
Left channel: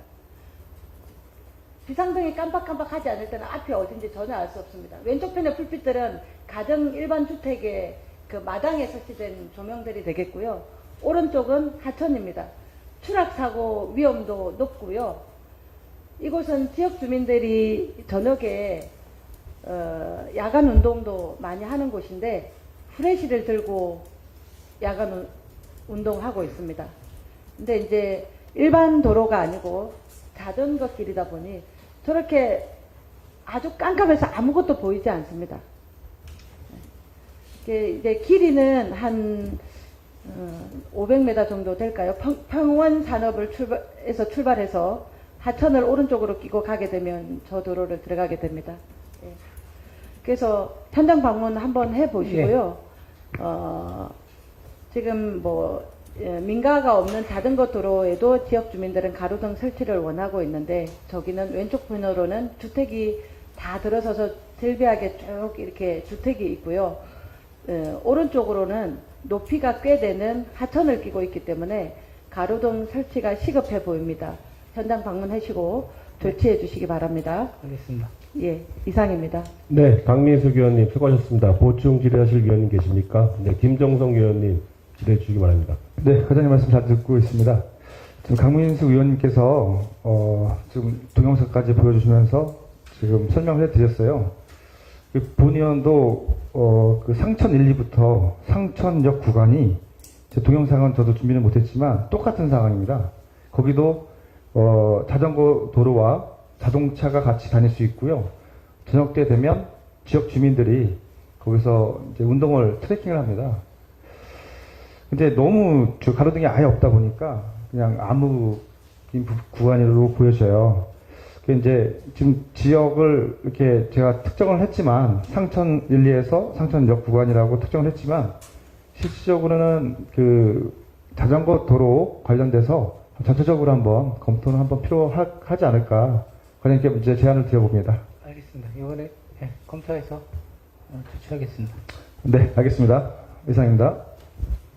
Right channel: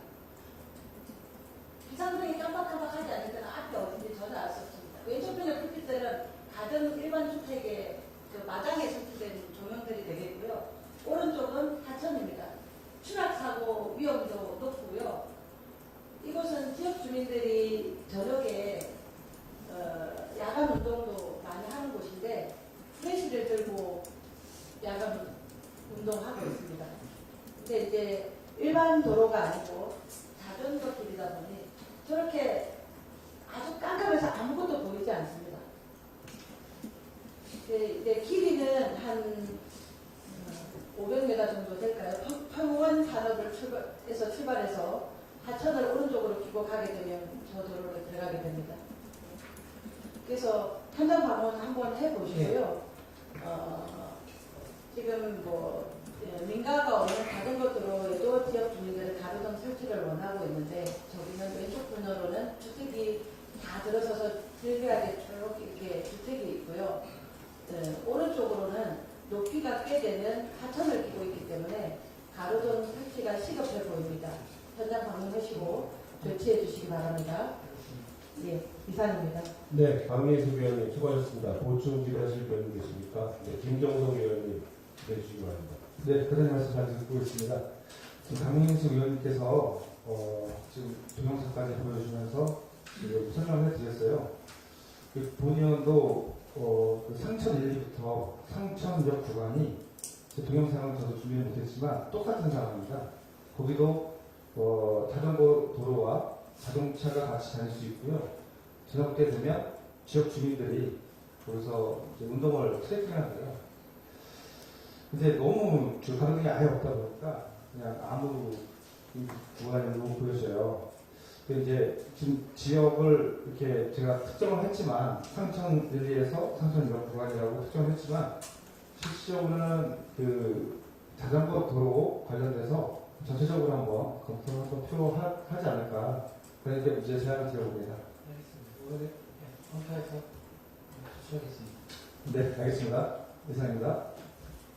비상등이 깜빡깜빡하지 않을 때는 앞이 어딘지 전혀 알 수 없습니다. 왼쪽 편의 불빛들은 가정 일반 주택의 그 마당에 설치된 조명들이 되겠고요. 오른쪽은 하천입니다. 추락사고 위험도 높고요. 이곳은 지역 주민들이 저녁에 야간 운동도 많이 하는 곳인데 후레쉬를 들고 야간 운동하고 있습니다. 근데 이제 일반 도로가 아니고 자전거 길이다 보니 저렇게 아주 깜깜해서 아무것도 보이지 않습니다. 이제 길이는 한 500m 정도 될까요? 평원산업을 출발해서 하천을 오른쪽으로 끼고 가게 되면 저 도로를 들어가게 됩니다. 그래서 현장 방문 한번 해보시고요. 지금 민가가 없는 자전거 도로에도 지역 주민들은 가로등 설치를 원하고 있는데 저기는 왼쪽 편으로는 주택이 다 들어서서 절비하게 쭉 이렇게 주택이 있고요. 오른쪽으로는 높이가 꽤 되는 하천을 끼고 있기 때문에 가로등 설치가 시급해 보입니다. 현장 방문하시고 조치해 주시기 바랍니다. 알겠습니다. 예, 이상입니다. 네, 강민석 의원님 수고하셨습니다. 보충 질의하실 의원님 계십니까? 네, 김정성 의원님 질의해 주시기 바랍니다. 네, 과장님 말씀 잘 듣고 있습니다. 지금 강민석 의원님께서 지금 동영상까지 보여주시면서 지금 설명을 해드렸어요. 본 의원도 그 상천 1, 2부터 상천역 구간이 제 동영상은 저도 준비는 못했지만 똑같은 상황입니다. 거기도 자전거 도로와 자동차가 같이 다닐 수 있고요. 저녁 때 되면 지역 주민들이 거기서 이제 운동을 트레킹을 합니다. 근데 너무 저 가로등이 아예 없다 보니까 그냥 아무 구간으로 보여져요. 이제 지금 지역을 이렇게 제가 특정을 했지만 상천 1, 2에서 상천역 구간이라고 특정을 했지만 실질적으로는 그 자전거 도로 관련돼서 전체적으로 한번 검토는 한번 필요하지 않을까 그런 게 이제 제안을 드려봅니다. 알겠습니다. 이번에 검토해서 조치하겠습니다. 네, 알겠습니다. 이상입니다.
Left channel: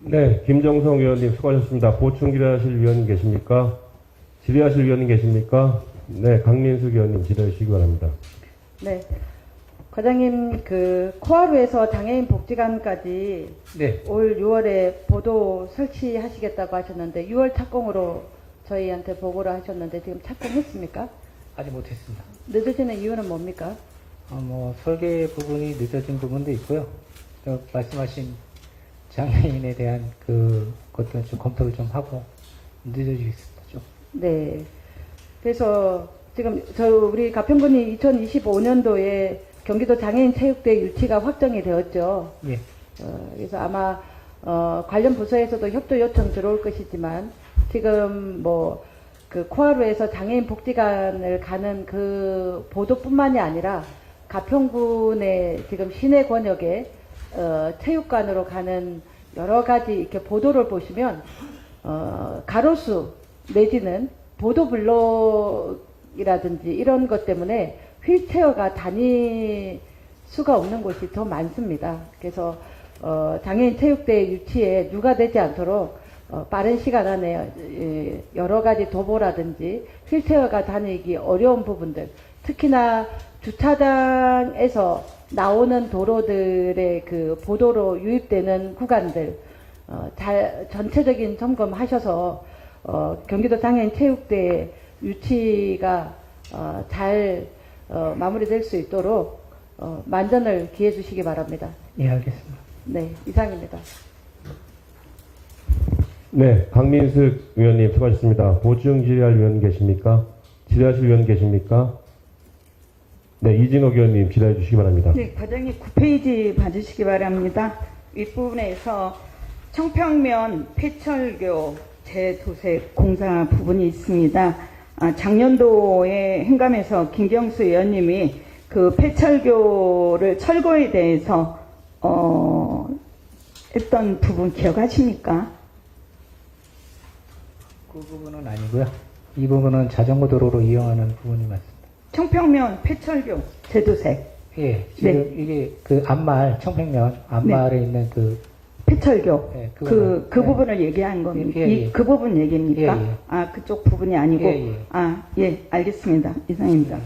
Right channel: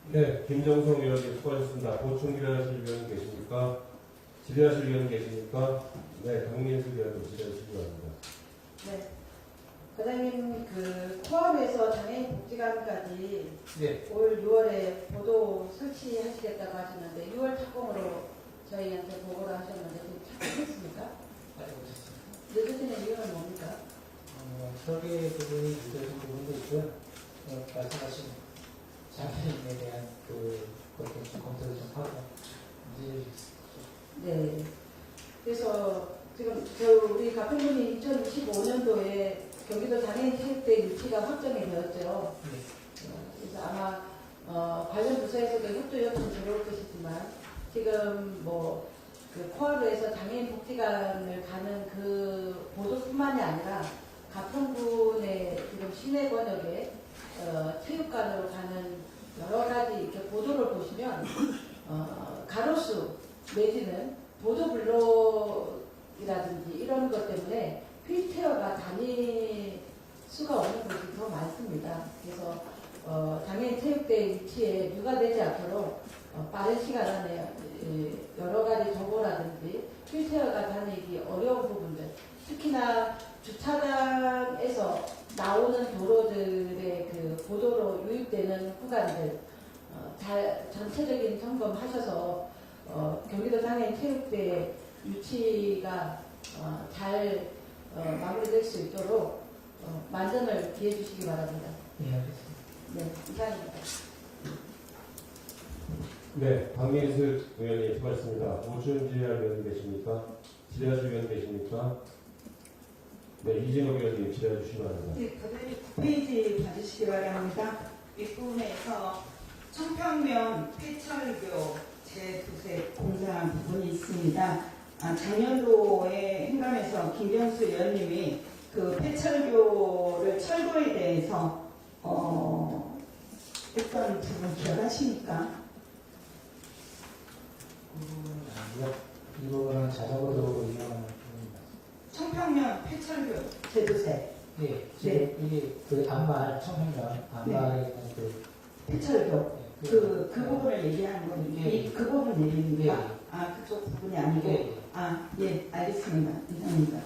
네, 김정성 의원님 수고하셨습니다. 보충 질의하실 위원님 계십니까? 질의하실 위원님 계십니까? 네, 강민숙 의원님 질의해 주시기 바랍니다. 네. 과장님, 그 코하루에서 장애인 복지관까지 네. 올 6월에 보도 설치하시겠다고 하셨는데 6월 착공으로 저희한테 보고를 하셨는데 지금 착공했습니까? 아직 못했습니다. 늦어지는 이유는 뭡니까? 설계 부분이 늦어진 부분도 있고요. 말씀하신 장애인에 대한 것도 좀 검토를 좀 하고 늦어지겠습니다. 좀. 네. 그래서 지금 우리 가평군이 2025년도에 경기도 장애인 체육대 유치가 확정이 되었죠. 예. 그래서 아마 관련 부서에서도 협조 요청 들어올 것이지만 지금 그 코하루에서 장애인 복지관을 가는 그 보도뿐만이 아니라 가평군의 지금 시내 권역에 체육관으로 가는 여러 가지 이렇게 보도를 보시면 가로수 내지는 보도블록이라든지 이런 것 때문에 휠체어가 다닐 수가 없는 곳이 더 많습니다. 그래서 장애인 체육대 유치에 누가 되지 않도록 빠른 시간 안에 여러 가지 도보라든지 휠체어가 다니기 어려운 부분들, 특히나 주차장에서 나오는 도로들의 그 보도로 유입되는 구간들 전체적인 점검하셔서 경기도 장애인 체육대 유치가 잘 마무리될 수 있도록 만전을 기해 주시기 바랍니다. 예, 알겠습니다. 네, 이상입니다. 네, 강민숙 의원님 수고하셨습니다. 보충 질의할 위원 계십니까? 질의하실 위원 계십니까? 네, 이진옥 의원님 질의해 주시기 바랍니다. 네, 과장님 9페이지 봐주시기 바랍니다. 윗부분에서 청평면 폐철교 재도색 공사 부분이 있습니다. 작년도에 행감에서 김경수 의원님이 그 폐철교를 철거에 대해서 했던 부분 기억하십니까? 그 부분은 아니고요. 이 부분은 자전거 도로로 이용하는 부분이 맞습니다. 청평면 폐철교 재도색 예, 지금 이게 그 앞말 청평면 앞말에 있는 폐철교 예, 그 네. 부분을 얘기한 겁니다. 예, 예. 그 부분 얘기입니까? 예, 예. 그쪽 부분이 아니고 예, 예. 예, 알겠습니다. 이상입니다.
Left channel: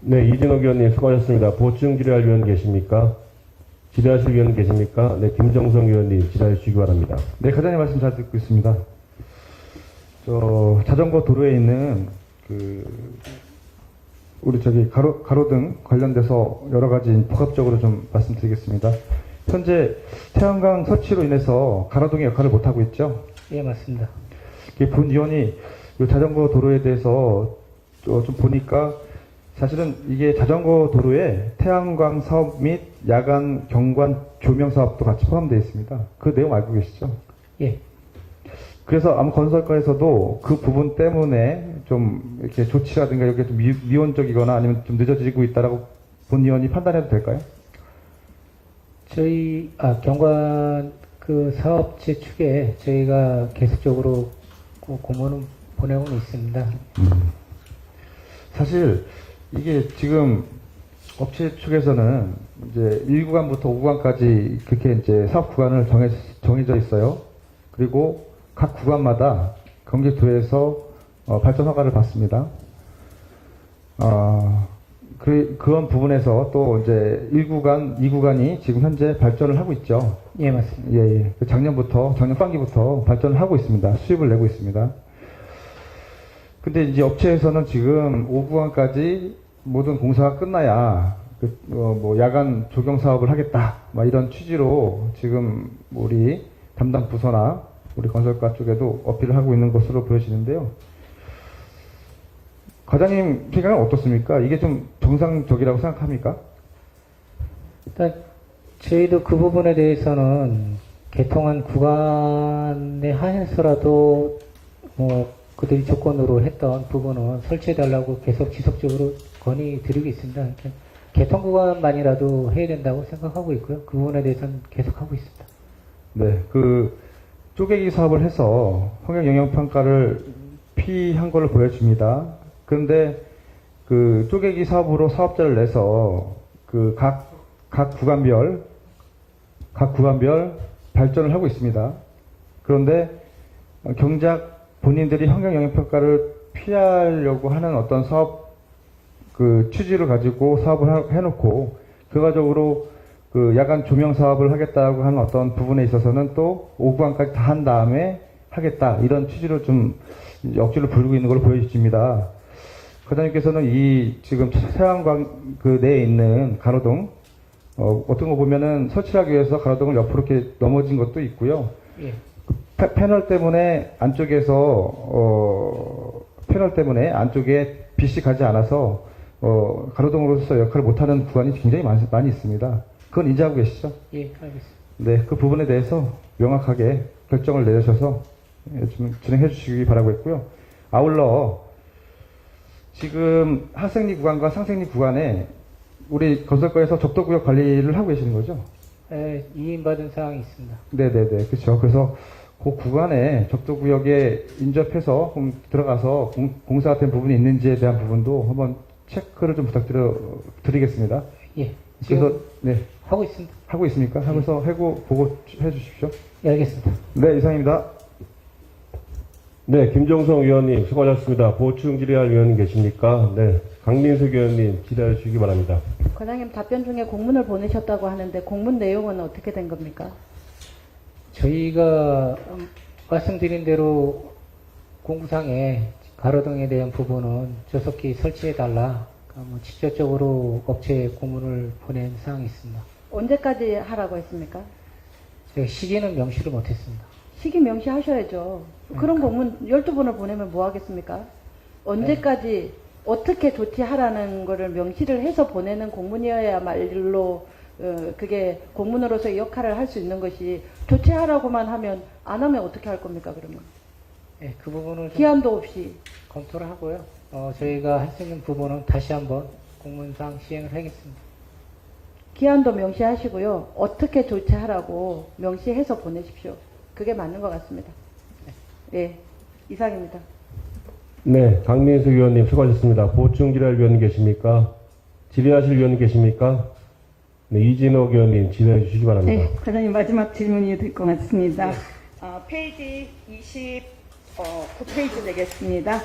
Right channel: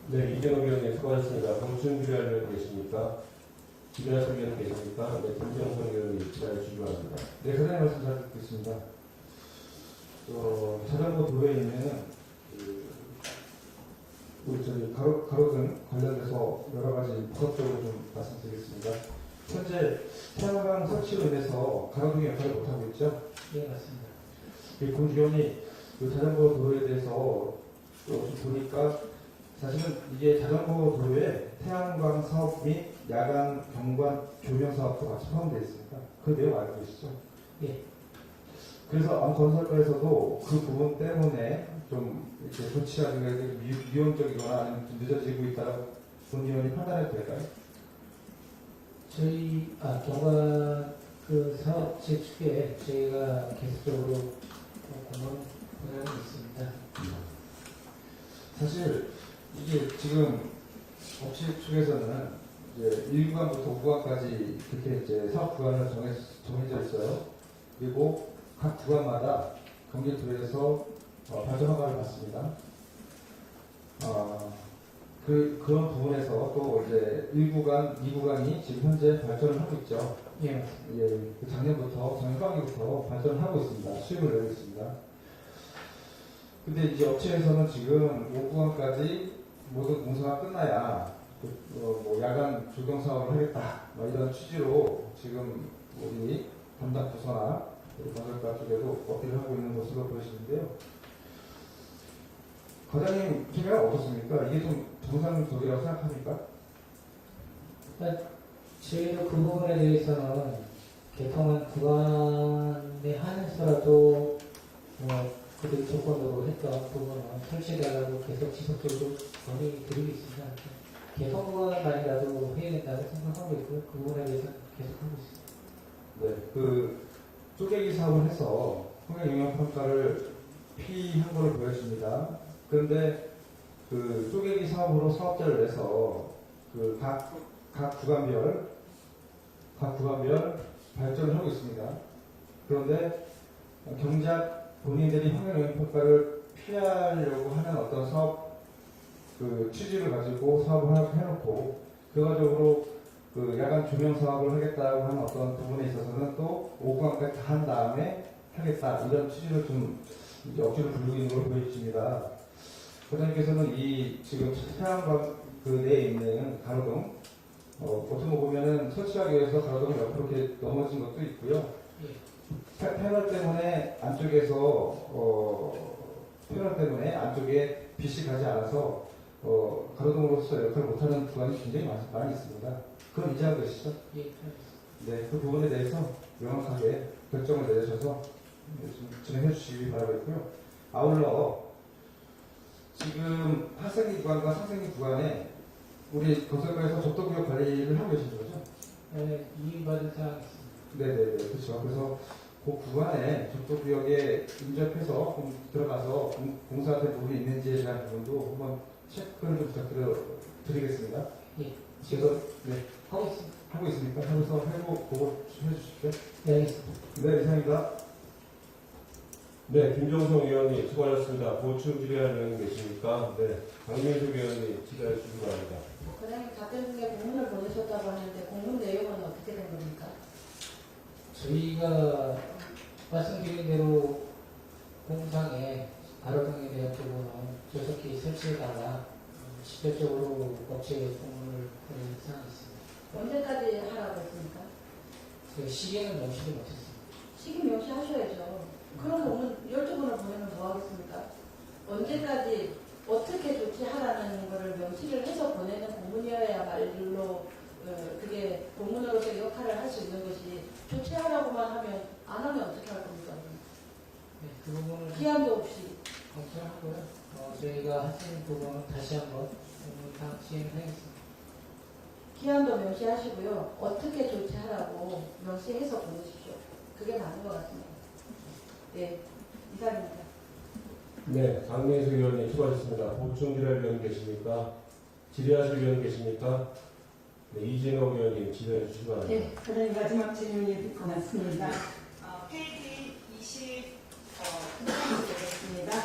네, 이진옥 의원님 수고하셨습니다. 보충 질의할 위원 계십니까? 질의하실 위원 계십니까? 네, 김정성 의원님 질의해 주시기 바랍니다. 네, 과장님 말씀 잘 듣고 있습니다. 자전거 도로에 있는 우리 가로등 관련돼서 여러 가지 복합적으로 좀 말씀드리겠습니다. 현재 태양광 설치로 인해서 가로등의 역할을 못하고 있죠. 예, 맞습니다. 본 의원이 이 자전거 도로에 대해서 좀 보니까 사실은 이게 자전거 도로에 태양광 사업 및 야간 경관 조명 사업도 같이 포함되어 있습니다. 그 내용 알고 계시죠? 예. 그래서 아마 건설과에서도 그 부분 때문에 좀 이렇게 조치라든가 이렇게 좀 미온적이거나 아니면 좀 늦어지고 있다라고 본 의원이 판단해도 될까요? 저희 경관 그 사업체 측에 저희가 계속적으로 공문을 보내고 있습니다. 사실 이게 지금 업체 측에서는 이제 1구간부터 5구간까지 그렇게 이제 사업 구간을 정해져 있어요. 그리고 각 구간마다 경기도에서 발전 허가를 받습니다. 그런 부분에서 또 이제 1구간, 2구간이 지금 현재 발전을 하고 있죠. 예, 맞습니다. 예. 작년 상반기부터 발전을 하고 있습니다. 수입을 내고 있습니다. 근데 이제 업체에서는 지금 5구간까지 모든 공사가 끝나야 야간 조경 사업을 하겠다. 이런 취지로 지금 우리 담당 부서나 우리 건설과 쪽에도 어필을 하고 있는 것으로 보여지는데요. 과장님 생각은 어떻습니까? 이게 좀 정상적이라고 생각합니까? 일단 저희도 그 부분에 대해서는 개통한 구간에 한해서라도 뭐 그들이 조건으로 했던 부분은 설치해달라고 계속 지속적으로 건의드리고 있습니다. 이렇게 개통 구간만이라도 해야 된다고 생각하고 있고요. 그 부분에 대해서는 계속 하고 있습니다. 네, 그 쪼개기 사업을 해서 환경 영향 평가를 피한 걸로 보여집니다. 그런데 그 쪼개기 사업으로 사업자를 내서 그 각 구간별 발전을 하고 있습니다. 그런데 정작 본인들이 환경 영향 평가를 피하려고 하는 어떤 사업 그 취지를 가지고 사업을 해놓고 결과적으로 그 야간 조명 사업을 하겠다고 하는 어떤 부분에 있어서는 또 오구간까지 다 한 다음에 하겠다 이런 취지로 좀 억지로 부르고 있는 걸로 보여집니다. 과장님께서는 이 지금 태양광 그 내에 있는 가로등 어떤 거 보면은 설치하기 위해서 가로등을 옆으로 이렇게 넘어진 것도 있고요. 예. 패널 때문에 안쪽에 빛이 가지 않아서 가로등으로서 역할을 못하는 구간이 굉장히 많이 있습니다. 그건 인지하고 계시죠? 예, 알겠습니다. 네, 그 부분에 대해서 명확하게 결정을 내주셔서 좀 진행해 주시기 바라고 했고요. 아울러 지금 하생리 구간과 상생리 구간에 우리 건설과에서 적도구역 관리를 하고 계시는 거죠? 예, 이인받은 사항이 있습니다. 네네네, 그렇죠. 그래서 그 구간에 적도구역에 인접해서 들어가서 공사가 된 부분이 있는지에 대한 부분도 한번 체크를 좀 부탁드리겠습니다. 예, 그래서 지금 네, 하고 있습니다. 하고 있습니까? 하면서 해고 보고 해주십시오. 예, 알겠습니다. 네, 이상입니다. 네, 김정성 의원님 수고하셨습니다. 보충 질의할 의원님 계십니까? 네, 강민석 의원님 질의해 주시기 바랍니다. 과장님 답변 중에 공문을 보내셨다고 하는데 공문 내용은 어떻게 된 겁니까? 저희가 말씀드린 대로 공구상에 가로등에 대한 부분은 조속히 설치해달라 직접적으로 업체에 공문을 보낸 사항이 있습니다. 언제까지 하라고 했습니까? 제가 시기는 명시를 못했습니다. 시기 명시하셔야죠. 그런 공문 12번을 보내면 뭐 하겠습니까? 언제까지 어떻게 조치하라는 거를 명시를 해서 보내는 공문이어야말로 그게 공문으로서의 역할을 할 수 있는 것이 조치하라고만 하면 안 하면 어떻게 할 겁니까 그러면? 네, 그 부분을 좀 기한도 없이. 검토를 하고요. 저희가 할 수 있는 부분은 다시 한번 공문상 시행을 하겠습니다. 기한도 명시하시고요. 어떻게 조치하라고 명시해서 보내십시오. 그게 맞는 것 같습니다. 예, 이상입니다. 네, 강민석 의원님 수고하셨습니다. 보충 질의할 의원님 계십니까? 질의하실 의원님 계십니까? 네, 이진옥 의원님 질의해 주시기 바랍니다. 네, 과장님 마지막 질문이 될 것 같습니다. 페이지 29페이지 되겠습니다.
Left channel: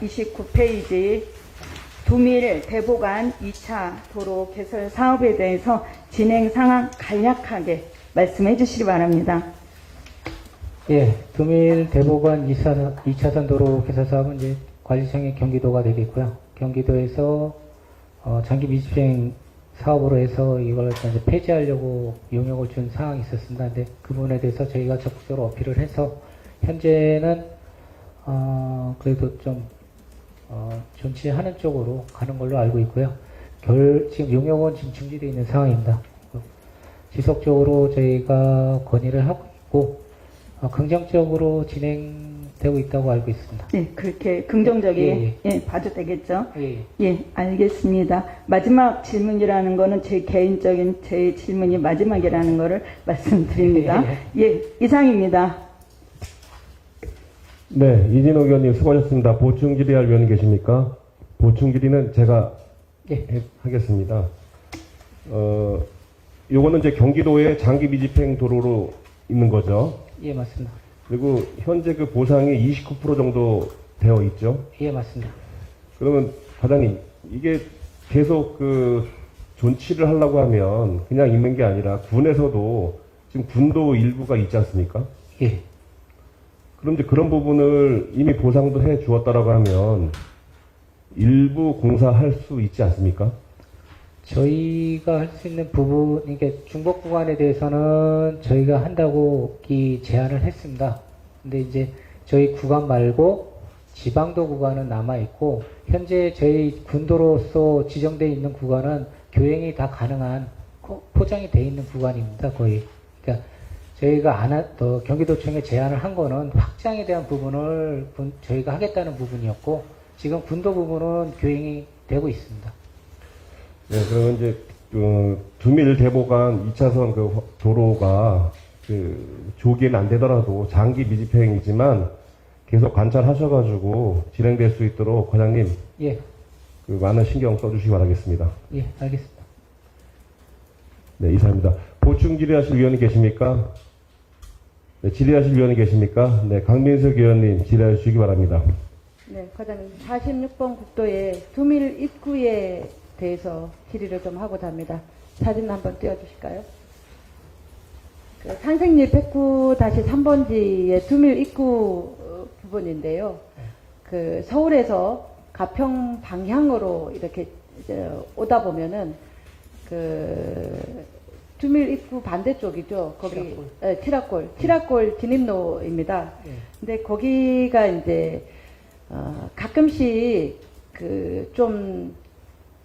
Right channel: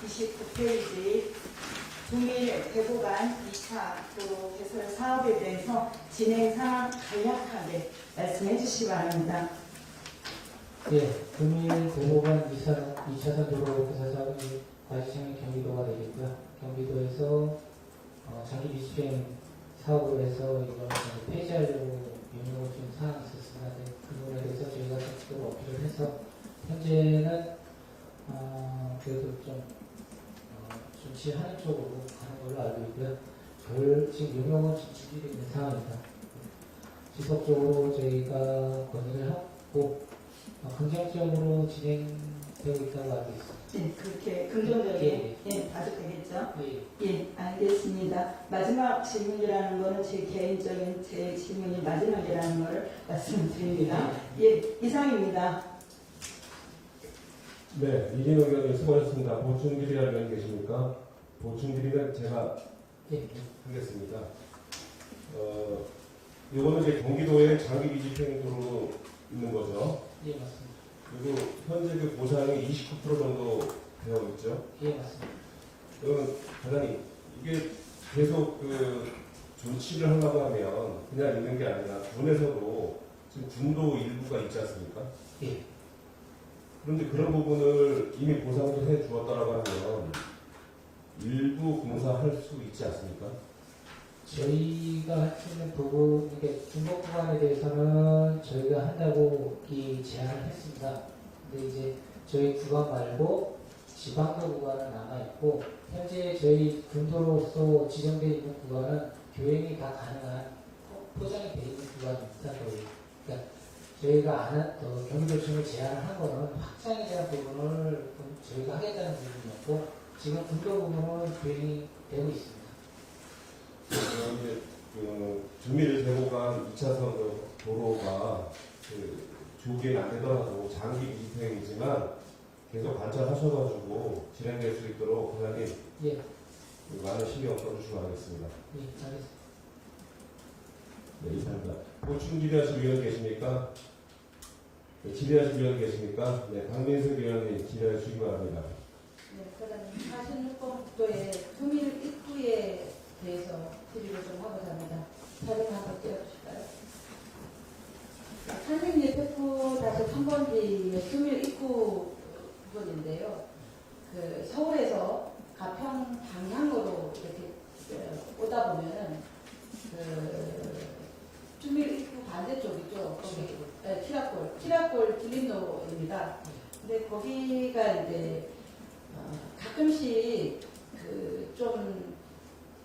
29페이지 두밀 대보간 2차 도로 개설 사업에 대해서 진행 상황 간략하게 말씀해 주시기 바랍니다. 예, 금일 대보관 2차선 도로 개설 사업은 이제 관리청의 경기도가 되겠고요. 경기도에서 장기 미집행 사업으로 해서 이걸 이제 폐지하려고 용역을 준 상황이 있었습니다. 근데 그 부분에 대해서 저희가 적극적으로 어필을 해서 현재는 그래도 좀 존치하는 쪽으로 가는 걸로 알고 있고요. 지금 용역은 지금 중지되어 있는 상황입니다. 지속적으로 저희가 건의를 하고 있고 긍정적으로 진행되고 있다고 알고 있습니다. 네, 그렇게 긍정적인 봐도 되겠죠? 예. 예, 알겠습니다. 마지막 질문이라는 거는 제 개인적인 제 질문이 마지막이라는 거를 말씀드립니다. 예, 이상입니다. 네, 이진옥 의원님 수고하셨습니다. 보충 질의할 의원님 계십니까? 보충 질의는 제가 하겠습니다. 요거는 이제 경기도의 장기 미집행 도로로 있는 거죠. 예, 맞습니다. 그리고 현재 그 보상이 29% 정도 되어 있죠. 예, 맞습니다. 그러면 과장님, 이게 계속 그 존치를 하려고 하면 그냥 있는 게 아니라 군에서도 지금 군도 일부가 있지 않습니까? 예. 그런데 그런 부분을 이미 보상도 해 주었다라고 하면 일부 공사할 수 있지 않습니까? 저희가 할 수 있는 부분, 이게 중복 구간에 대해서는 저희가 한다고 제안을 했습니다. 근데 이제 저희 구간 말고 지방도 구간은 남아있고, 현재 저희 군도로서 지정되어 있는 구간은 교행이 다 가능한 포장이 돼 있는 구간입니다. 거의. 그러니까 저희가 경기도청에 제안을 한 거는 확장에 대한 부분을 저희가 하겠다는 부분이었고 지금 군도 부분은 교행이 되고 있습니다. 네, 그리고 이제 두밀 대보간 2차선 그 도로가 조기에는 안 되더라도 장기 미집행이지만 계속 관찰하셔가지고 진행될 수 있도록 과장님 예, 많은 신경 써주시기 바라겠습니다. 예, 알겠습니다. 네, 이상입니다. 보충 질의하실 위원이 계십니까? 네, 질의하실 위원이 계십니까? 네, 강민석 의원님 질의해 주시기 바랍니다. 네, 과장님 46번 국도의 두밀 입구에 대해서 질의를 좀 하고자 합니다. 사진 한번 띄워주실까요? 그 산생리 109-3번지의 두밀 입구 부분인데요. 그 서울에서 가평 방향으로 이렇게 이제 오다 보면은 그 두밀 입구 반대쪽이죠. 거기 티라골 진입로입니다. 근데 거기가 이제 가끔씩 그 좀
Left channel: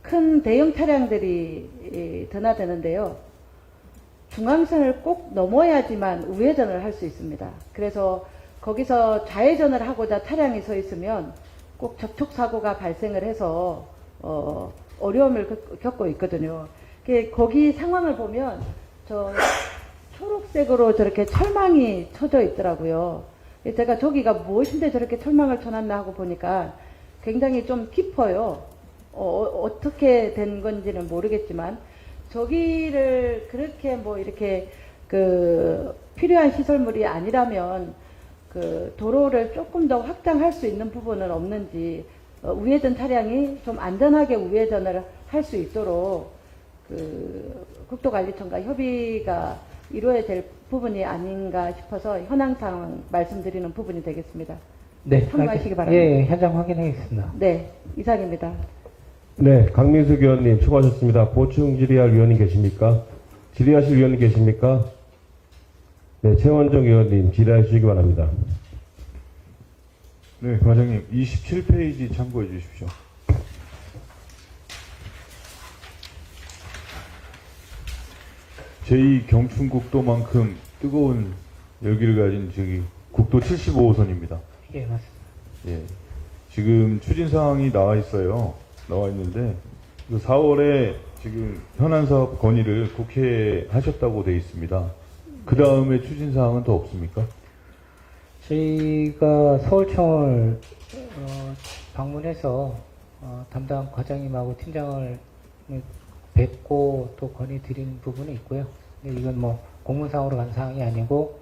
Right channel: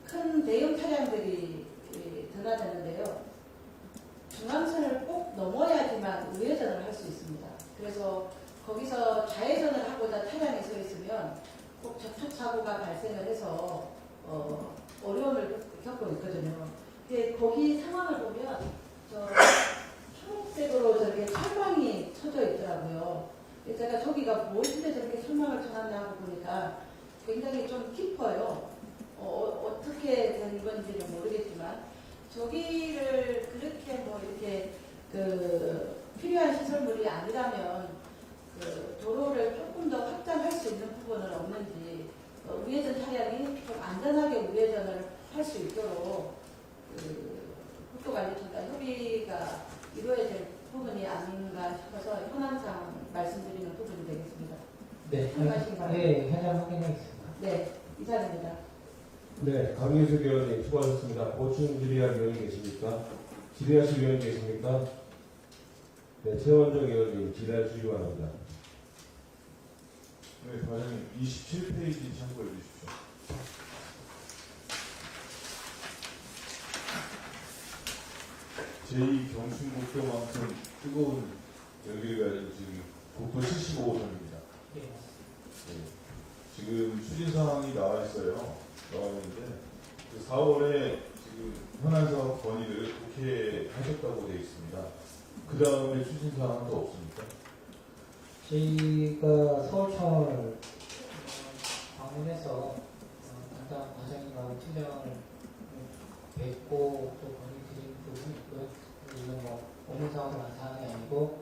큰 대형 차량들이 드나드는데요. 중앙선을 꼭 넘어야지만 우회전을 할 수 있습니다. 그래서 거기서 좌회전을 하고자 차량이 서 있으면 꼭 접촉사고가 발생을 해서 어려움을 겪고 있거든요. 거기 상황을 보면 저 초록색으로 저렇게 철망이 쳐져 있더라고요. 제가 저기가 무엇인데 저렇게 철망을 쳐놨나 하고 보니까 굉장히 좀 깊어요. 어떻게 된 건지는 모르겠지만 저기를 그렇게 뭐 이렇게 그 필요한 시설물이 아니라면 그 도로를 조금 더 확장할 수 있는 부분은 없는지 우회전 차량이 좀 안전하게 우회전을 할 수 있도록 그 국도관리청과 협의가 이루어야 될 부분이 아닌가 싶어서 현황상 말씀드리는 부분이 되겠습니다. 네, 참고하시기 바랍니다. 예, 현장 확인하겠습니다. 네, 이상입니다. 네, 강민석 의원님 수고하셨습니다. 보충 질의할 위원이 계십니까? 질의하실 위원이 계십니까? 네, 최원정 의원님 질의해 주시기 바랍니다. 네, 과장님 27페이지 참고해 주십시오. 제2경춘국도만큼 뜨거운 열기를 가진 저기 국도 75호선입니다. 예, 맞습니다. 예. 지금 추진 사항이 나와 있어요. 나와 있는데 4월에 지금 현안 사업 건의를 국회하셨다고 되어 있습니다. 그 다음에 추진 사항은 더 없습니까? 저희가 서울청을 방문해서 담당 과장님하고 팀장을 뵙고 또 건의 드린 부분이 있고요. 근데 이건 뭐 공문상으로 간 사항이 아니고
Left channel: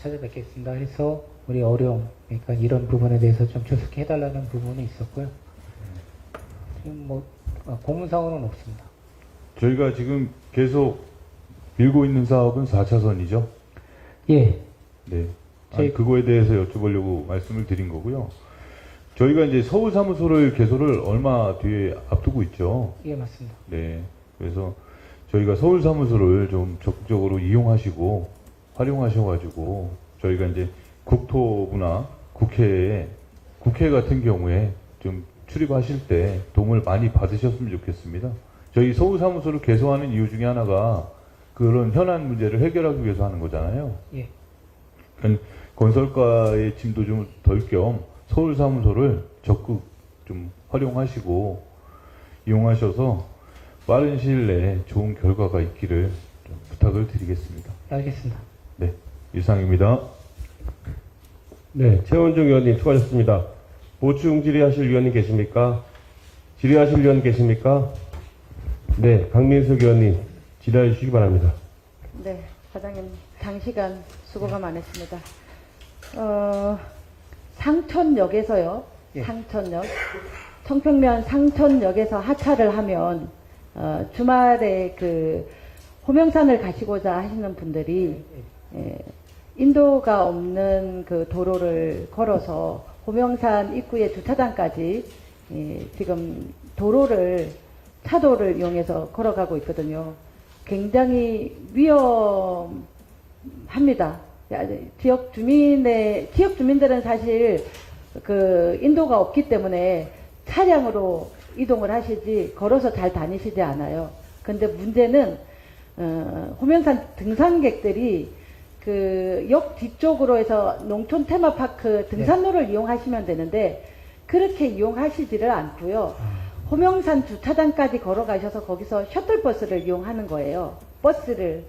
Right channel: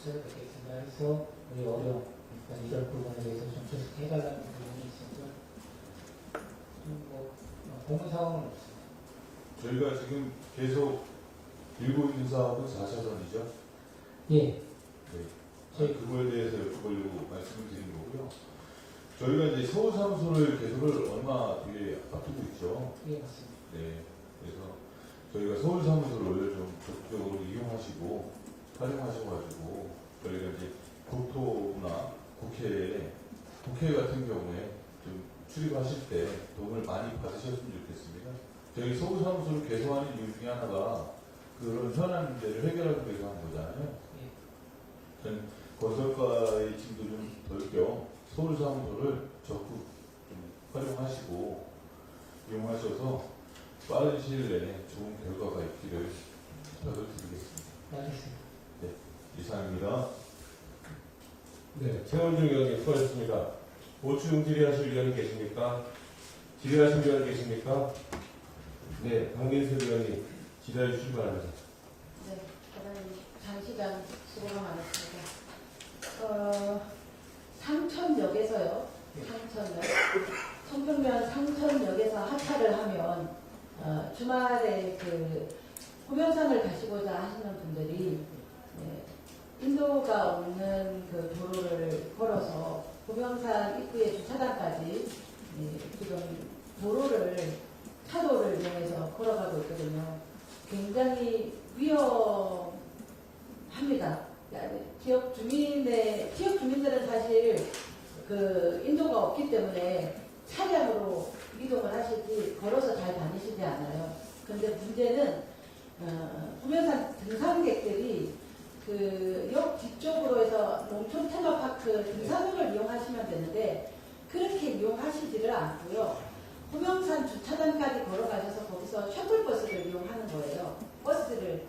찾아뵙겠습니다 해서 우리 어려움, 그러니까 이런 부분에 대해서 좀 조속해달라는 부분이 있었고요. 지금 뭐 공문상으로는 없습니다. 저희가 지금 계속 밀고 있는 사업은 4차선이죠? 예. 네. 그거에 대해서 여쭤보려고 말씀을 드린 거고요. 저희가 이제 서울 사무소를 개소를 얼마 뒤에 앞두고 있죠. 예, 맞습니다. 네. 그래서 저희가 서울 사무소를 좀 적극적으로 이용하시고 활용하셔가지고 저희가 이제 국토부나 국회 같은 경우에 좀 출입하실 때 도움을 많이 받으셨으면 좋겠습니다. 저희 서울 사무소를 개소하는 이유 중에 하나가 그런 현안 문제를 해결하기 위해서 하는 거잖아요. 예. 건설가의 짐도 좀 덜 겸 서울 사무소를 적극 좀 활용하시고 이용하셔서 빠른 시일 내에 좋은 결과가 있기를 좀 부탁을 드리겠습니다. 알겠습니다. 네, 이상입니다. 네, 최원중 의원님 수고하셨습니다. 보충 질의하실 위원님 계십니까? 질의하실 위원 계십니까? 네, 강민석 의원님 질의해 주시기 바랍니다. 네, 과장님 장시간 수고가 많았습니다. 상천역에서요. 예. 상천역. 청평면 상천역에서 하차를 하면 주말에 그 호명산을 가시고자 하시는 분들이 인도가 없는 그 도로를 걸어서 호명산 입구의 주차장까지 지금 차도를 이용해서 걸어가고 있거든요. 굉장히 위험합니다. 지역 주민들은 사실 그 인도가 없기 때문에 차량으로 이동을 하시지 걸어서 잘 다니시지 않아요. 근데 문제는 호명산 등산객들이 그 역 뒤쪽으로 해서 농촌 테마파크 등산로를 이용하시면 되는데 그렇게 이용하시지를 않고요. 호명산 주차장까지 걸어가셔서 거기서 셔틀버스를 이용하는 거예요. 버스를.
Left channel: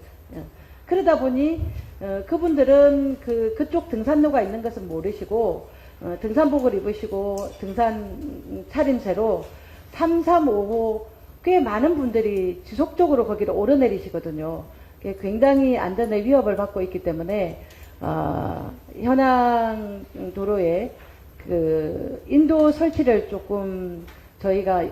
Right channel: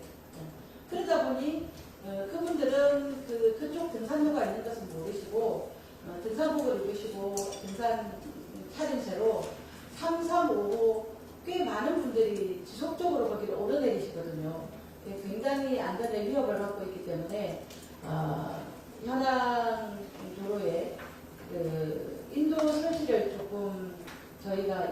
그러다 보니 그분들은 그쪽 등산로가 있는 것은 모르시고 등산복을 입으시고 등산 차림새로 3, 4, 5호 꽤 많은 분들이 지속적으로 거기를 오르내리시거든요. 굉장히 안전에 위협을 받고 있기 때문에 현황 도로에 그 인도 설치를 조금 저희가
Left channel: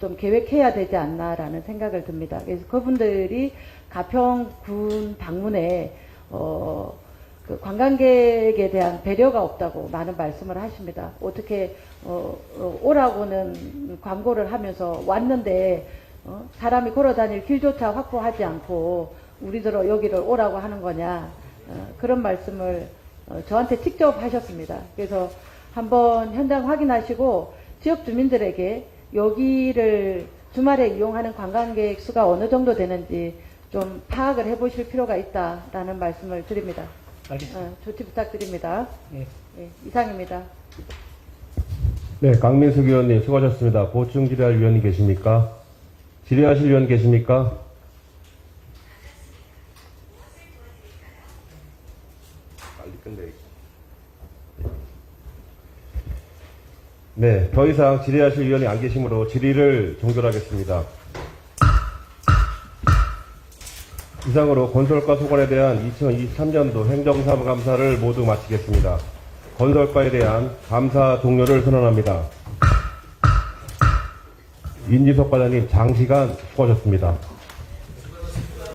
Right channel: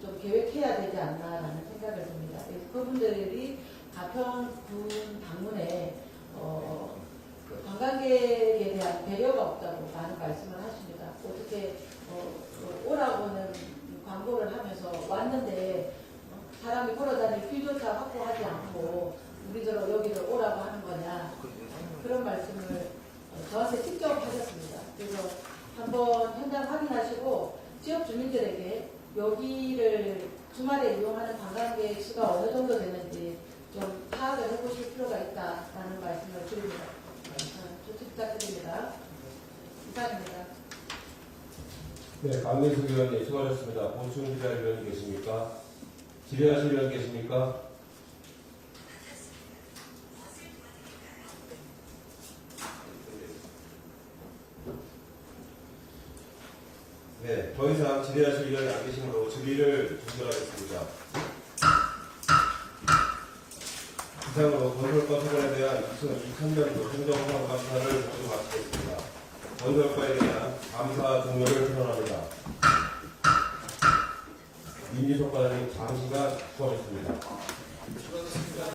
좀 계획해야 되지 않나라는 생각을 듭니다. 그래서 그분들이 가평군 방문에 그 관광객에 대한 배려가 없다고 많은 말씀을 하십니다. 어떻게 오라고는 광고를 하면서 왔는데 사람이 걸어다닐 길조차 확보하지 않고 우리들로 여기를 오라고 하는 거냐 그런 말씀을 저한테 직접 하셨습니다. 그래서 한번 현장 확인하시고 지역 주민들에게 여기를 주말에 이용하는 관광객 수가 어느 정도 되는지 좀 파악을 해보실 필요가 있다라는 말씀을 드립니다. 알겠습니다. 조치 부탁드립니다. 예. 네, 이상입니다. 네, 강민숙 의원님 수고하셨습니다. 보충 질의할 위원이 계십니까? 질의하실 위원 계십니까? 네, 더 이상 질의하실 위원이 안 계시므로 질의를 종결하겠습니다. 이상으로 건설과 소관에 대한 2023년도 행정사무감사를 모두 마치겠습니다. 건설과에 대한 감사 종료를 선언합니다. 인지석 과장님 장시간 수고하셨습니다.